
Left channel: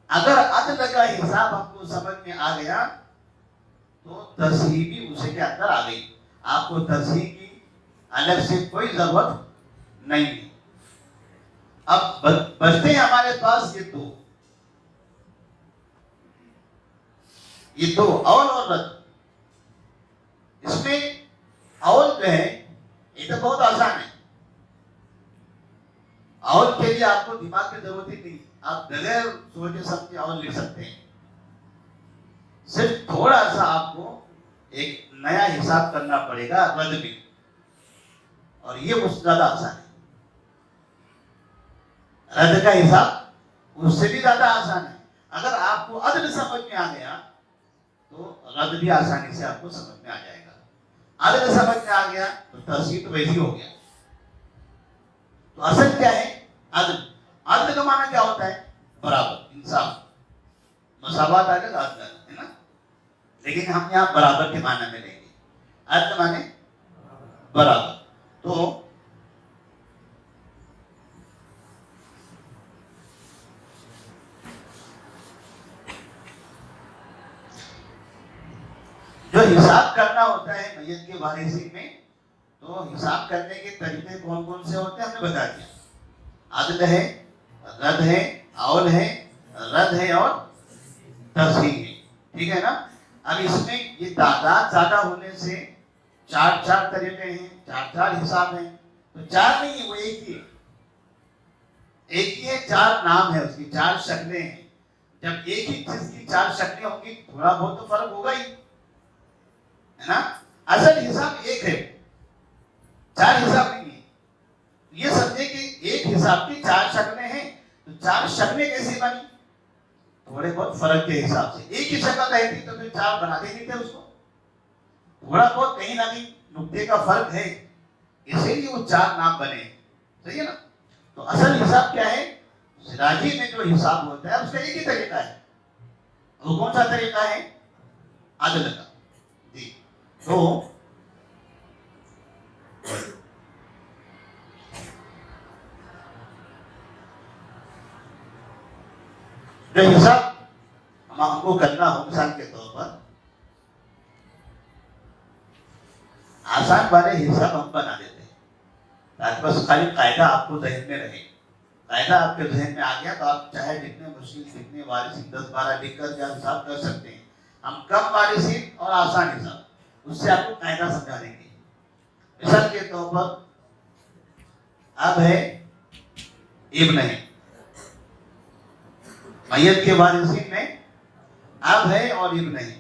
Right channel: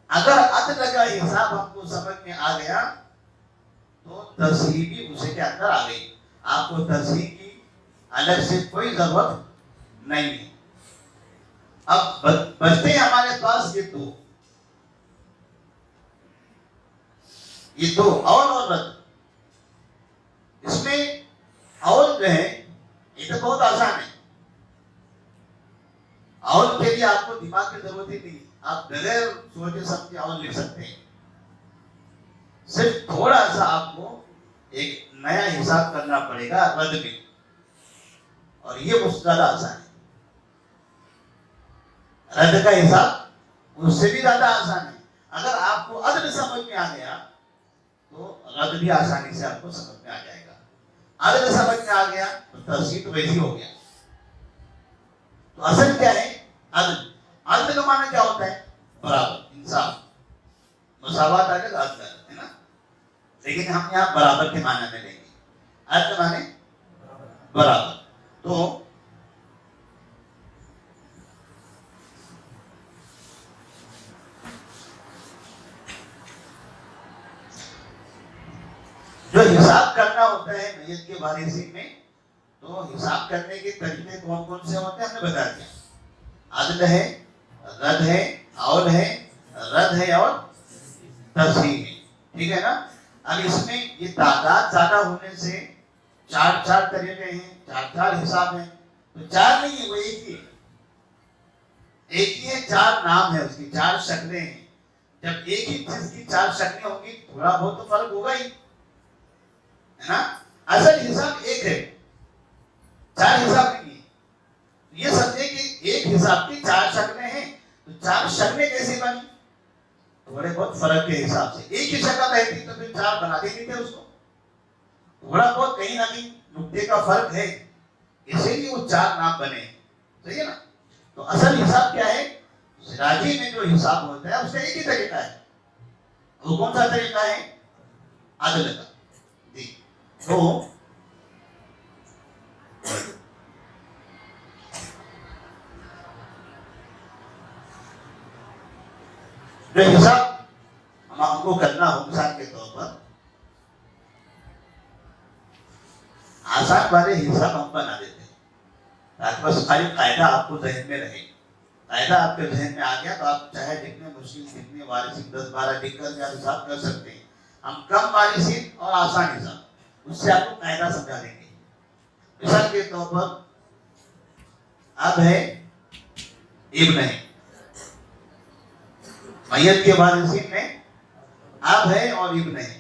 اگر عدل کا حساب ہم کو سمجھ میں آ گیا تو تصحیح بھی اسے کے اندر آ گئی. آپ کو تصحیح کی الگ سے کوئی ضرورت نہیں ہے. اب بچتے ہیں ہمارے پاس یہ دو اول اور رد. اس میں اول جو ہے یہ تو بہت آسان ہے. اول کے لیے آپ کو دماغ کی ضرورت ہی نہیں. آپ بغیر سوچے سمجھے اول لکھ سکتے ہیں. صرف تھوڑا سا آپ کو ایک نیا حساب کرنا پڑے گا رد میں اور یہ اس سے زیادہ آسان ہے. رد کا حساب اس سے بھی زیادہ آسان ہے. اگر آپ کو عدل سمجھ میں آ گیا تو رد بھی آسانی سے آپ کو سمجھ میں آ جائے گا. عدل سمجھ میں آ گیا تو تصحیح تو ویسی ہو گیا. تو اصل کیا ہے؟ عدل. عدل کا معنی کیا ہوتا ہے؟ برابر، انصاف، مساوات آ کے عدل ہے نا. لیکن ہم یہاں برابر کے معنی میں لیں گے. عدل کا معنی برابر. تو جو حساب کرنا ہوتا ہے میت کے وارثین میں تو حساب کرنے کے طریقے کون کون سے ہوتے ہیں ہم نے بتا دیا. عدل ہے، رد ہے، اول ہے، رد ہے اور تصحیح ہے. ٹھیک ہے نا. اب اس میں یہ تعداد زیادہ ہونے سے 4 طریقے ہیں، 4 حساب ہیں. تو 4 نہیں وہ ایک ہی ہے. ایک ہی ہے، 4 نام ہے اس کی، 4 شکلیں ہیں. جب ایک ہی چیز کی 4 شکلیں ہوں گی تھوڑا بہت تو فرق ہوگا ہی ہے نا. اصل حساب ایک ہے، 4 حساب نہیں ہے. یہ سمجھے کہ ایک حساب کی 4 شکلیں ہیں. تو 4 شکلیں کیسے بنی؟ تھوڑے بہت فرق کے حساب سے. ایک ہی شکل رہتی تو پھر 4 بنا دیں گے اس کو. تھوڑا بہت کہیں نہ کہیں نقطے کا فرق ہے اسی لیے وہ 4 نام بنے. صحیح ہے نا. تو اصل حساب کیا ہے؟ سراجی میں جو حساب ہوتا ہے اس کا ایک ہی طریقہ ہے. وہ کون سا طریقہ ہے؟ عدل کا. تو جو حساب ہم کو کرنا ہو مثال کے طور پر آسان والے حساب ہم بنا دیتے ہیں تاکہ بس خالی قاعدہ آپ کو ذہن میں رہے. قاعدہ آپ کے ذہن میں آ گیا تو آپ چاہے جتنے مشکل جتنے وارثین 10-12 لکھ کر کے حساب کر سکتے ہیں. ہم کم وارثین اور آسان حساب اس سے آپ کو قاعدہ سمجھا دیں گے. مثال کے طور پر اب ہے ابن ہے, میت کے وارثین میں اب ہے اور ابن ہے,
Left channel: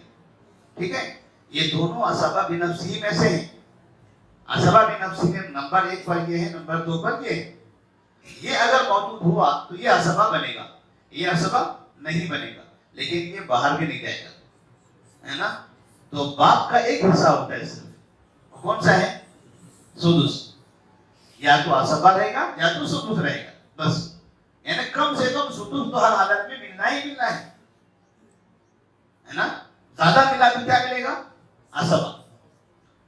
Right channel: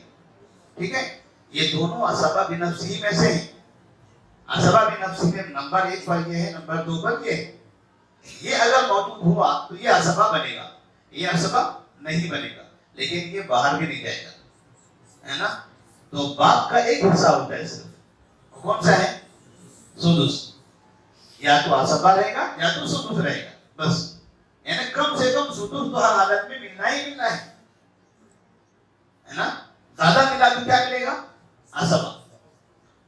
ٹھیک ہے. یہ دونوں اسباب نفسی میں سے ہیں. اسباب نفسی میں نمبر 1 پر یہ ہے, نمبر 2 پر یہ ہے. یہ اگر موجود ہوا تو یہ اسباب بنے گا, یہ اسباب نہیں بنے گا, لیکن یہ باہر بھی نہیں جائے گا, ہے نا. تو باپ کا ایک حصہ ہوتا ہے صرف, کون سا ہے؟ سدس. یا تو اسباب رہے گا یا تو سدس رہے گا, بس. یعنی کم سے کم سدس تو ہر حالت میں ملنا ہی ملنا ہے نا. زیادہ ملا تو کیا ملے گا؟ اسباب.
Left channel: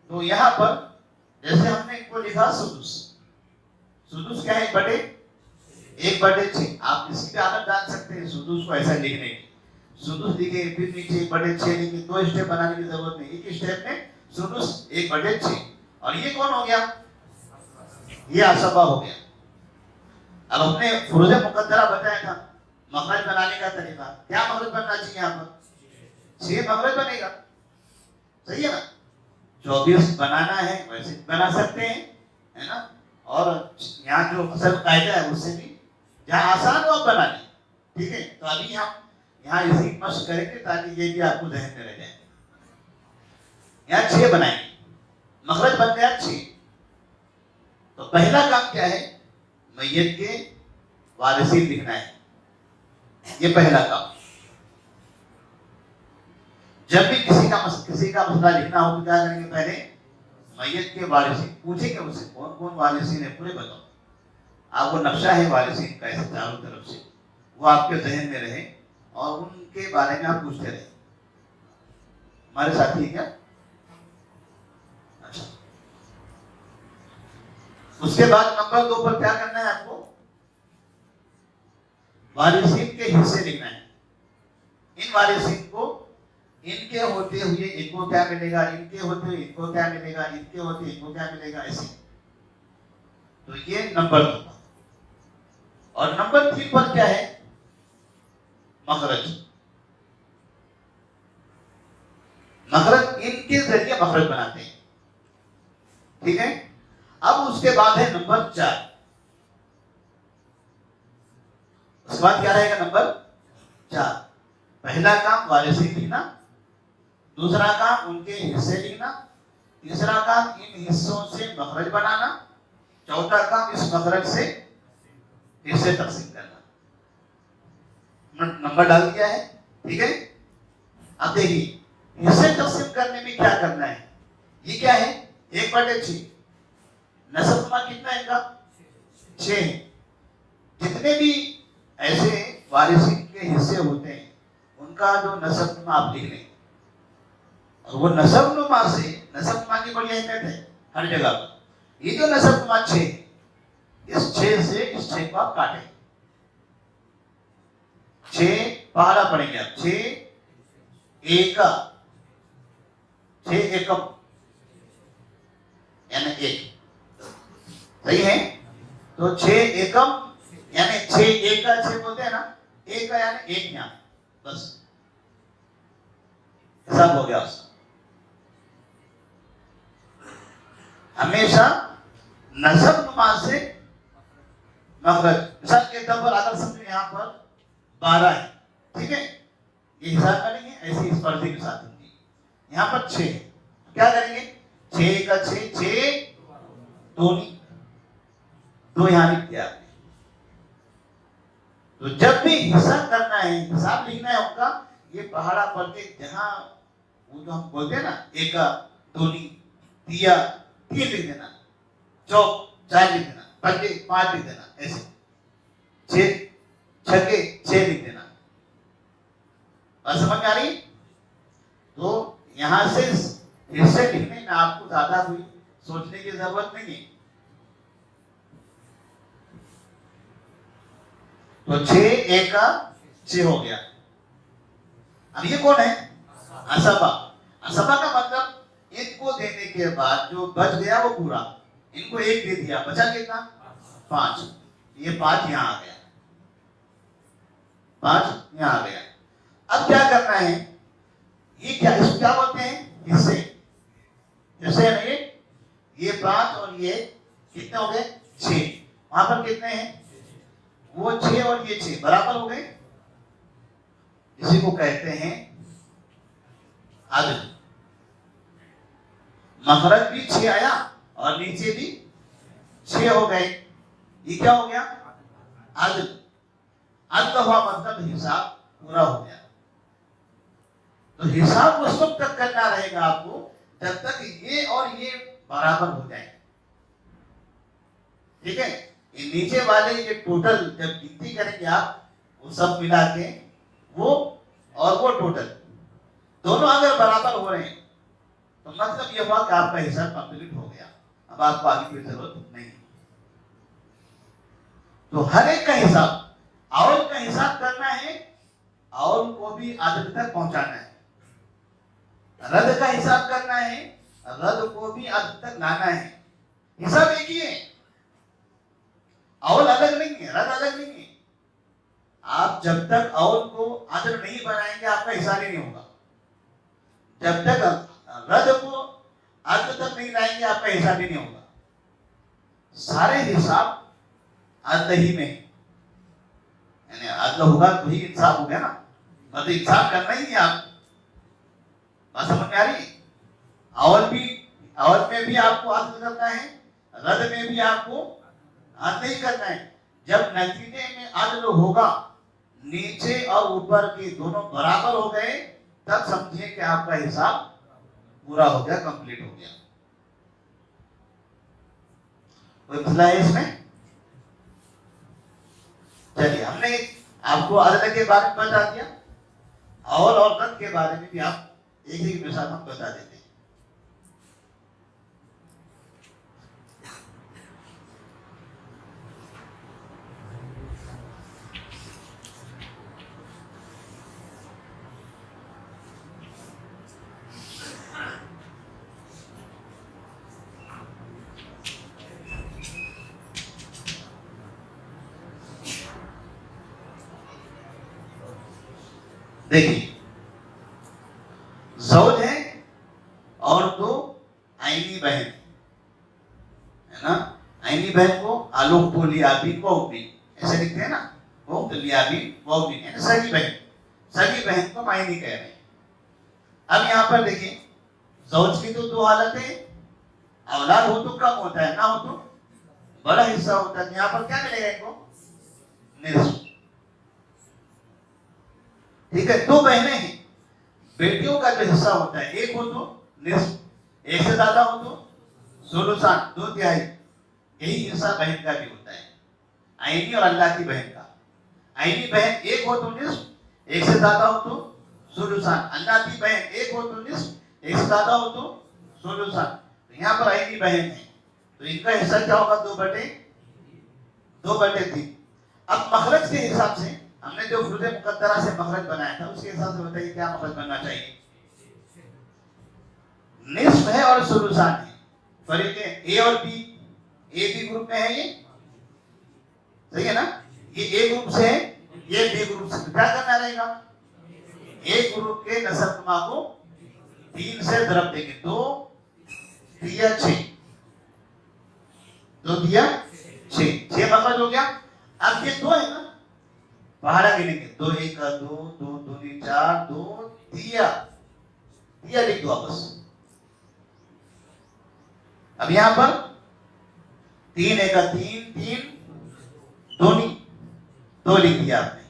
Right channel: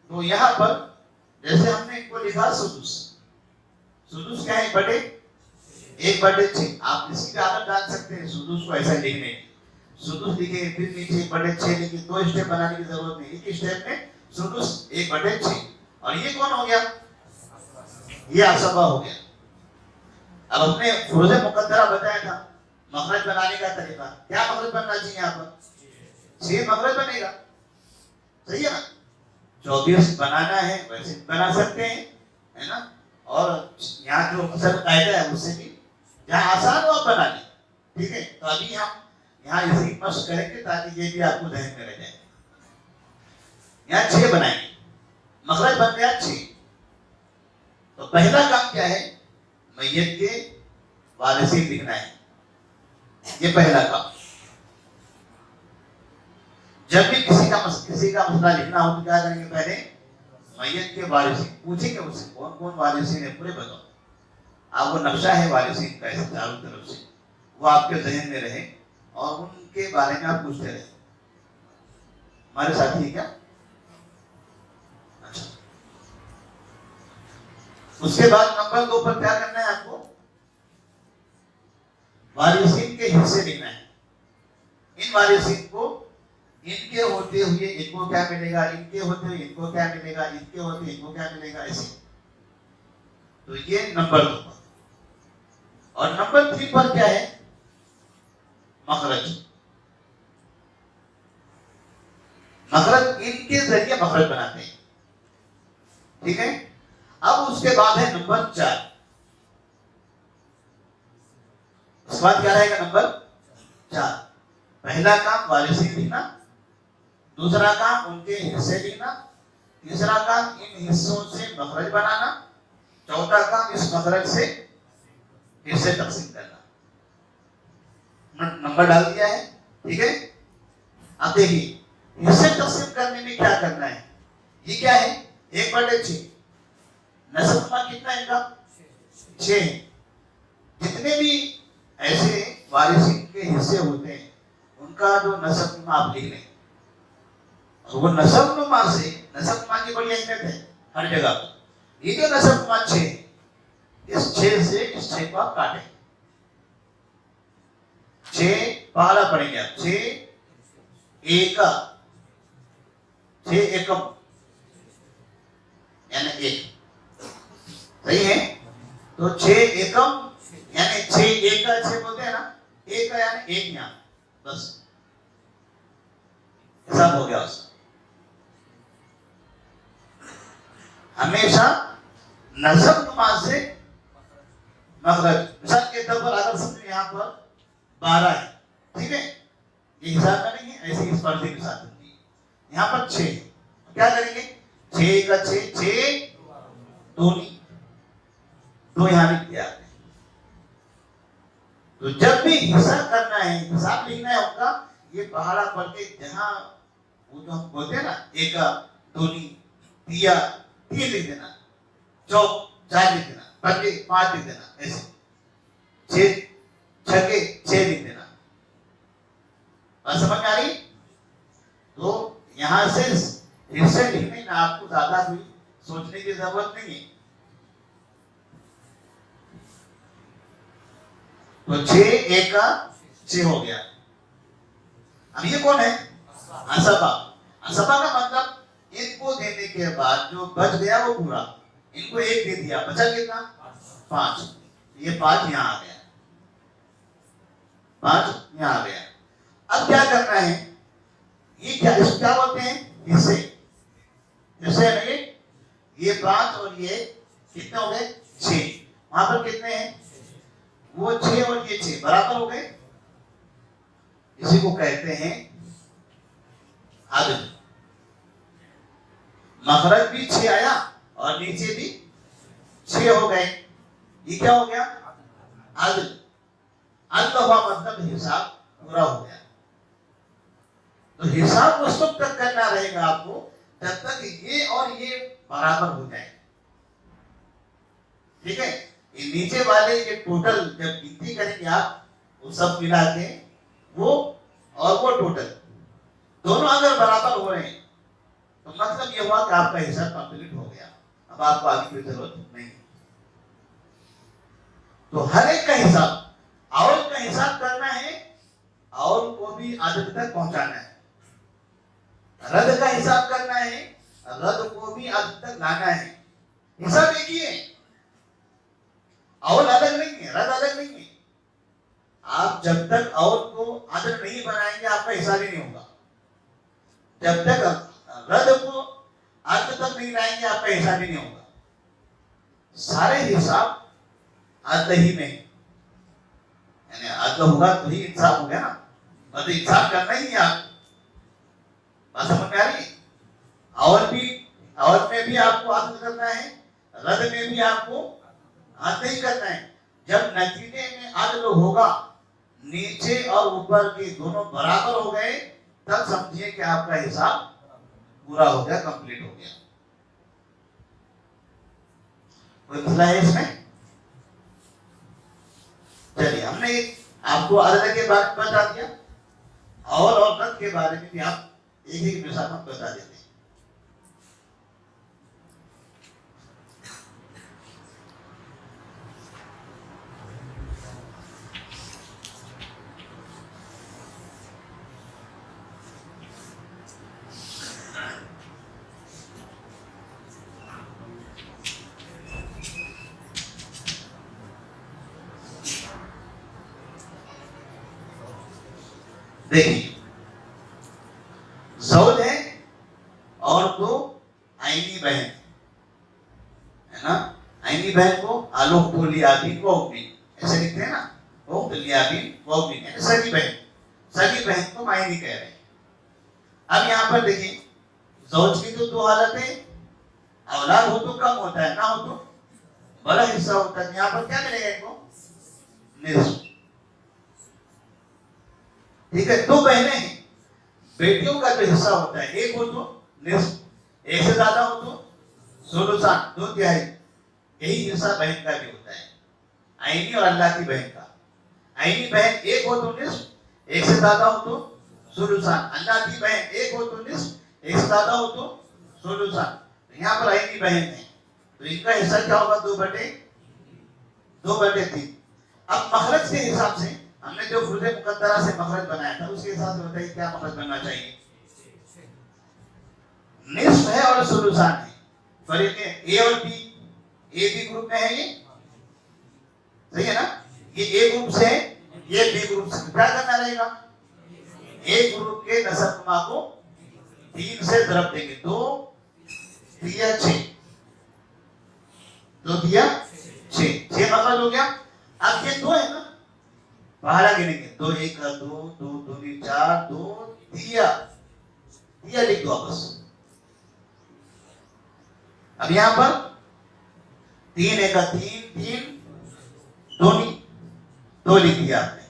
تو یہاں پر جیسے ہم نے کو لکھا سدس, سدس کیا ہے؟ 1/6. آپ اس کی عادت ڈال سکتے ہیں سدس کو ایسا لکھنے کی. سدس لکھے پھر نیچے 1/6 لکھے, 2 اسٹیپ بنانے کی ضرورت نہیں, ایک اسٹیپ میں سدس 1/6. اور یہ کون ہو گیا؟ یہ اسباب ہو گیا. اب ہم نے فروض مقدرہ بتایا تھا مخرج بنانے کا طریقہ. کیا مخرج بننا چاہیے یہاں پر؟ 6 مخرج بنے گا, صحیح ہے نا. 24 بنانا ہے ویسے بنا سکتے ہیں, ہے نا. اور یہاں جو اکثر قاعدہ ہے اس سے بھی جہاں آسان ہو بنانی, ٹھیک ہے. تو ابھی ہم یہاں اسی مشق کریں گے تاکہ یہ بھی آپ کو ذہن میں رہ جائے. یہاں 6 بنائیں گے, مخرج بن گیا 6. تو پہلا کام کیا ہے؟ میت کے وارثین لکھنا ہے, یہ پہلا کام. جب بھی کسی کا مسئلہ لکھنا ہو تو کیا کریں گے؟ پہلے میت کے وارثین پوچھیں گے اس سے کون کون وارثین ہیں پورے بتاؤ. آپ کو نقشہ ہے وارثین کا ایسے چاروں طرف سے, وہ آپ کے ذہن میں رہے اور ان کے بارے میں آپ پوچھتے رہے. ہمارے ساتھ ہی کیا؟ اچھا. اس کے بعد نمبر 2 پر کیا کرنا ہے آپ کو؟ وارثین کے حصے لکھنا ہے. ان وارثین کو ان کے ہوتے ہوئے ان کو کیا ملے گا, ان کے ہوتے ہوئے ان کو کیا ملے گا, ان کے ہوتے ہوئے ان کو کیا ملے گا, ایسے. تو یہ نمبر 2 پر. اور نمبر 3 پر کیا ہے؟ مخرج. مخرج ان کے ذریعے مخرج بناتے ہیں, ٹھیک ہے. اب اس کے بعد ہے نمبر 4. اس کے بعد کیا رہے گا؟ نمبر 4. پہلا کام وارثین لکھنا, دوسرا کام ان کے حصے لکھنا, تیسرا کام ان حصوں سے مخرج بنانا, چوتھا کام اس مخرج سے حصے تقسیم کرنا. نمبر ڈال دیا ہے, ٹھیک ہے. اب دیکھیے حصے تقسیم کرنے میں کیا کرنا ہے. یہ کیا ہے؟ 1/6. نصب میں کتنا ہے ان کا؟ 6. جتنے بھی ایسے وارثین کے حصے ہوتے ہیں ان کا جو نصب نما آپ لکھ لیں. وہ نصب نما سے, نصب نما کی بڑی اہمیت ہے ہر جگہ پر. یہ جو نصب نما 6, اس 6 سے اس 6 کو آپ کاٹیں. 6 پارا پڑیں گے آپ. 6 ایکا, 6 ایکم یعنی 1, صحیح ہے. تو 6 ایکم یعنی 6 ایک کا 6 بولتے ہیں نا, ایک کا یعنی 1 یہاں, بس حساب ہو گیا اس. ہمیشہ نصب نما سے مخرج. مثال کے طور پر اگر سمجھو یہاں پر 12 ہے, ٹھیک ہے. یہ حساب کریں گے ایسے اس پردے کے ساتھ ہوگی. یہاں پر 6 ہے, کیا کریں گے؟ 6 کا 6, 6 دونی 2 یہاں لکھ دیا آپ نے. تو جب بھی حصہ کرنا ہے, حساب لکھنا ہے ہوگا, یہ پہاڑا پڑھ کے جہاں وہ جو ہم بولتے ہیں نا ایکا, دونی, تیا, 3 لکھ دینا, چوک 4 لکھ دینا, پھٹے 5 لکھ دینا, ایسے 6 چھکے 6 لکھ دینا. بات سمجھ میں آ رہی؟ تو یہاں سے حصے لکھنے میں آپ کو زیادہ کوئی سوچنے کی ضرورت نہیں ہے. تو 6 1 کا 6 ہو گیا. اب یہ کون ہے؟ اسبا. اسبا کا مطلب ان کو دینے کے بعد جو بچ گیا وہ پورا, ان کو 1 دے دیا, بچا کتنا؟ 5. یہ 5 یہاں آ گیا. 5 یہاں آ گیا. اب کیا کرنا ہے, یہ کیا اس کو کیا بولتے ہیں, حصے. حصے میں یہ 5 اور یہ کتنے ہو گئے, 6. وہاں پر کتنے ہیں, وہ 6 اور یہ 6 برابر ہو گئے. اسی کو کہتے ہیں عدل. مخرج بھی 6 آیا اور نیچے بھی 6 ہو گئے. یہ کیا ہو گیا, عدل. عدل ہوا مطلب حساب پورا ہو گیا. تو حساب اس وقت تک کرنا رہے گا آپ کو جب تک یہ اور یہ برابر ہو جائے. ٹھیک ہے, یہ نیچے والے یہ ٹوٹل جب گنتی کریں گے آپ, وہ سب ملا کے وہ اور وہ ٹوٹل دونوں اگر برابر ہو رہے ہیں تو مطلب یہ ہوا کہ آپ کا حساب کمپلیٹ ہو گیا. اب آپ کو آگے کی ضرورت نہیں. تو ہر ایک کا حساب, اول کا حساب کرنا ہے, اول کو بھی عدد تک پہنچانا ہے. رد کا حساب کرنا ہے, رد کو بھی عدد تک لانا ہے. حساب ایک ہی ہے, اول الگ نہیں ہے, رد الگ نہیں ہے. آپ جب تک اول کو عدد نہیں بنائیں گے آپ کا حساب ہی نہیں ہوگا. جب تک رد کو عدد تک نہیں لائیں گے آپ کا حساب ہی نہیں ہوگا. سارے حساب عدل ہی میں, یعنی عدل ہوگا تو ہی انصاف ہوگا نا. مطلب انصاف کرنا ہی ہے آپ. بات سمجھ میں آ رہی ہے. اول میں بھی آپ کو عدل کرنا ہے, رد میں بھی آپ کو عدل ہی کرنا ہے. جب نتیجے میں عدل ہوگا, نیچے اور اوپر کے دونوں برابر ہو گئے, تب سمجھیے کہ آپ کا حساب پورا ہو گیا, کمپلیٹ ہو گیا. کوئی مسئلہ ہے اس میں؟ چلیے, ہم نے آپ کو عدل کے بارے میں بتا دیا, اور رد کے بارے میں بھی آپ ایک ایک مثال ہم بتا دیتے ہیں. دیکھیے, زوج ہے اور 2 آئینی بہن ہے نا. آئینی بہن کو آلوک لیابی کوبی ایسے لکھتے ہیں نا, وہ لیابی کوبی ہے سگی بہن. سگی بہن کو آئینی کہہ رہے ہیں. اب یہاں پر دیکھیں, زوج کی تو 2 حالتیں, اولاد ہو تو کم ہوتا ہے, نہ ہو تو بڑا حصہ ہوتا ہے. یہاں پر کیا ملے گا ان کو, نصف. ٹھیک ہے, 2 بہنیں ہیں, بیٹیوں کا جو حصہ ہوتا ہے, ایک ہو تو نصف, ایک سے زیادہ ہو تو ثلثان 2/3. یہی حصہ بہن کا بھی ہوتا ہے, آئینی اور اللہ کی بہن کا. آئینی بہن ایک ہو تو نصف, ایک سے زیادہ ہو تو ثلثان. اللہ کی بہن ایک ہو تو نصف, ایک سے زیادہ ہو تو ثلثان. یہاں پر آئینی بہن ہے تو ان کا حصہ کیا ہوگا, 2/3. اب مخرج کے حساب سے ہم نے جو فروض مقدرہ سے مخرج بنایا تھا, اس کے حساب سے بتائیے کیا مخرج بننا چاہیے. نصف ہے اور ثلثان ہے. فرق ہے اے اور بی, اے بی گروپ میں ہے, یہ صحیح ہے نا. یہ اے گروپ سے ہے, یہ بی گروپ سے. کیا کرنا رہے گا, اے گروپ کے نصف ما کو 3 سے ضرب دیں گے. 2 3 6, 2 3 6, 6 مخرج ہو گیا. اب یہ 2 ہے نا, باہر گنے گے, 2 1 2 2 2 4 2 3 لکھ دو بس. اب یہاں پر 3 1 3 3 2 لکھ دیا آپ نے.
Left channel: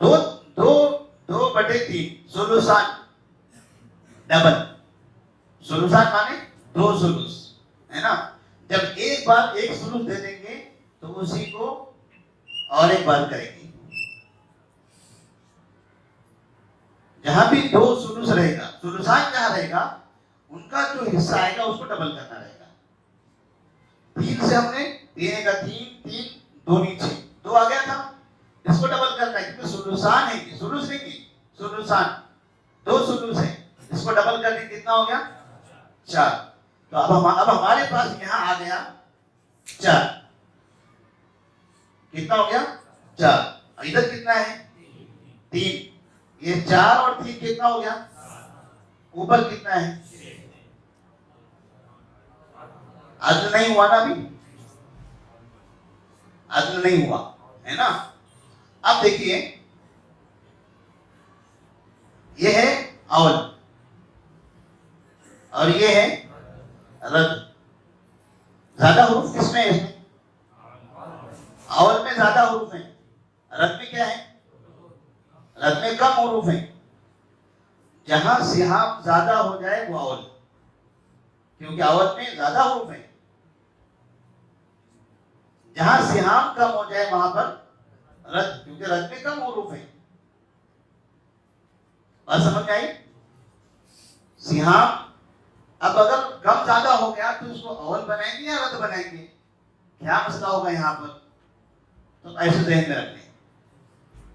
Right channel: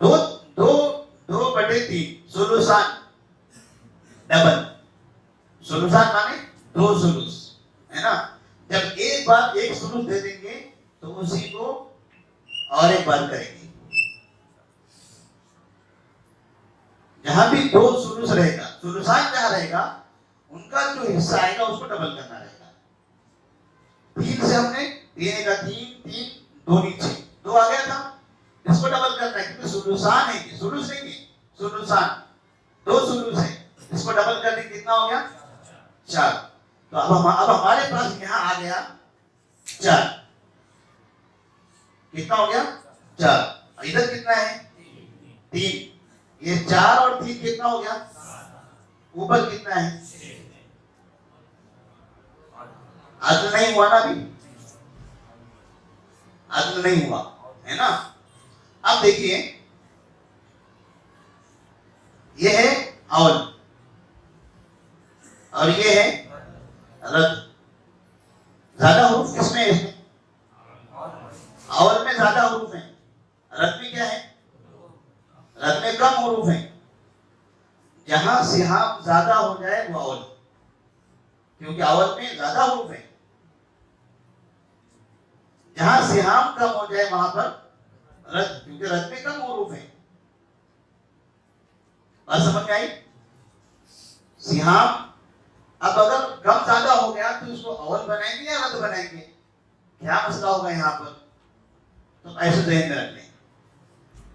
2/3 ثلثان ڈبل. ثلثان مانے 2 ثلث ہے نا. جب ایک بار ایک ثلث دے دیں گے تو اسی کو اور ایک بار کریں گے. جہاں بھی 2 ثلث رہے گا, ثلثان جہاں رہے گا, ان کا جو حصہ آئے گا اس کو ڈبل کرنا رہے گا. 3 سے ہم نے 3 1 3 3 2 6 2 آ گیا تھا, اس کو ڈبل کرنا ہے کیونکہ ثلثان ہے, ثلث نہیں ہے, ثلثان 2 ثلث ہے, اس کو ڈبل کرنے کتنا ہو گیا 4. تو اب ہمارے پاس یہاں آ گیا 4. کتنا ہو گیا 4. ادھر کتنا ہے 3, یہ 4 اور 3 کتنا ہو گیا, اوپر کتنا ہے, عدل نہیں ہوا نا, ابھی عدل نہیں ہوا ہے نا. اب دیکھیے یہ ہے اول اور یہ ہے رد. زیادہ حروف کس میں ہے, اول میں زیادہ حروف ہیں, رد میں کیا ہے, رد میں کم حروف ہیں. جہاں سہام زیادہ ہو جائے وہ اول, کیونکہ اول میں زیادہ حروف ہیں. جہاں سہام کم ہو جائے وہاں پر رد, کیونکہ رد میں کم حروف ہیں. بات سمجھ میں آئی؟ سہام اب اگر کم زیادہ ہو گیا تو اس کو اول بنائیں گے یا رد بنائیں گے, کیا مسئلہ ہوگا یہاں پر, تو ایسے ذہن میں رکھیں.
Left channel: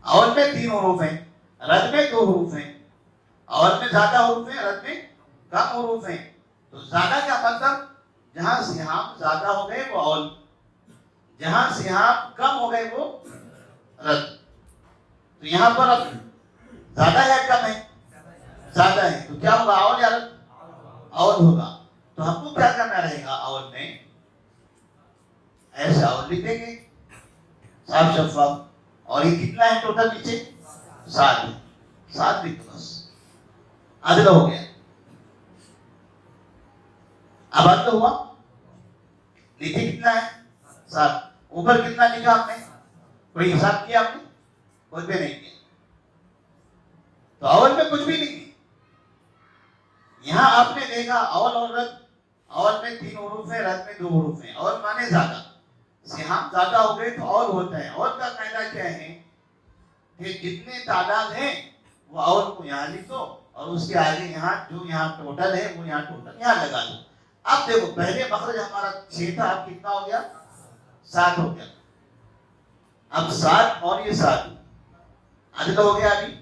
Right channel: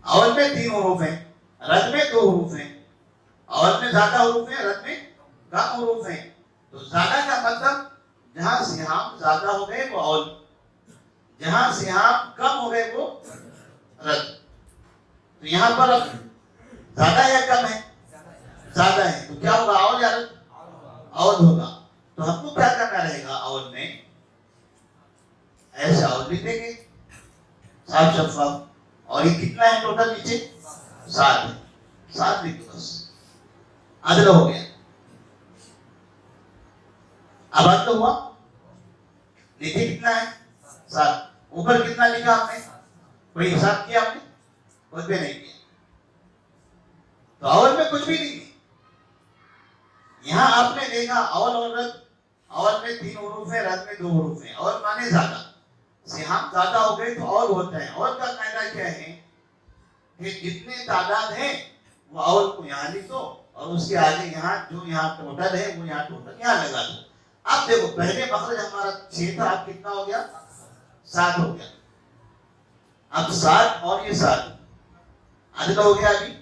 اول میں 3 حروف ہیں, رد میں 2 حروف ہیں. اول میں زیادہ حروف ہیں, رد میں کم حروف ہیں. تو زیادہ کا مطلب جہاں سہام زیادہ ہو گئے وہ اول, جہاں سہام کم ہو گئے وہ رد. تو یہاں پر اب زیادہ ہے کم ہے, زیادہ ہے, تو کیا ہوگا, اول یا رد, اول ہوگا. تو ہم کو کیا کرنا رہے گا, اول میں ایسا اول لکھ دیں گے صاف شفاف. اور یہ کتنا ہے ٹوٹل نیچے 7 ہے, 7 لکھ دو بس, عدل ہو گیا. اب عدل ہوا, نیچے کتنا ہے 7, اوپر کتنا لکھا آپ نے, کوئی حساب کیا آپ نے, کچھ بھی نہیں کیا. تو اول میں کچھ بھی نہیں کیا. یہاں آپ نے دیکھا اول اور رد, اول میں 3 حروف ہیں, رد میں 2 حروف ہیں. اول مانے زیادہ, سہام زیادہ ہو گئے تو اول ہوتا ہے. اول کا قاعدہ کیا ہے کہ جتنے تعداد ہیں وہ اول کو یہاں لکھ دو, اور اس کے آگے یہاں جو یہاں ٹوٹل ہے وہ یہاں ٹوٹل یہاں لگا دو. اب دیکھو پہلے مخرج ہمارا 6 تھا, اب کتنا ہو گیا 7 ہو گیا. اب 7 اور یہ 7 عدل ہو گیا, ابھی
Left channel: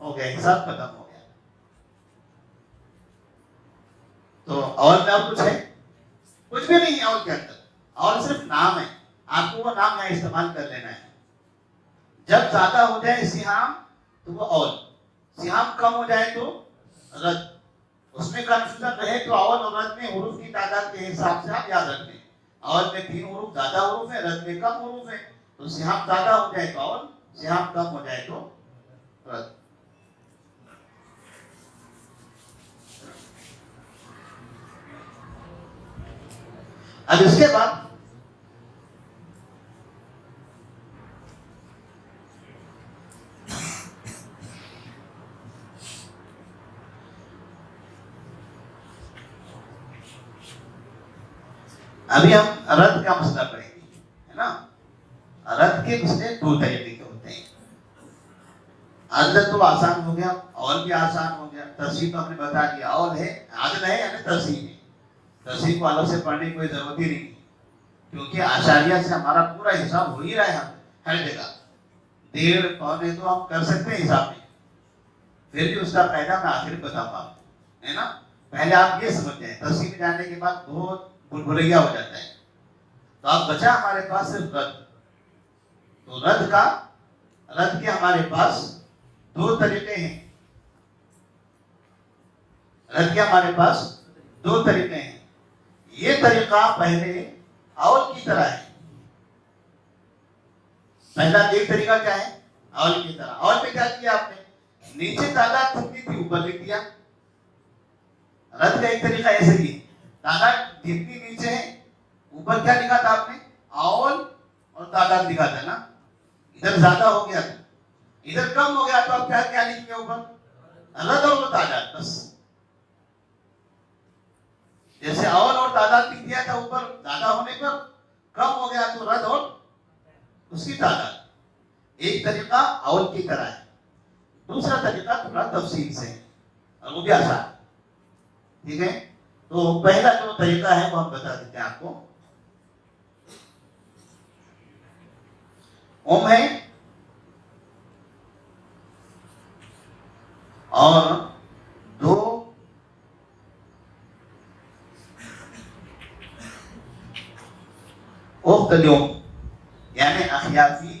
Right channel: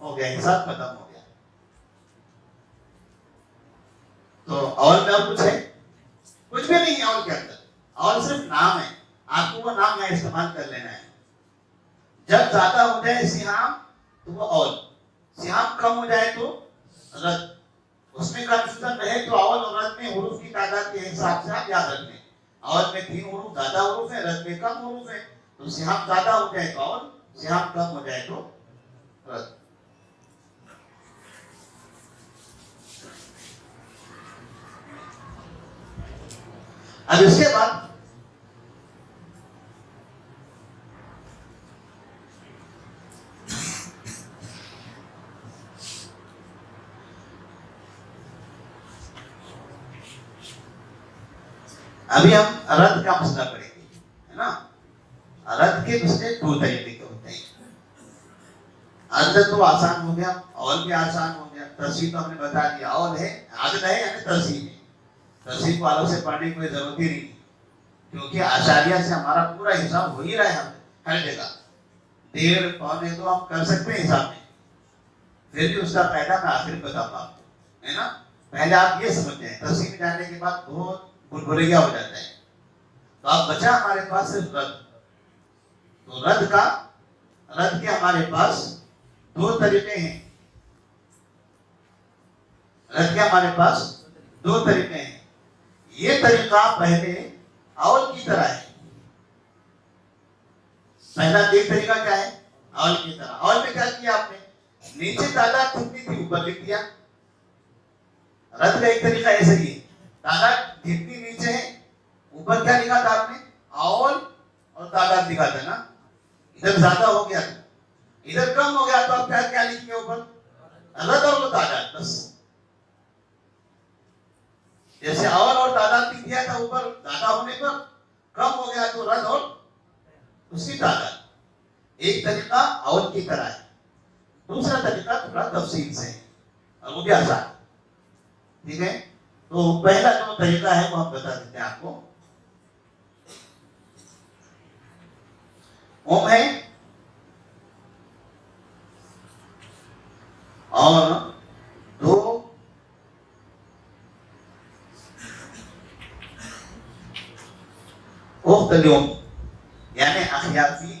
ہو گیا, حساب ختم ہو گیا. تو اول میں اب کچھ ہے, کچھ بھی نہیں ہے اول کے اندر. اول صرف نام ہے, آپ کو وہ نام ہے استعمال کر لینا ہے. جب زیادہ ہو جائے سہام تو وہ اول, سہام کم ہو جائے تو رد. اس میں کنفیوژن رہے تو اول اور رد میں حروف کی تعداد کے حساب سے آپ یاد رکھیں. اول میں 3 حروف زیادہ حروف ہیں, رد میں کم حروف ہیں. تو سہام زیادہ ہو جائے تو اول, سہام کم ہو جائے تو رد. اب اس کے بعد ابھی ہم رد کا مسئلہ کریں گے, ہے نا. رد کے مسئلے 2 طریقے کے ہوتے ہیں. عدل تو آسان ہو گیا, اول بھی آسان ہو گیا. ترسیب تو ہم نے بتا دیا, اول ہے, عدل ہے یعنی ترسیب ہے. ترسیب کو الگ سے پڑھنے کی کوئی ضرورت ہی نہیں, کیونکہ آشاریہ سے ہمارا پورا حساب ہو ہی رہا ہے. ہم ہر جگہ 1.5 پونے تو ہم کر سکتے ہیں حساب میں. پھر بھی اس کا فائدہ میں آخر بتاتا ہوں, ہے نا. پہلے آپ یہ سمجھ جائیں, ترسیب جانے کے بعد بہت بھولبھلیا ہو جاتا ہے. تو اب بچا ہمارے پاس صرف رد. تو رد کے ہمارے پاس 2 طریقے ہیں. رد کے ہمارے پاس 2 طریقے ہیں. یہ طریقہ پہلے اول کی طرح ہے. پہلا ایک طریقہ کیا ہے, اول کی طرح. اول میں کیا کیا آپ نے, نیچے تعداد کتنی تھی اوپر لکھ دیا. رد کا ایک طریقہ ایسے ہی ہے, تعداد جتنی نیچے ہے اوپر کیا لکھا تھا آپ نے, اول اور تعداد لکھا تھا نا. ادھر زیادہ ہو گیا, ادھر کم ہو گیا, تو آپ کیا لکھ کے اوپر رد اور تعداد بس. جیسے اول اور تعداد لکھ دیا تھا اوپر, زیادہ ہونے پر کم ہو گیا تو رد اور اس کی تعداد. ایک طریقہ اول کی طرح ہے. دوسرا طریقہ تھوڑا تفصیل سے ہے اور وہ بھی آسان, ٹھیک ہے. تو پہلا جو طریقہ ہے وہ ہم بتا دیتے ہیں آپ کو. اوم ہے اور 2 اوختلیوم یعنی اخیافی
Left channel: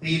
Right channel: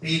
3।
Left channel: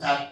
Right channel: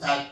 4,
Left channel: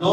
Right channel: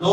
2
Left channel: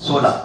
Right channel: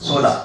16।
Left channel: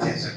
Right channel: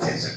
66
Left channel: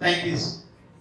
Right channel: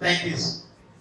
33,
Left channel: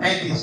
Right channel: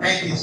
33।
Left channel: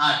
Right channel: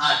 8।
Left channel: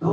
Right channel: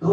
2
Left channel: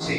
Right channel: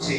6।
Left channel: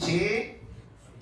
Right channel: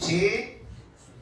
6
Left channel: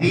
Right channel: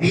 3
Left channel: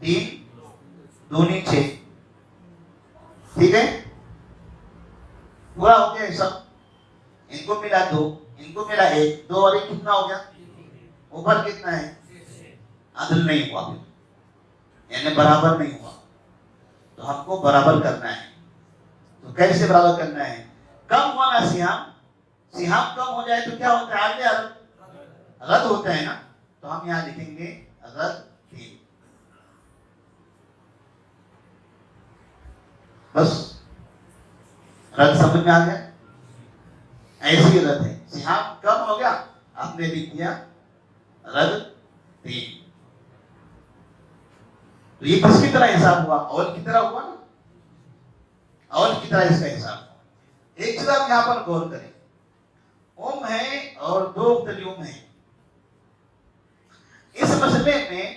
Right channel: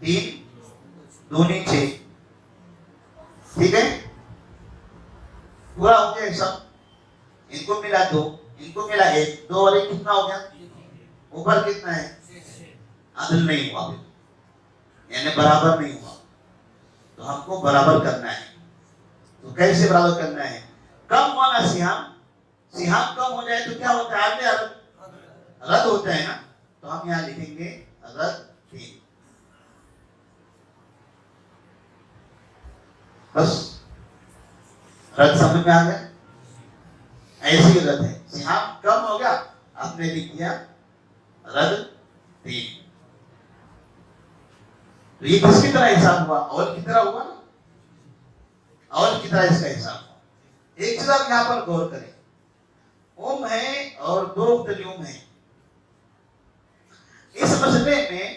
3 2 6, ٹھیک ہے, پورا ہو گیا حساب. ان کو ملا 2, ان کو ملا 1, 2 اور 1 کتنا ہو گیا, اوپر کتنا ہے, عدل نہیں ہوا, یعنی برابر نہیں ہوا. تو ہم کو برابر کرنا ہے. تو کیسے برابر کرنا ہے؟ کم ہوا نا سیاہ, سیاہ کم ہو جائے تو کیا ہوتا ہے, آگے رد ہوتا ہے نا. تو ہم یہاں لکھیں گے رد 3. بس رد سمجھ میں آ گیا. ایسی رد ہے, سیاہ کم ہو گیا, آپ نے لکھ دیا رد 3. تو یہ کس کی طرح حساب ہوا, اور کی طرح ہوا نا, اور کی طرح اس کا حساب ہوا. ایک چیز آپ یہاں پر غور کریں, ام ہے اور 2 مختلف ہیں. اس مسئلے میں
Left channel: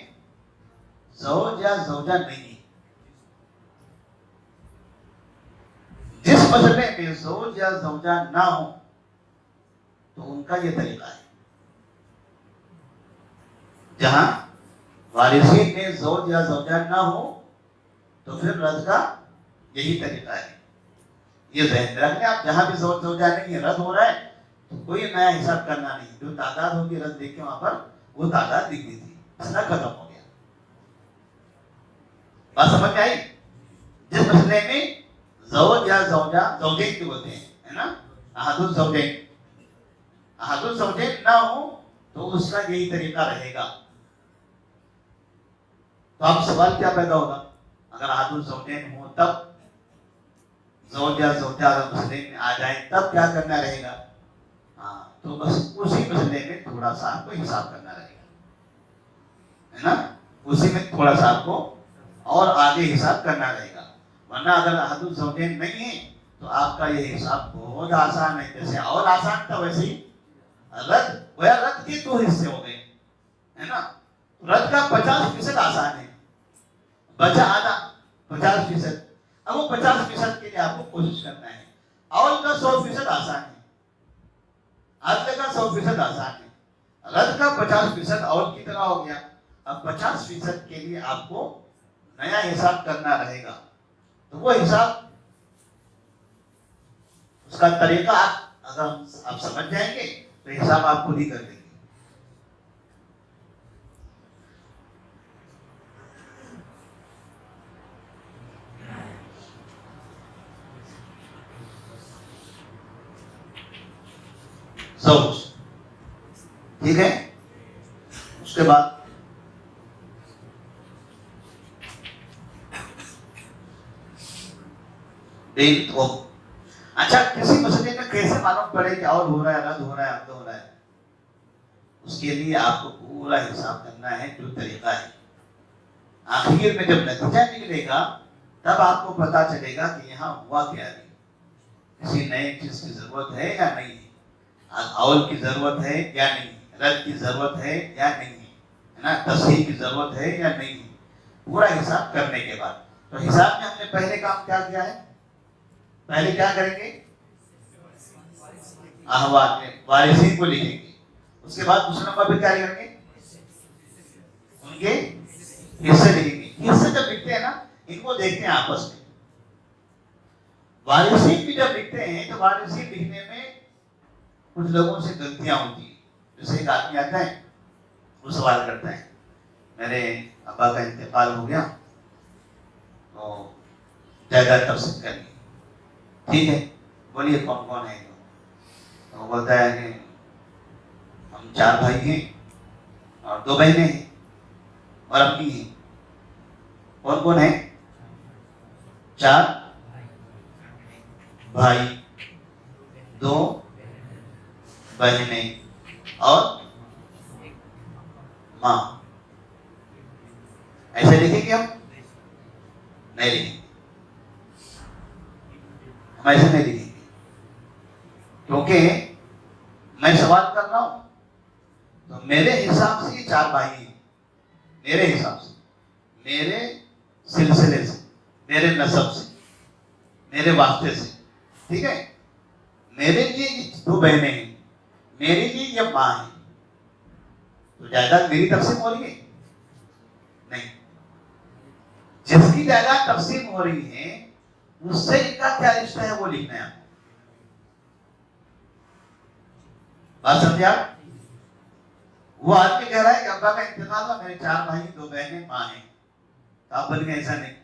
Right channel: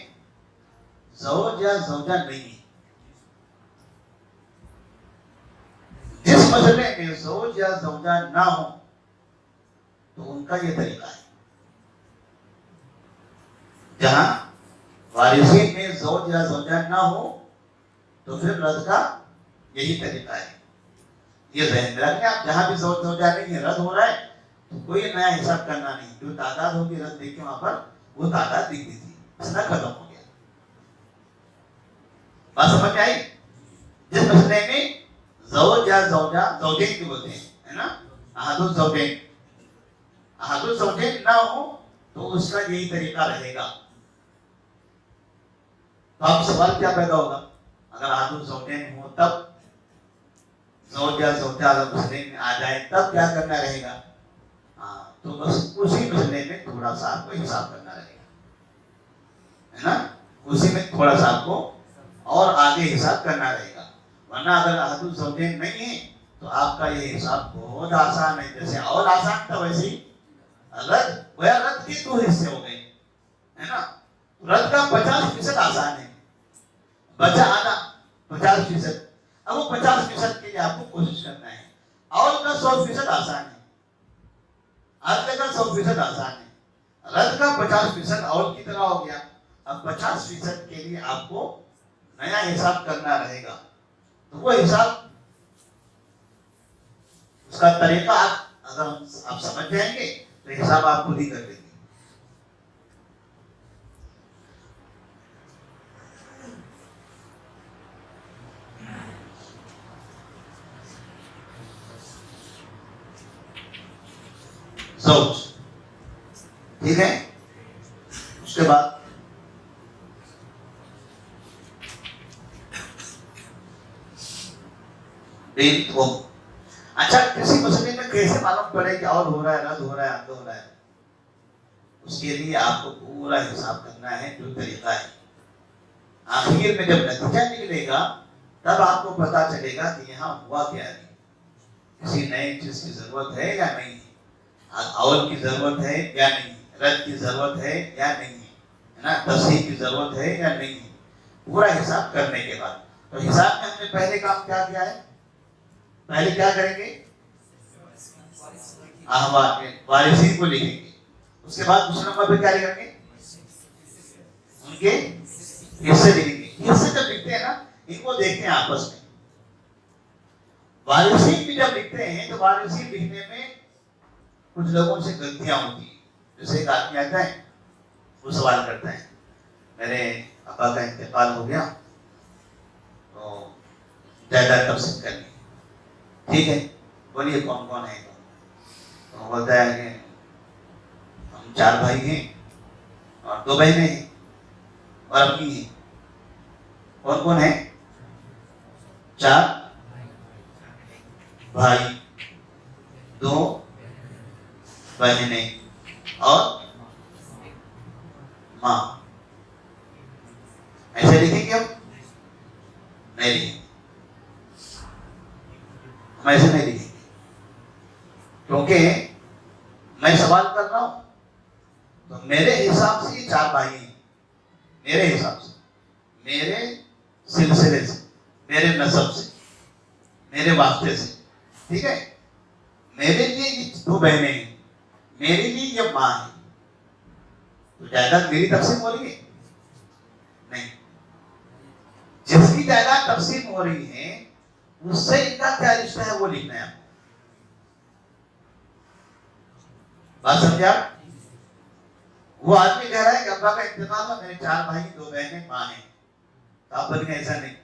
زوج یا زوجہ نہیں ہے. جس مسئلے میں زوج یا زوجہ نہ ہو تو ان کا یہ طریقہ ہے. جہاں وارثین میں زوج یا زوجہ نہ ہو تو پھر رد کا یہی طریقہ ہے. یہ ذہن میں رکھیں آپ, جہاں بھی زوج زوجہ نہیں ہے, رد ہو رہا ہے تو کوئی نیا حساب کرنا نہیں. جو تعداد ہوگی رد دیکھیں وہاں پر, وہ تعداد لکھ دیجیے, مسئلہ ختم ہو گیا. بات سمجھ آئی؟ جس مسئلے میں زوج یا زوجہ, زوجین کی بولتے ہیں, ہے نا, احد الزوجین, احد الزوجین نہ ہو تو اس کا یہی طریقہ رہے گا. تو اب سوال کیا پیدا ہوگا, اگر احد الزوجین ہو تب زوج یا زوجہ مسئلے میں آ جائے تب کیا کرنا رہے گا. تو بس اسی مسئلے میں تھوڑا سا آپ کو حساب کرنا رہے گا, ہے نا, اسی میں تھوڑا سا آپ کو اور آگے حساب کرنا رہے گا. ورنہ اگر احد الزوجین نہیں ہے تو آپ کا یہ حساب بہت آسان ہے. جیسے اور آسان تھا ویسے ہی رد, وہ رد کے 2 حصے ہو گئے, ہے نا. رد کا 50% آسان ہے, بچا آدھا 50%. اب وہ 50% کے لیے آپ کو کوشش کرنا ہے. اور کا 100% آسان ہے, آدھے کا 100% آسان ہے. رد کا 50% اور کی طرح ہو گیا. اب 50% کے لیے آپ کو نیا حساب کرنا رہے گا. تو وہ حساب, اس کا طریقہ اگر آپ سمجھ جائیں گے تو حساب آپ خود ہی کر دیں گے. زوج, ٹھیک ہے. اس کے بعد اچھا, کسی مسئلے میں کیسے معلوم پڑے کہ اور ہو رہا ہے, رد ہو رہا ہے, عدل ہو رہا ہے, اس کے لیے آپ کو پورا حساب کرنا ہے. جو طریقہ ہے آخر میں جب نتیجہ نکلے گا تب آپ کو پتا چلے گا کہ یہاں ہوا کیا ہے. کسی نئی چیز کی ضرورت ہے یا نہیں, اور کی ضرورت ہے یا نہیں, رد کی ضرورت ہے یا نہیں, ہے نا, تصحیح کی ضرورت ہے یا نہیں. پورا حساب کرنے کے بعد, تو حساب میں ہم نے پہلے کام کیا کیا ہے, پہلے کیا کریں گے, احوال میں وارثین کو لکھیں گے. اس کے بعد دوسرے نمبر پہ کیا لکھیں گے, ان کے حصے لکھیں گے. حصے جب لکھتے ہیں نا, ان کو دیکھتے ہیں آپس میں. وارثین بھی جب لکھتے ہیں تو وارثین لکھنے میں کچھ لوگوں سے غلطیاں ہوتی ہیں. جیسے ایک آدمی آتا ہے, وہ سوال کرتا ہے, میرے ابا کا انتقال ہو گیا تو جائیداد تقسیم کرنی, ٹھیک ہے, بولیے کون کون ہے. تو بولتا ہے کہ ہم 4 بھائی ہیں اور 2 بہنیں ہیں اور امی ہیں. کون کون ہے, 4 بھائی, 2 بہنیں اور ماں. ایسے لکھیں گے ہم نہیں لکھیں گے, ہم ایسے نہیں لکھیں گے, کیونکہ میں سوال کر رہا ہوں تو میرے حساب سے یہ 4 بھائی ہیں, میرے حساب سے, میرے سلسلے سے, میرے نسب سے, میرے واسطے سے, ٹھیک ہے. میرے لیے 2 بہنیں ہیں, میرے لیے یہ ماں ہے, تو جائیداد میری تقسیم ہو رہی ہے نہیں. جس کی جائیداد تقسیم ہو رہی ہے اس سے ان کا کیا رشتہ ہے وہ لکھنا ہے. بات سمجھے آپ؟ وہ آدمی کہہ رہا ہے کہ ابا کا انتقال ہوا, میرے 4 بھائی 2 بہنیں ماں ہیں. آپ بول کے ایسا نہیں,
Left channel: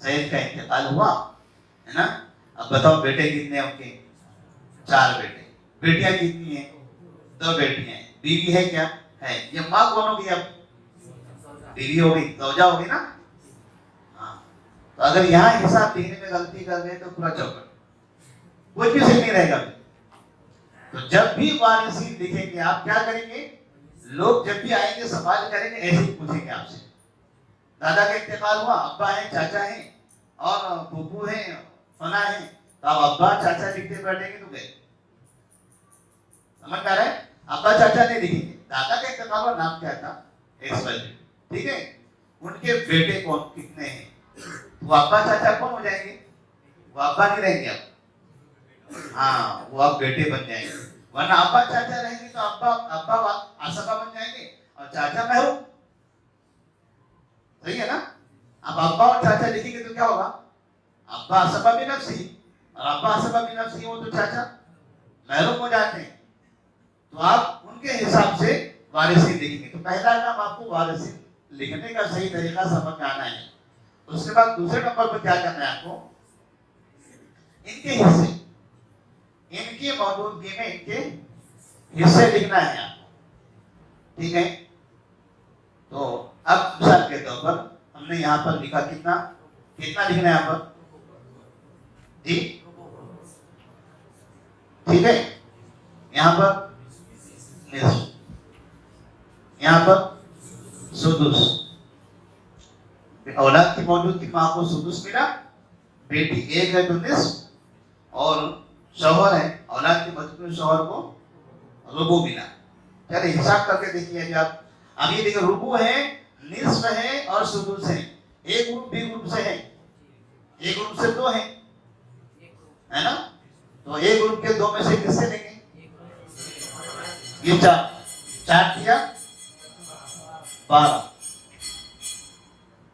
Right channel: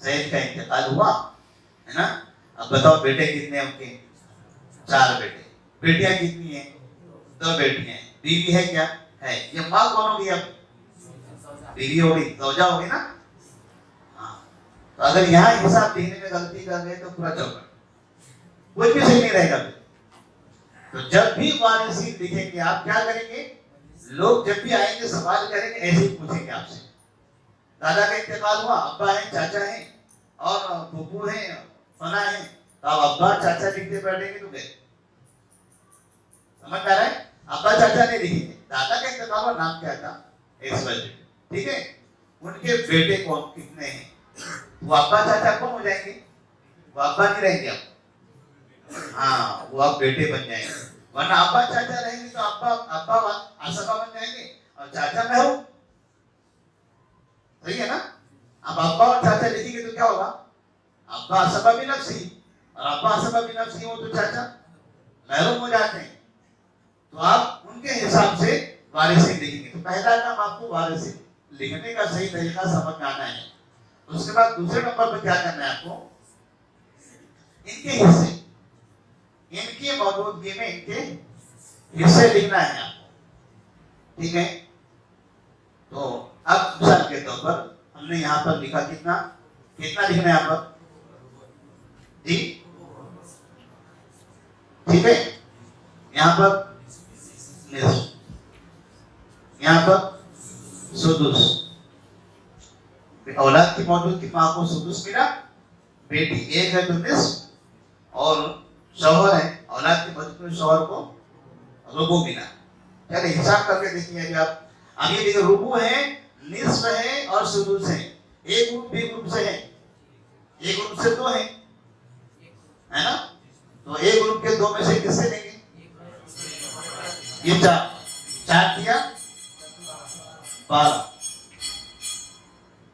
زید کا انتقال ہوا ہے نا. اب بتاؤ بیٹے کتنے ہیں ان کے؟ 4 بیٹے. بیٹیاں کتنی ہیں؟ 2 بیٹیاں ہیں. بیوی ہے کیا؟ ہے. یہ ماں کون ہوگی؟ اب بیوی ہوگی, زوجہ ہوگی نا. ہاں, تو اگر یہاں حساب لکھنے میں غلطی کر گئے تو پورا چوپٹ, کوئی بھی صحیح نہیں رہے گا. تو جب بھی وارثین لکھیں گے آپ کیا کریں گے؟ لوگ جب بھی آئیں گے سوال کریں گے ایسے ہی پوچھیں گے آپ سے, دادا کا انتقال ہوا, ابا ہیں, چاچا ہیں اور پھوپھو ہیں, فلاں ہیں. اب ابا چاچا لکھتے بیٹھیں گے تو گئے. سمجھ میں آ رہا ہے؟ ابا چاچا نہیں لکھیں گے. دادا کا انتقال ہوا, نام کیا تھا؟ ٹھیک ہے. ان کے بیٹے کون کتنے ہیں؟ وہ ابا چاچا کون ہو جائیں گے؟ وہ ابا نہیں رہیں گے. ہاں, وہ اب بیٹے بن جائیں گے. ورنہ ابا چاچا رہیں گے تو ابا آسبا بن جائیں گے اور چاچا محروم. صحیح ہے نا. اب ابا اور چاچا لکھیں گے تو کیا ہوگا؟ ابا آسبا بھی نفسی اور ابا آسبا بھی نفسی, وہ تو چاچا محروم ہو جاتے ہیں. تو آپ ان کے حساب سے وارثین لکھیں گے. تو پہلا کام آپ کو وارثین لکھنے کا صحیح طریقہ سمجھ میں آنا ہے. اس کے بعد دوسرے نمبر پہ کیا کرنا ہے آپ کو؟ ان کے حصے, ان کی موجودگی میں ان کے حصے لکھنا ہے آپ. ٹھیک ہے. تو اب مثال کے طور پر ہم نے یہاں پر لکھا کتنا لکھنا ہے یہاں پر جی. ٹھیک ہے. یہاں پر نصف, یہاں پر سدس. اولاد کی موجودگی میں آپ کو سدس ملا. بیٹی ایک ہے تو نصف, اور شوہر ہے, اولاد کی موجودگی میں شوہر کو ربع ملا. چلے حساب کر کے دیکھیے جی آپ. اب یہ دیکھیں ربع ہے, نصف ہے اور سدس ہے. ایک گروپ بھی گروپ سے ہے, ایک گروپ سے 2 ہیں, ہے نا. تو ایک گروپ کے 2 میں سے کس سے لیں گے؟ یہ 4 کیا 12.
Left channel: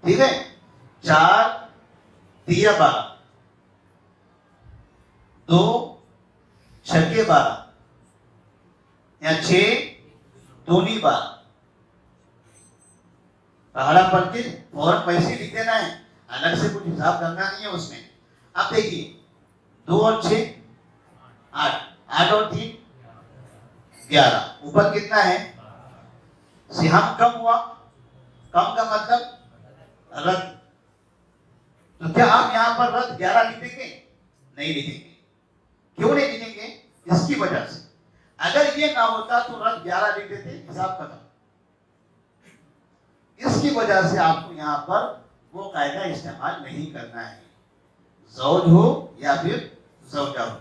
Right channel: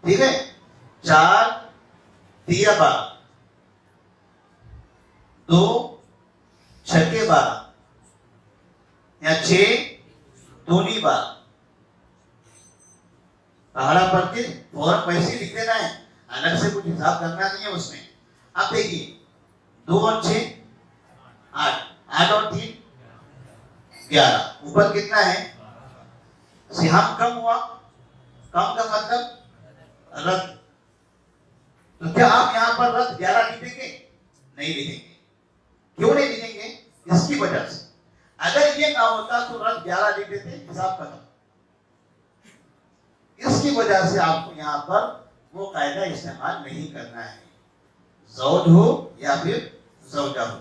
ٹھیک ہے. 4 دیا 12, 2 چھکے 12 یا 6 دونی 12. پہاڑا پڑھ کے فوراً پیسے لکھ دینا ہے, الگ سے کچھ حساب کرنا نہیں ہے اس میں. آپ دیکھیے 2 اور 6 8, 8 اور 3 11. اوپر کتنا ہے؟ سہام کم ہوا. کم کا مطلب رد. تو کیا آپ یہاں پر رد 11 لکھیں گے؟ نہیں لکھیں گے. کیوں نہیں لکھیں گے؟ اس کی وجہ سے اگر یہ نہ ہوتا تو رد 11 لکھتے تھے, حساب ختم. اس کی وجہ سے آپ کو یہاں پر وہ قاعدہ استعمال نہیں کرنا ہے. زوج ہو یا پھر زوجہ ہو,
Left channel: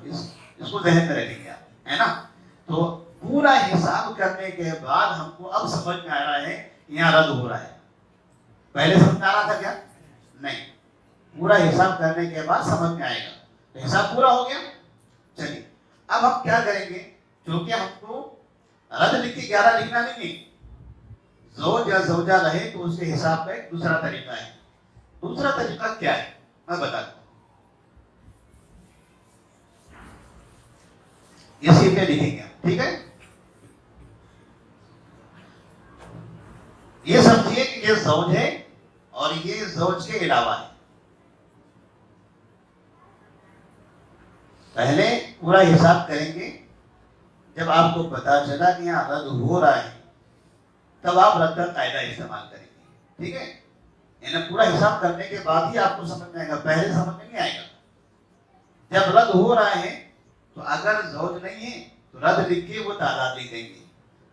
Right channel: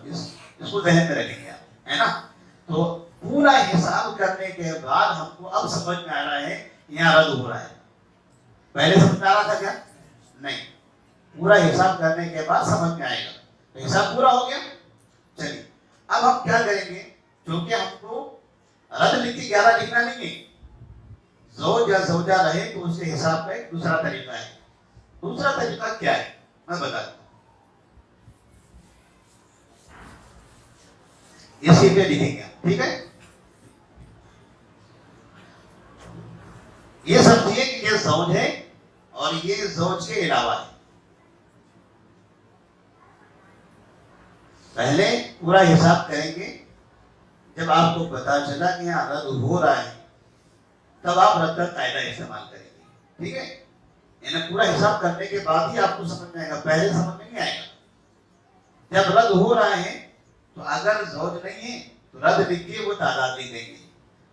اس کو ذہن میں رکھیں گے آپ, ہے نا. تو پورا حساب کرنے کے بعد ہم کو اب سمجھ میں آ رہا ہے یہاں رد ہو رہا ہے. پہلے سمجھ میں آ رہا تھا کیا؟ نہیں. پورا حساب کرنے کے بعد سمجھ میں آئے گا. حساب پورا ہو گیا. چلیے اب ہم کیا کریں گے, کیونکہ ہم کو رد لکھ کے 11 لکھنا نہیں ہے. زوج یا زوجہ رہے تو اس کے حساب میں ایک دوسرا طریقہ ہے. دوسرا طریقہ کیا ہے میں بتا دوں. اسی پہ لکھیں گے, ٹھیک ہے. یہ سمجھیے کہ یہ زوج ہے اور یہ زوج کے علاوہ ہے. پہلے پورا حساب کریں گے. جب آپ کو پتا چلا کہ یہاں رد ہو رہا ہے تب آپ رد کا قاعدہ استعمال کریں گے. ٹھیک ہے. یعنی پورا حساب کرنے کے بعد ہی آپ کو سمجھ میں آئے گا, پہلے سمجھ میں نہیں آئے گا. جب رد ہو رہا ہے تو اگر زوج نہیں ہے تو رد لکھ کے وہ تعداد لکھ دیں گے.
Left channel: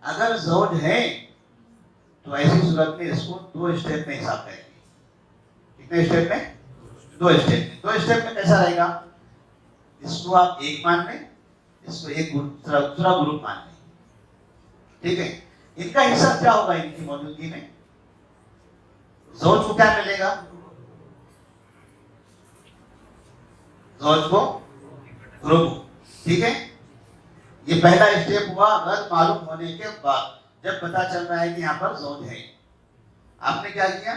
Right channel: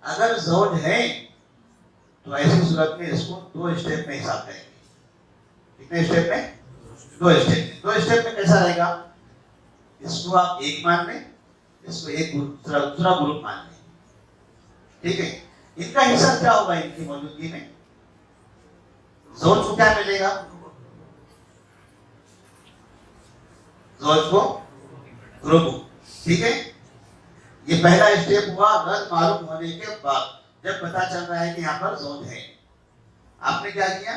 اگر زوج ہے تو ایسی صورت میں اس کو 2 اسٹیپ میں حساب کریں گے. کتنے اسٹیپ میں؟ 2 اسٹیپ میں. 2 اسٹیپ میں کیسا رہے گا؟ اس کو آپ 1 مان لیں, اس کو ایک دوسرا گروپ مان لیں. ٹھیک ہے. ان کا حصہ کیا ہوگا ان کی موجودگی میں؟ زوج کو کیا ملے گا؟ زوج کو ربع. ٹھیک ہے. یہ پہلا اسٹیپ ہوا رد معلوم ہونے کے بعد. جب پتا چل رہا ہے کہ یہاں پر زوج ہے, آپ نے کیا کیا؟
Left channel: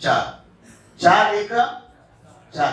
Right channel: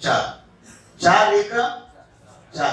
4, 4 1 4,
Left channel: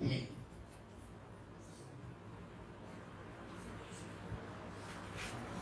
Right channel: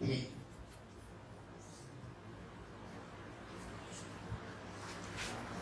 3।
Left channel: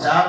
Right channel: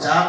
4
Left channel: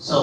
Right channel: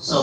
100,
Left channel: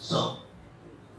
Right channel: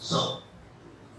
100,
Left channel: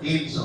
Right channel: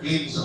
300,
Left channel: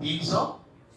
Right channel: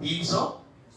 300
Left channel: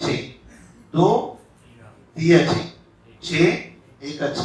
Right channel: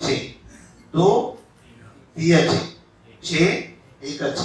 6, 2 3 6 1 6,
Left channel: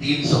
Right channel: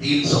300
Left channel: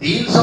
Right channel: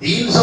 300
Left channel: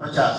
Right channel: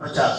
50,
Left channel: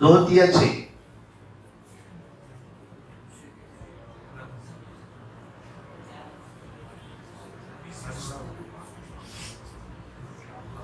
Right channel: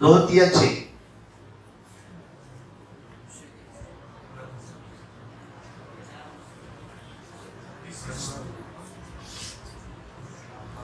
2 3 6,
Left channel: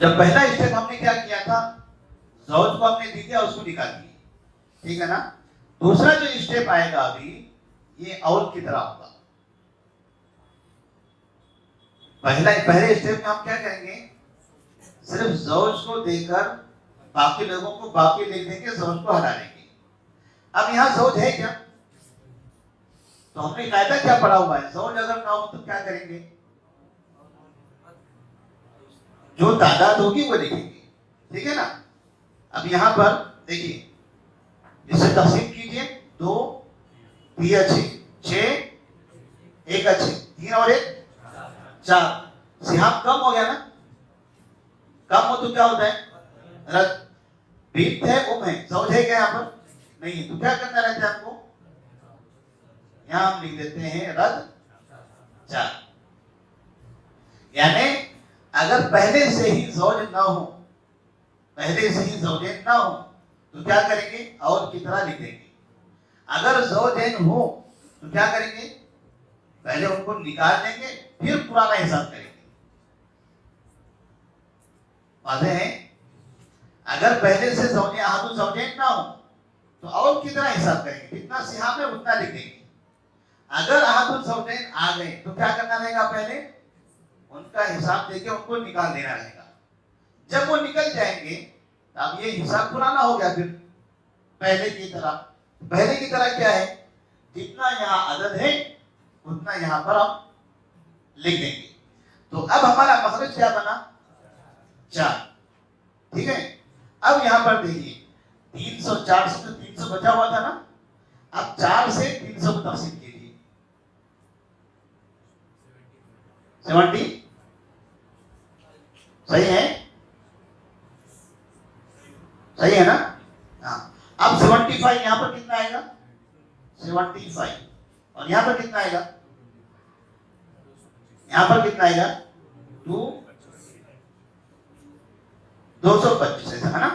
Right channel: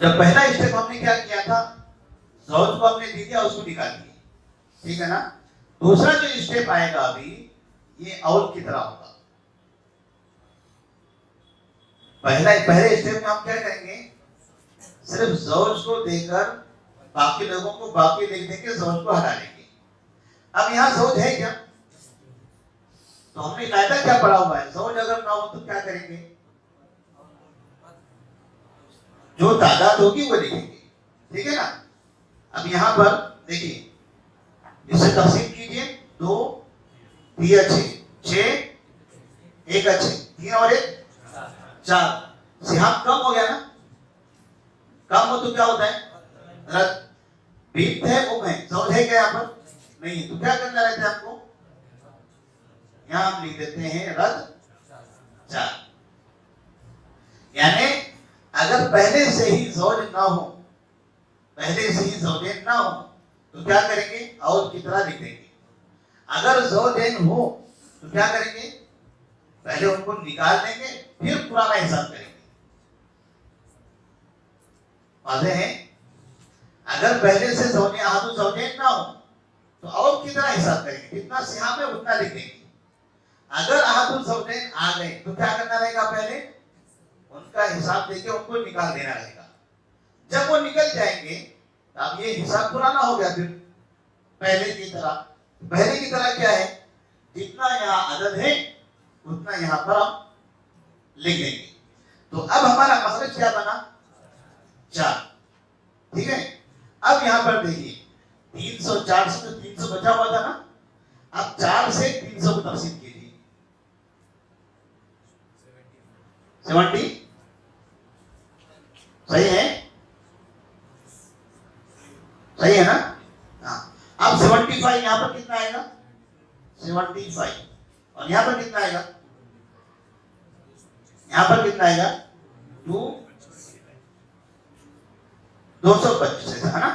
جب پہلا اسٹیپ ہم نے کیا کیا تھا, زوج کو ہم نے دے دیا, اس کو نکال دیا, ٹھیک ہے نا. دوسرا جو اسٹیپ آئے گا ابھی, یہ اور کی طرح ہوگا. پہلے اسٹیپ میں ہم کیا کریں گے, صرف زوج کو دے کر باقی لوگوں کو باقی لکھ دیں گے, زوج کو ہٹا لیں گے. اب یہاں زوج ہے کیا, تو ہم نے قاعدہ کیا پڑھا ہوا ہے, زوج اگر نہ ہو تو کیا کریں گے, جو تعداد ہوگی وہ لکھیں گے, ٹھیک ہے نا. اب یہاں پر دیکھیے, اس سے تقسیم کیجئے, 2 3 6 1 3 اور 1 4. سیاہ کم ہو گیا نا, کم ہو تو کیا ہوتا ہے, رد. بنت ہے, ہے, زوج ہے کیا یہاں پر نہیں, تو کیا کرنا رہتا ہے ہم کو, یہاں ہم لکھ دیتے ہیں رد 4. یعنی اگر پہلے سے ہی زوج نہ ہو, پہلے سے ہی زوجین نہ ہو, تو کیا کریں گے, اور کی طرح لکھ دیں گے. اگر زوجین ہو تو کیا کریں گے, پہلے ان کو نکال دیں گے, پھر پرانا حساب کریں گے. واضح ہے. اگر پہلے سے احد زوجین نہ ہو تو اور کی طرح حساب کریں گے, جتنا سیاہ میں اتنا لکھ دیں گے. اگر احد زوجین آ گئے تو کیا کرنا رہے گا, پہلے ان کا حساب دے کے ان کو نکال دینا رہے گا. جب وہ نکل جائیں گے اب یہ حساب پرانا ہو گیا, پھر پہلے کی طرح. پہلے کی طرح کیا ہے, جتنا یہاں عدد ہے اتنا یہاں پر ہم لکھ دیں گے. تو اب ہمارا مخرج کیا بنا, 4, ٹھیک ہے. اب یہاں پر دیکھیے, 304 سے تو 300 بچا ہوا تھا نا, اب 4 سے 300 کو تقسیم کیجیے, 70 صحیح ہے, صحیح ہے نا. ہاں, اب 75 یہاں پر کتنا آئے گا, 75, اور یہاں پر کتنا آئے گا, یہاں پر کتنا آئے گا, 225 ہے نا.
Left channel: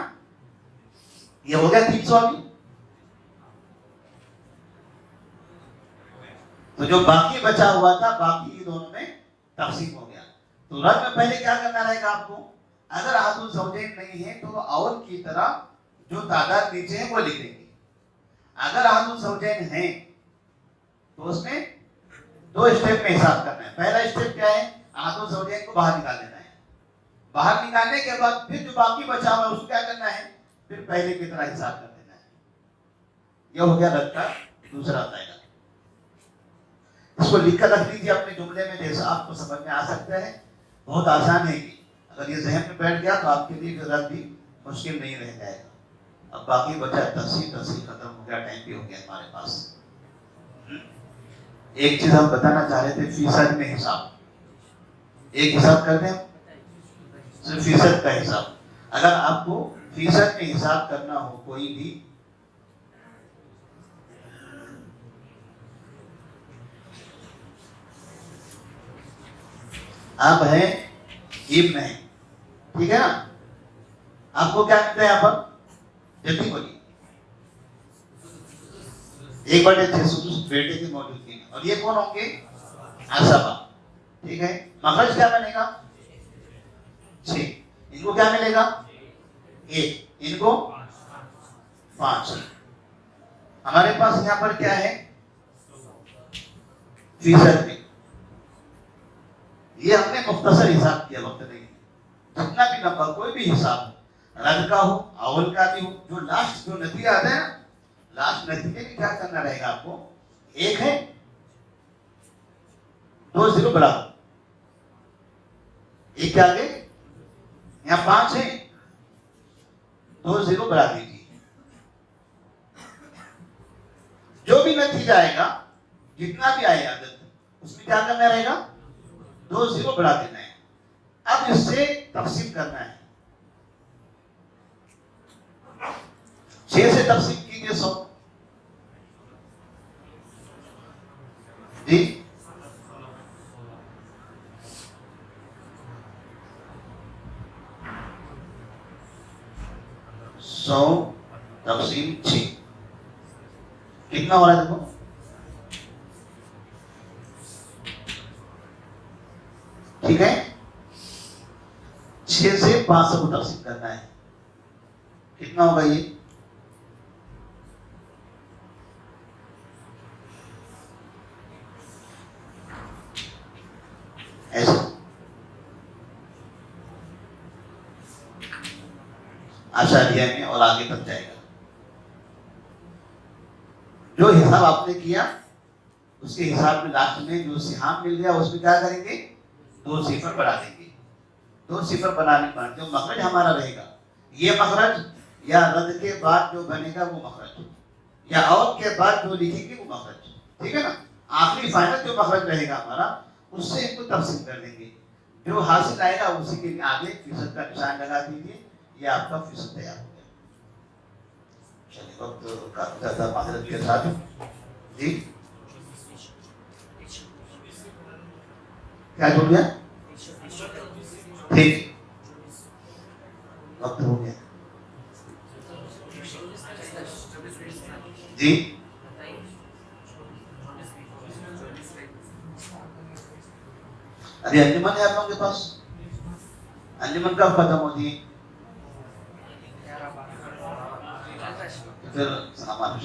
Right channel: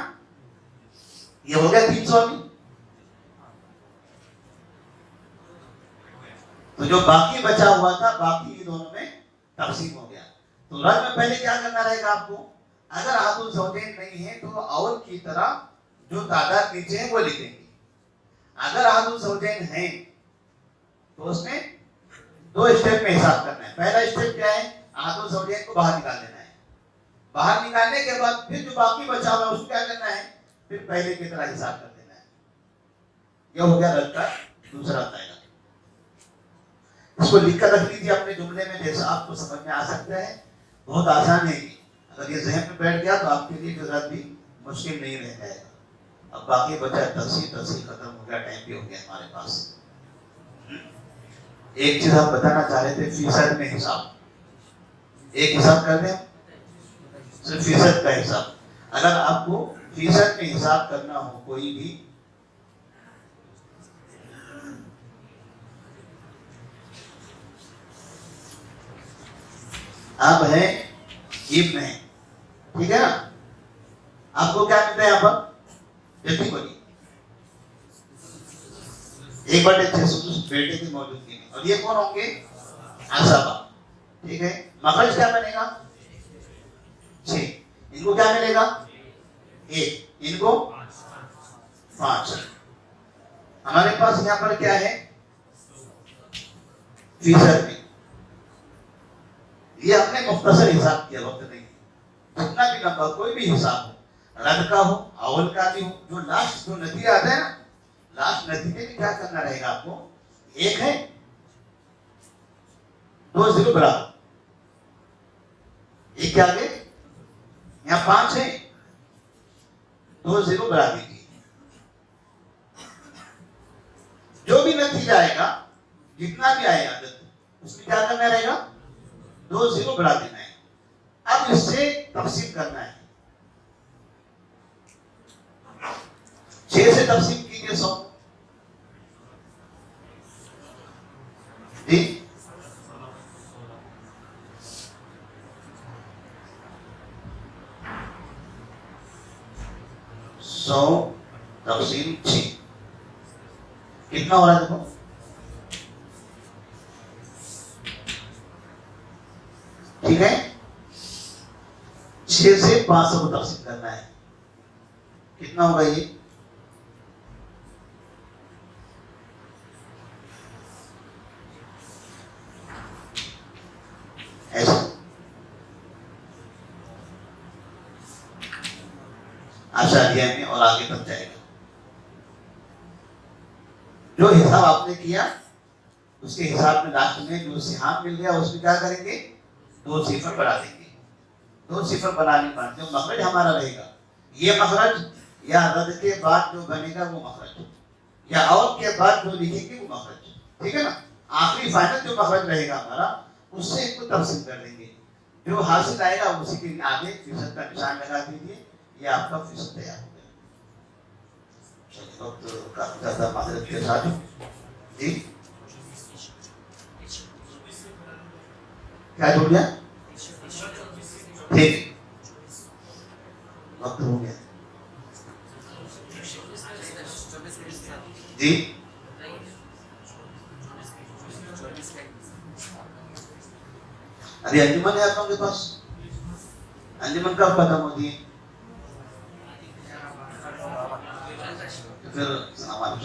یہ ہو گیا 300. ابھی تو جو باقی بچا ہوا تھا, باقی دونوں میں تقسیم ہو گیا. تو رد میں پہلے کیا کرنا رہے گا آپ کو, اگر آپ زوجین نہیں ہے تو اور کی طرح جو تعداد نیچے ہے وہ لکھ دیں گے. اگر آپ زوجین ہیں تو اس میں 2 اسٹیپ میں حساب کرنا ہے. پہلا اسٹیپ کیا ہے, آپ زوجین کو باہر نکال دینا ہے. باہر نکالنے کے بعد پھر جو باقی بچا ہوا ہے اس کو کیا کرنا ہے, پھر پہلے کی طرح حساب کر دینا ہے. یہ ہو گیا رد کا دوسرا قاعدہ. اس کو لکھ کر رکھ لیجیے اپنے جملے میں, جیسا آپ کو سمجھ میں آ سکتا ہے. بہت آسان ہے. اگر یہ ذہن میں بیٹھ گیا تو آپ کے لیے رد بھی مشکل نہیں رہ جائے گا. اب باقی بچا تفصیل ختم ہو گیا, ٹائم بھی ہو گیا ہمارے پاس. ایک چیز آپ بتانا چاہ رہے تھے, فیصد میں حساب. ایک حساب کر دیں, صرف فیصد کا حساب. اگر آپ کو فیصد میں حساب کرنا ہو کوئی بھی, آپ ہیں ابن ہیں, ٹھیک ہے نا. آپ کو کیا ملتا ہے یہاں پر, جلدی بولیے, 1/6 بیٹے کی موجودگی میں. اور یہ کون ہوں گے, عصبہ, ٹھیک ہے. مخرج کیا بنے گا, 6. ان کو کیا ملے گا, 1. ان کو 5. ہمارے پاس یہاں پر کیا ہے, فیصد میں. یہ ہم نے مختصر حساب کیا, وقت نہیں. جتنا بھی نمبر کوئی بھی حساب ہو, رد کا ہو, اول کا بھی ہو, جو لاسٹ جو نتیجہ آتا ہے نا, لاسٹ نتیجے میں کیا کرنا رہے گا آپ کو, 1 ہے, 2 0 برابر, 1 کے آگے یہاں 5 ہے, 2 0 برابر دیجیے. جو بھی نتیجہ آئے گا, جتنا بھی آئے گا اس میں کیا کرنا رہے گا, 2 0 بڑھا دینا ہے. اب اس سے تقسیم کرنا ہے. 6 سے تقسیم کیجیے 100. جی, 100 تقسیم 6 کتنا ہو رہا ہے, دیکھو. ٹھیک ہے, 6 سے 500 کو تقسیم کرنا ہے. کتنا ہوگا یہ؟ ایسا آشاریہ میں اور آگے تک جائے گا. جو حساب آپ نے کیا اس کے حساب میں لاسٹ میں جو سہام مل گیا اس میں کیا کریں گے؟ 2 صفر بنا دیں گے. 2 صفر بنانے کا جو مخرج ہمارا رہے گا یہ مخرج، یا رد کے بعد جو بنے گا وہ مخرج، یا اور کے بعد جو لکھیں گے وہ مخرج. ٹھیک ہے نا؟ آخری فائنل جو مخرج رہے گا ہمارا اس سے ان کو تقسیم کر دیں گے. جو حاصل آئے گا اسی کے آگے فیصد کا نشان لگا دیجیے. یہ آپ کا فیصد تیار ہو گیا. وقت کافی زیادہ معذرت کے ساتھ جی کیا جو گیا؟ ٹھیک وقت ہو گیا جی. ابھی انجمن ہے آپ لوگوں کے پاس؟ انجمن کب ختم ہوگی؟ پھر سامان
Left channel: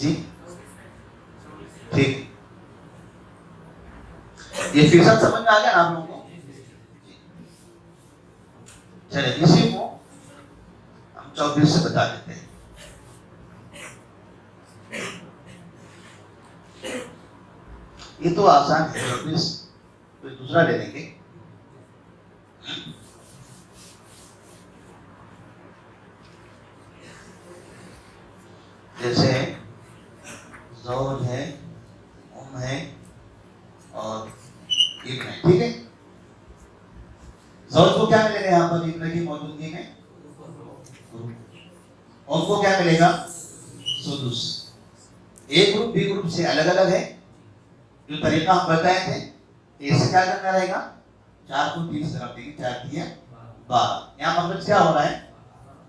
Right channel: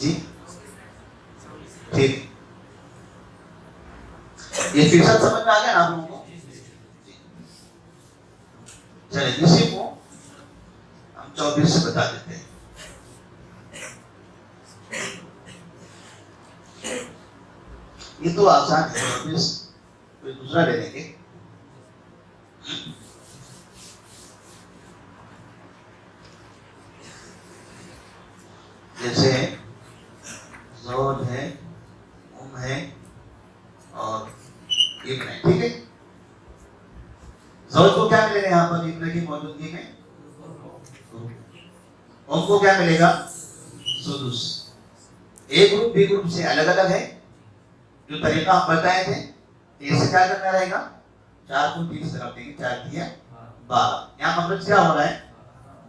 جی ٹھیک. یہ فیصد سمجھ میں آ گیا نا آپ لوگوں کو؟ چلے اسی کو ہم 24 سے بتا دیتے ہیں. یہ تو آسان ہے. 24 دوسرا لے لیں گے. جیسے زوج ہے، ام ہے اور ابن ہے. ٹھیک ہے. زوج کو کیا ملے گا یہاں پر ابن کی موجودگی میں؟ ام کو کیا ملے گا؟ سدس. ایک گروپ بی گروپ سے الگ الگ ہے. جو طریقہ ہم بتائے تھے اس سے کیا کرنا رہے گا؟ 4 کو 3 سے رکھ دیں گے. 4 دیا 12. یہاں مطلب کیا ہو رہا ہے؟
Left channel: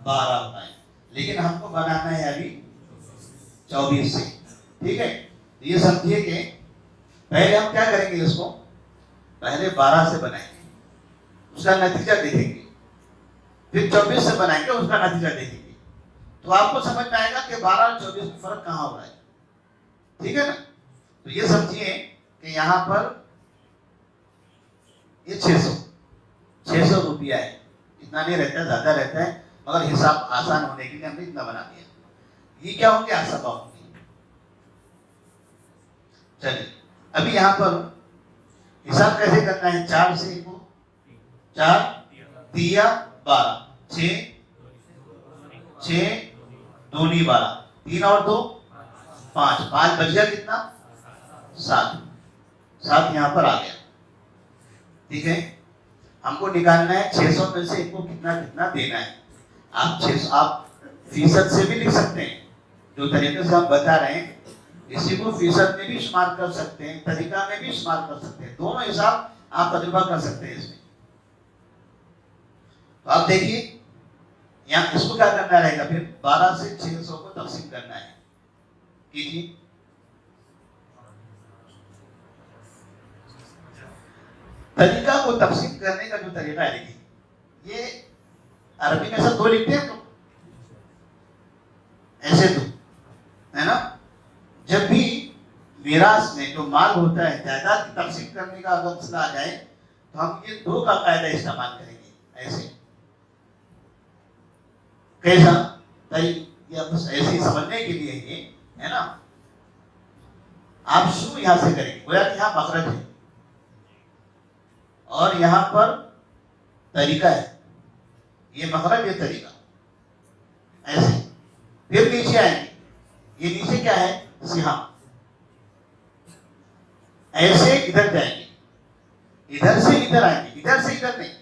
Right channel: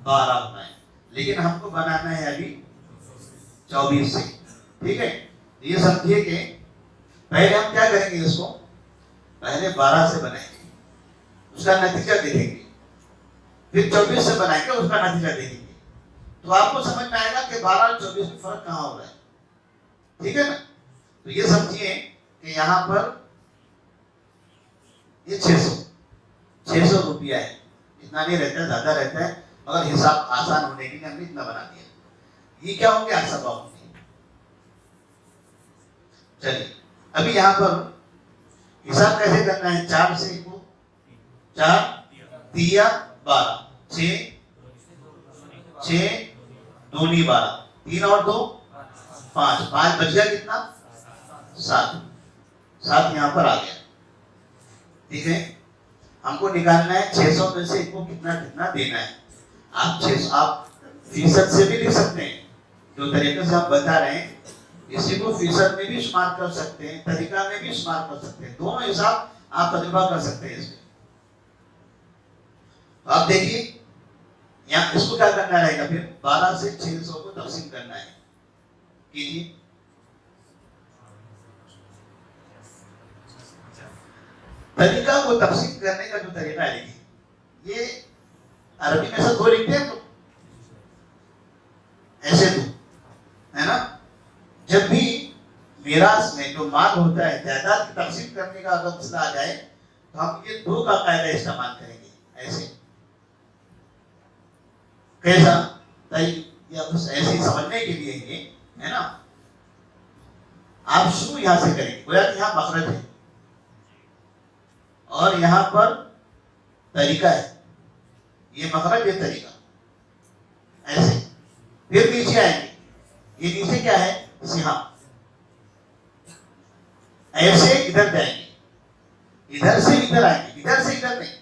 12 ہونا ہے. لیکن ہم کو بنانا ہے ابھی 24 سے. ٹھیک ہے. یہ سمجھیے کہ پہلے ہم کیا کریں گے؟ اس کو پہلے 12 سے بنائیں گے، اس کا نتیجہ دیکھیں گے. پھر 24 سے بنائیں گے، اس کا نتیجہ دیکھیں گے. تو آپ کو سمجھ میں آئے گا کہ 12 اور 24 میں فرق کہاں ہو رہا ہے. ٹھیک ہے نا؟ تو یہ سمجھیے کہ یہاں پر یہ 600 روپیہ ہے. اتنا نہیں رہتا ہے، زیادہ رہتا ہے، مگر حساب آسان ہونے کے لیے ہم نے اتنا بنا دیا. یہ کیا ہوں گے؟ سبا ہوں گے. چلیے ابھی یہاں پر حساب کیسے کرنا ہے؟ 4 سے 4 دیا 12. 6 2 12. 3 اور 2 5. 5 بچ گیا کتنا؟ 7 یہاں پر آ گیا. ٹھیک ہے. ہم کو نکالنا ہے 600 میں سے ان کو کتنا کتنا دینا ہے. آپ فیصد سے بھی لکھ سکتے ہیں. جو طریقے سے آپ بتا رہے ہیں اسی کو فیصد میں بھی شمار کر سکتے ہیں، طریقہ میں بھی شمار کر سکتے ہیں. دونوں حساب آپ تجربہ کر سکتے ہیں اس میں. آپ دیکھیے یہاں اس کو کیا کرنا رہے گا؟ پھر 12 سے 600 کو تقسیم کرنا ہے. کیجیے. طریقہ کو تقسیم کرنے کا جو طریقہ ہے یہ عربی میں سب کو لکھتے ہیں تو ایسے تو ہے نا. جب بھی میراث میں جو مال ہوتا ہے جائیداد کی تقسیم کرنے کا اگر مسئلہ آ جائے تو ہم یہ 2 کا قاعدہ استعمال کریں گے. ایسے کیسا؟ یا بس ایسے سمجھنے کے لیے ہے نا. آپ شروع یہاں سے کریں گے. گویا کہ یہاں مخرج ہے اور یہاں پر طریقہ ہے. یہ مخرج، یہ طریقہ. ایسے پھر نیچے آئیں گے. یہ نیچے کیا ہے؟ سہام. ایسے ادھر جائیں گے, ادھر سے ادھر آئیں گے, ادھر سے ادھر نہیں.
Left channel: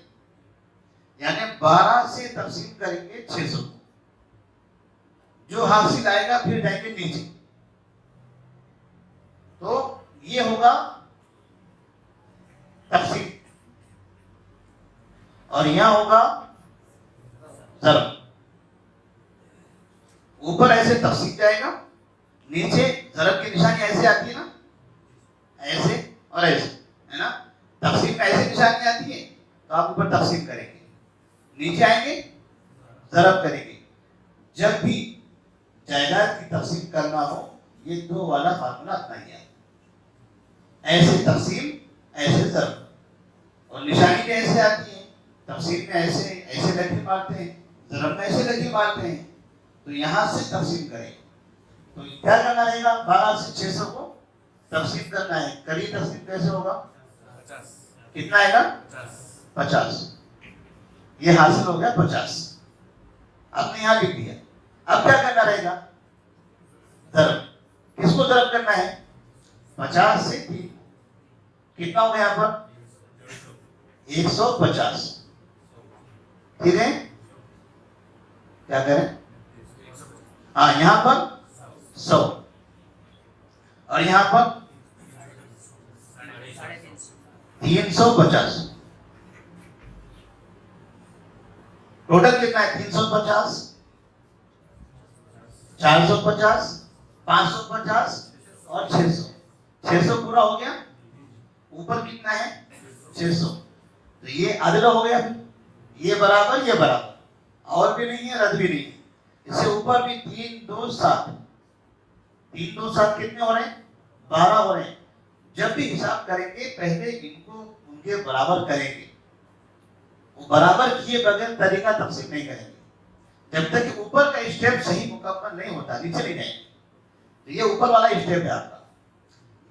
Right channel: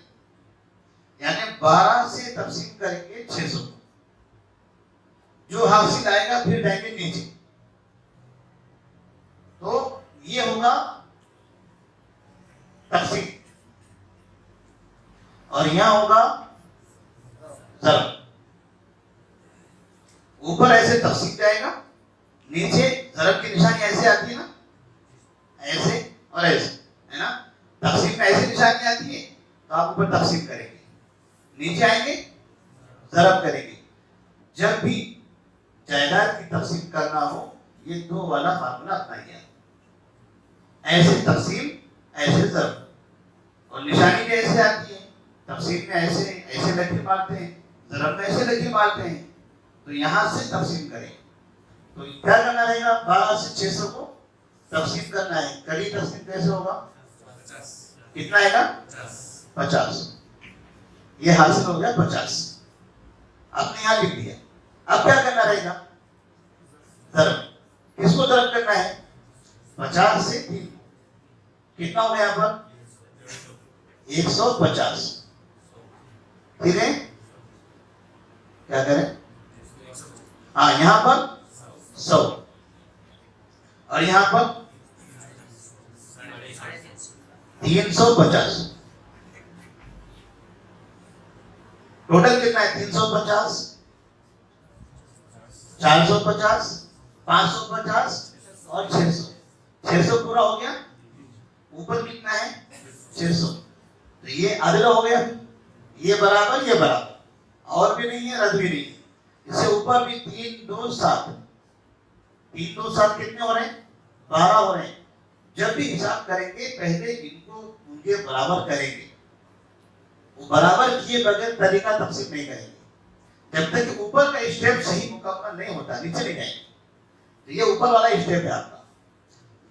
یعنی 12 سے تقسیم کریں گے 600, جو حاصل آئے گا پھر جائیں گے نیچے. تو یہ ہوگا تقسیم, اور یہاں ہوگا ضرب. اوپر ایسے تقسیم جائے گا, نیچے ضرب کی نشانی ایسے آتی ہے نا, ایسے اور ایسے ہے نا. تقسیم میں ایسے نشانی آتی ہے تو آپ اوپر تقسیم کریں گے, نیچے آئیں گے ضرب کریں گے. جب بھی جائیداد کی تقسیم کرنا ہو یہ دو والا فارمولا اپنائیے. ایسے تقسیم ایسے ضرب, اور نشانی بھی ایسے آتی ہے. تقسیم میں ایسے ایسے لکھی مارتے ہیں, ضرب میں ایسے لکھی مارتے ہیں. تو یہاں سے تقسیم کریں تو کیا کرنا رہے گا, 12 سے 600 کو تقسیم کرنا ہے. کری تقسیم کیسے ہوگا, کتنا آئے گا 50. یہ حاصل ہو گیا 50, آپ نے یہاں لکھ دیا. اب کیا کرنا رہے گا, ضرب. کس کو ضرب کرنا ہے, 50 سے 3, کتنا ہو گیا یہاں پر 150. ٹھیک ہے, کیا کریں, ہاں یہاں پر 100 اور یہاں پر 350. ٹوٹل کتنا ہے 350, 450, 550 اور 600. 600 پورا ہو گیا. اوپر کتنا ہے 600. تو یہ عدد ہو گیا, یہ برابر یہ برابر, اور بھی نہیں ہے رد بھی نہیں ہے. اس سے اوپر بھی 3 2 7, 3 2 7 کتنے ہو رہے ہیں 12 ہو رہے ہیں. جب بھی حساب کریں گے پہلے ان کو ان کے برابر کریں گے. وہ برابر کیے بغیر طریقہ تقسیم نہیں کریں گے جب تک اوپر کا اسٹیپ صحیح مکمل نہیں ہوتا, نیچے نہیں جائیں گے. یہ اوپر والا اسٹیپ ہے آپ کا.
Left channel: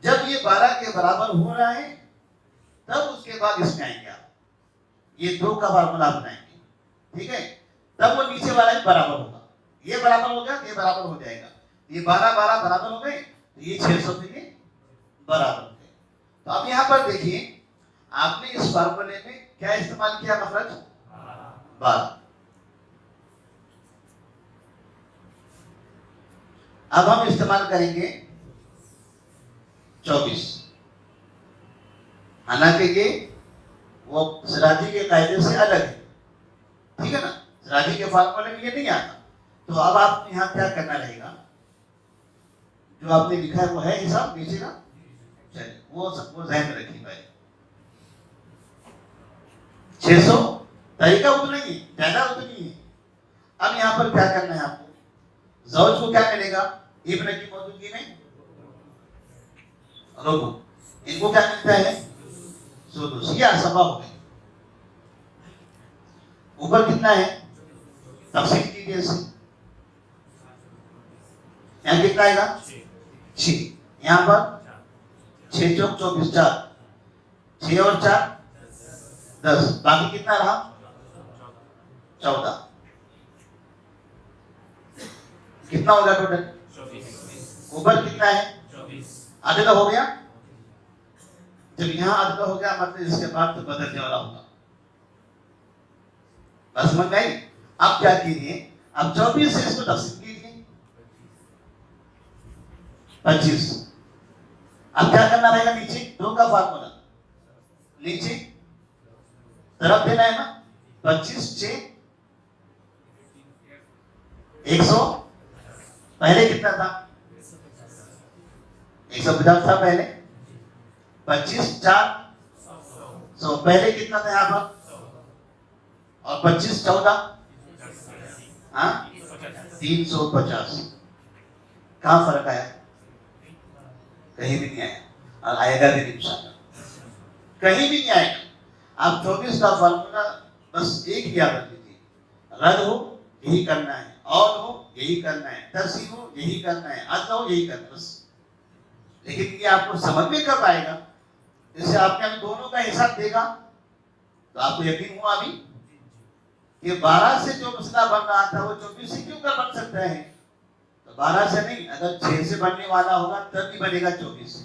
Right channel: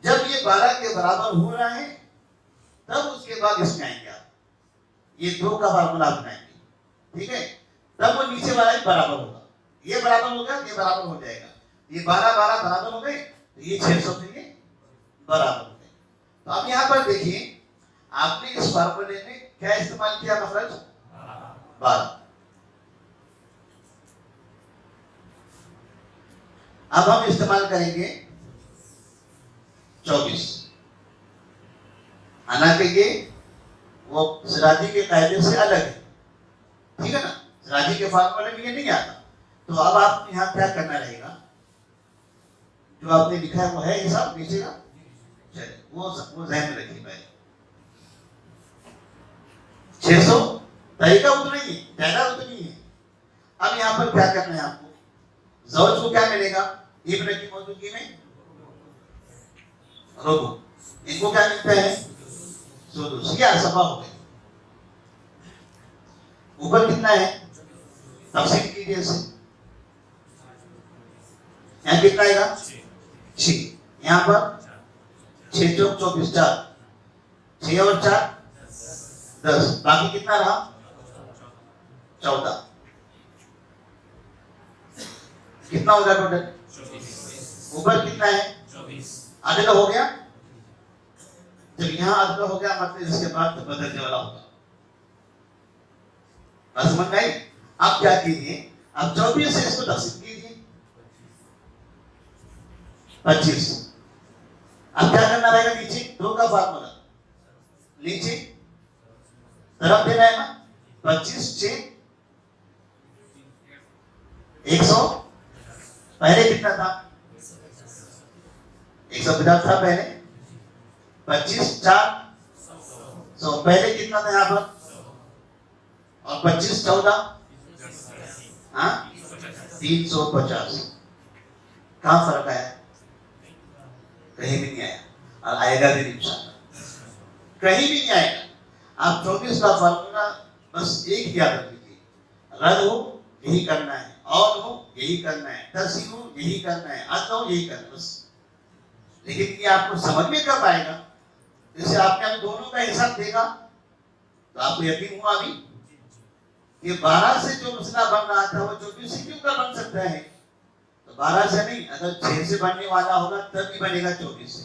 جب یہ 12 کے برابر ہو رہا ہے تب اس کے بعد اس میں آئیں گے آپ, یہ 2 کا فارمولا اپنائیں گے. ٹھیک ہے, تب وہ نیچے والا برابر ہوگا. یہ برابر ہوگا, یہ برابر ہو جائے گا. یہ 12 12 برابر ہو گئے تو یہ 600 بھی برابر ہو گئے. تو اب یہاں پر دیکھیے آپ نے اس فارمولے میں کیا استعمال کیا, مخرج 12. اب ہم استعمال کریں گے 24. حالانکہ یہ وہ سراجی کے قاعدے سے الگ ہے, ٹھیک ہے نا. سراجی کے فارمولے میں یہ نہیں آتا. تو اب آپ یہاں کیا کرنا رہے گا, جو آپ نے لکھا ہے وہ ہے حساب نیچے کا, چلے وہ ذہن میں رکھیے بھائی. 600 طریقہ اتنا ہی ہے, زیادہ اتنی ہے. اب یہاں پر کیا کرنا ہے آپ کو, زوج کو کیا ملے گا ابن کی موجودگی میں, ربع. ان کو کیا ملتا ہے سدس. یہ اسبا ہو گئے. اوپر کتنا ہے تقسیم کیجیے اسے, یہاں کتنا آئے گا 6, یہاں پر 6 چوک 24, 4 6 اور 4 10, باقی کتنا رہا 14. کتنا ہوگا ٹوٹل, اوپر کتنا ہے 24, آدھے کا ہو گیا. جب یہاں آدھا ہو گیا مطلب اس کے بعد تو بدلنے والا ہوگا. بس سمجھ گئی. اب کیا کیجیے, اب 24 سے اس کو تقسیم کیجیے 25. اب کیا کرنا رہے گا, نیچے 2 کا فارمولا, نیچے طرف دینا ہے نا. 25 6 100. پہلے کتنا تھا 150 تھا پہلے. 25 4 100, پہلے کتنا تھا یہاں پر, اور 25 14 ہاں 350. کہاں فرق آیا, کہیں بھی نہیں آیا, اور آئے گا بھی انشاءاللہ, کہیں بھی نہیں آئے گا. آپ 24 کا فارمولا بس ایک ہی یاد رکھ لیجیے, رد ہو یہی کرنا ہے, اور ہو یہی کرنا ہے, تقسیم ہو یہی کرنا ہے, عدل ہو یہی کرنا ہے بس. لیکن یہ آپ کو سمجھ میں کب آئے گا, جیسے آپ نے دونوں کا حساب دیکھا تو آپ کو یقین ہوا بھی کہ 12 سے جو مسئلہ بن رہا تھا وہ 24 سے کیوں کر بن سکتا ہے. تو 12 سے نہیں, اگر 6 سے بننے والا ہوگا تب بھی بنے گا 24 سے.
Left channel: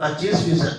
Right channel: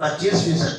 25%।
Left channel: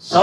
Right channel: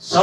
100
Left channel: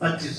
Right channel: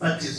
25।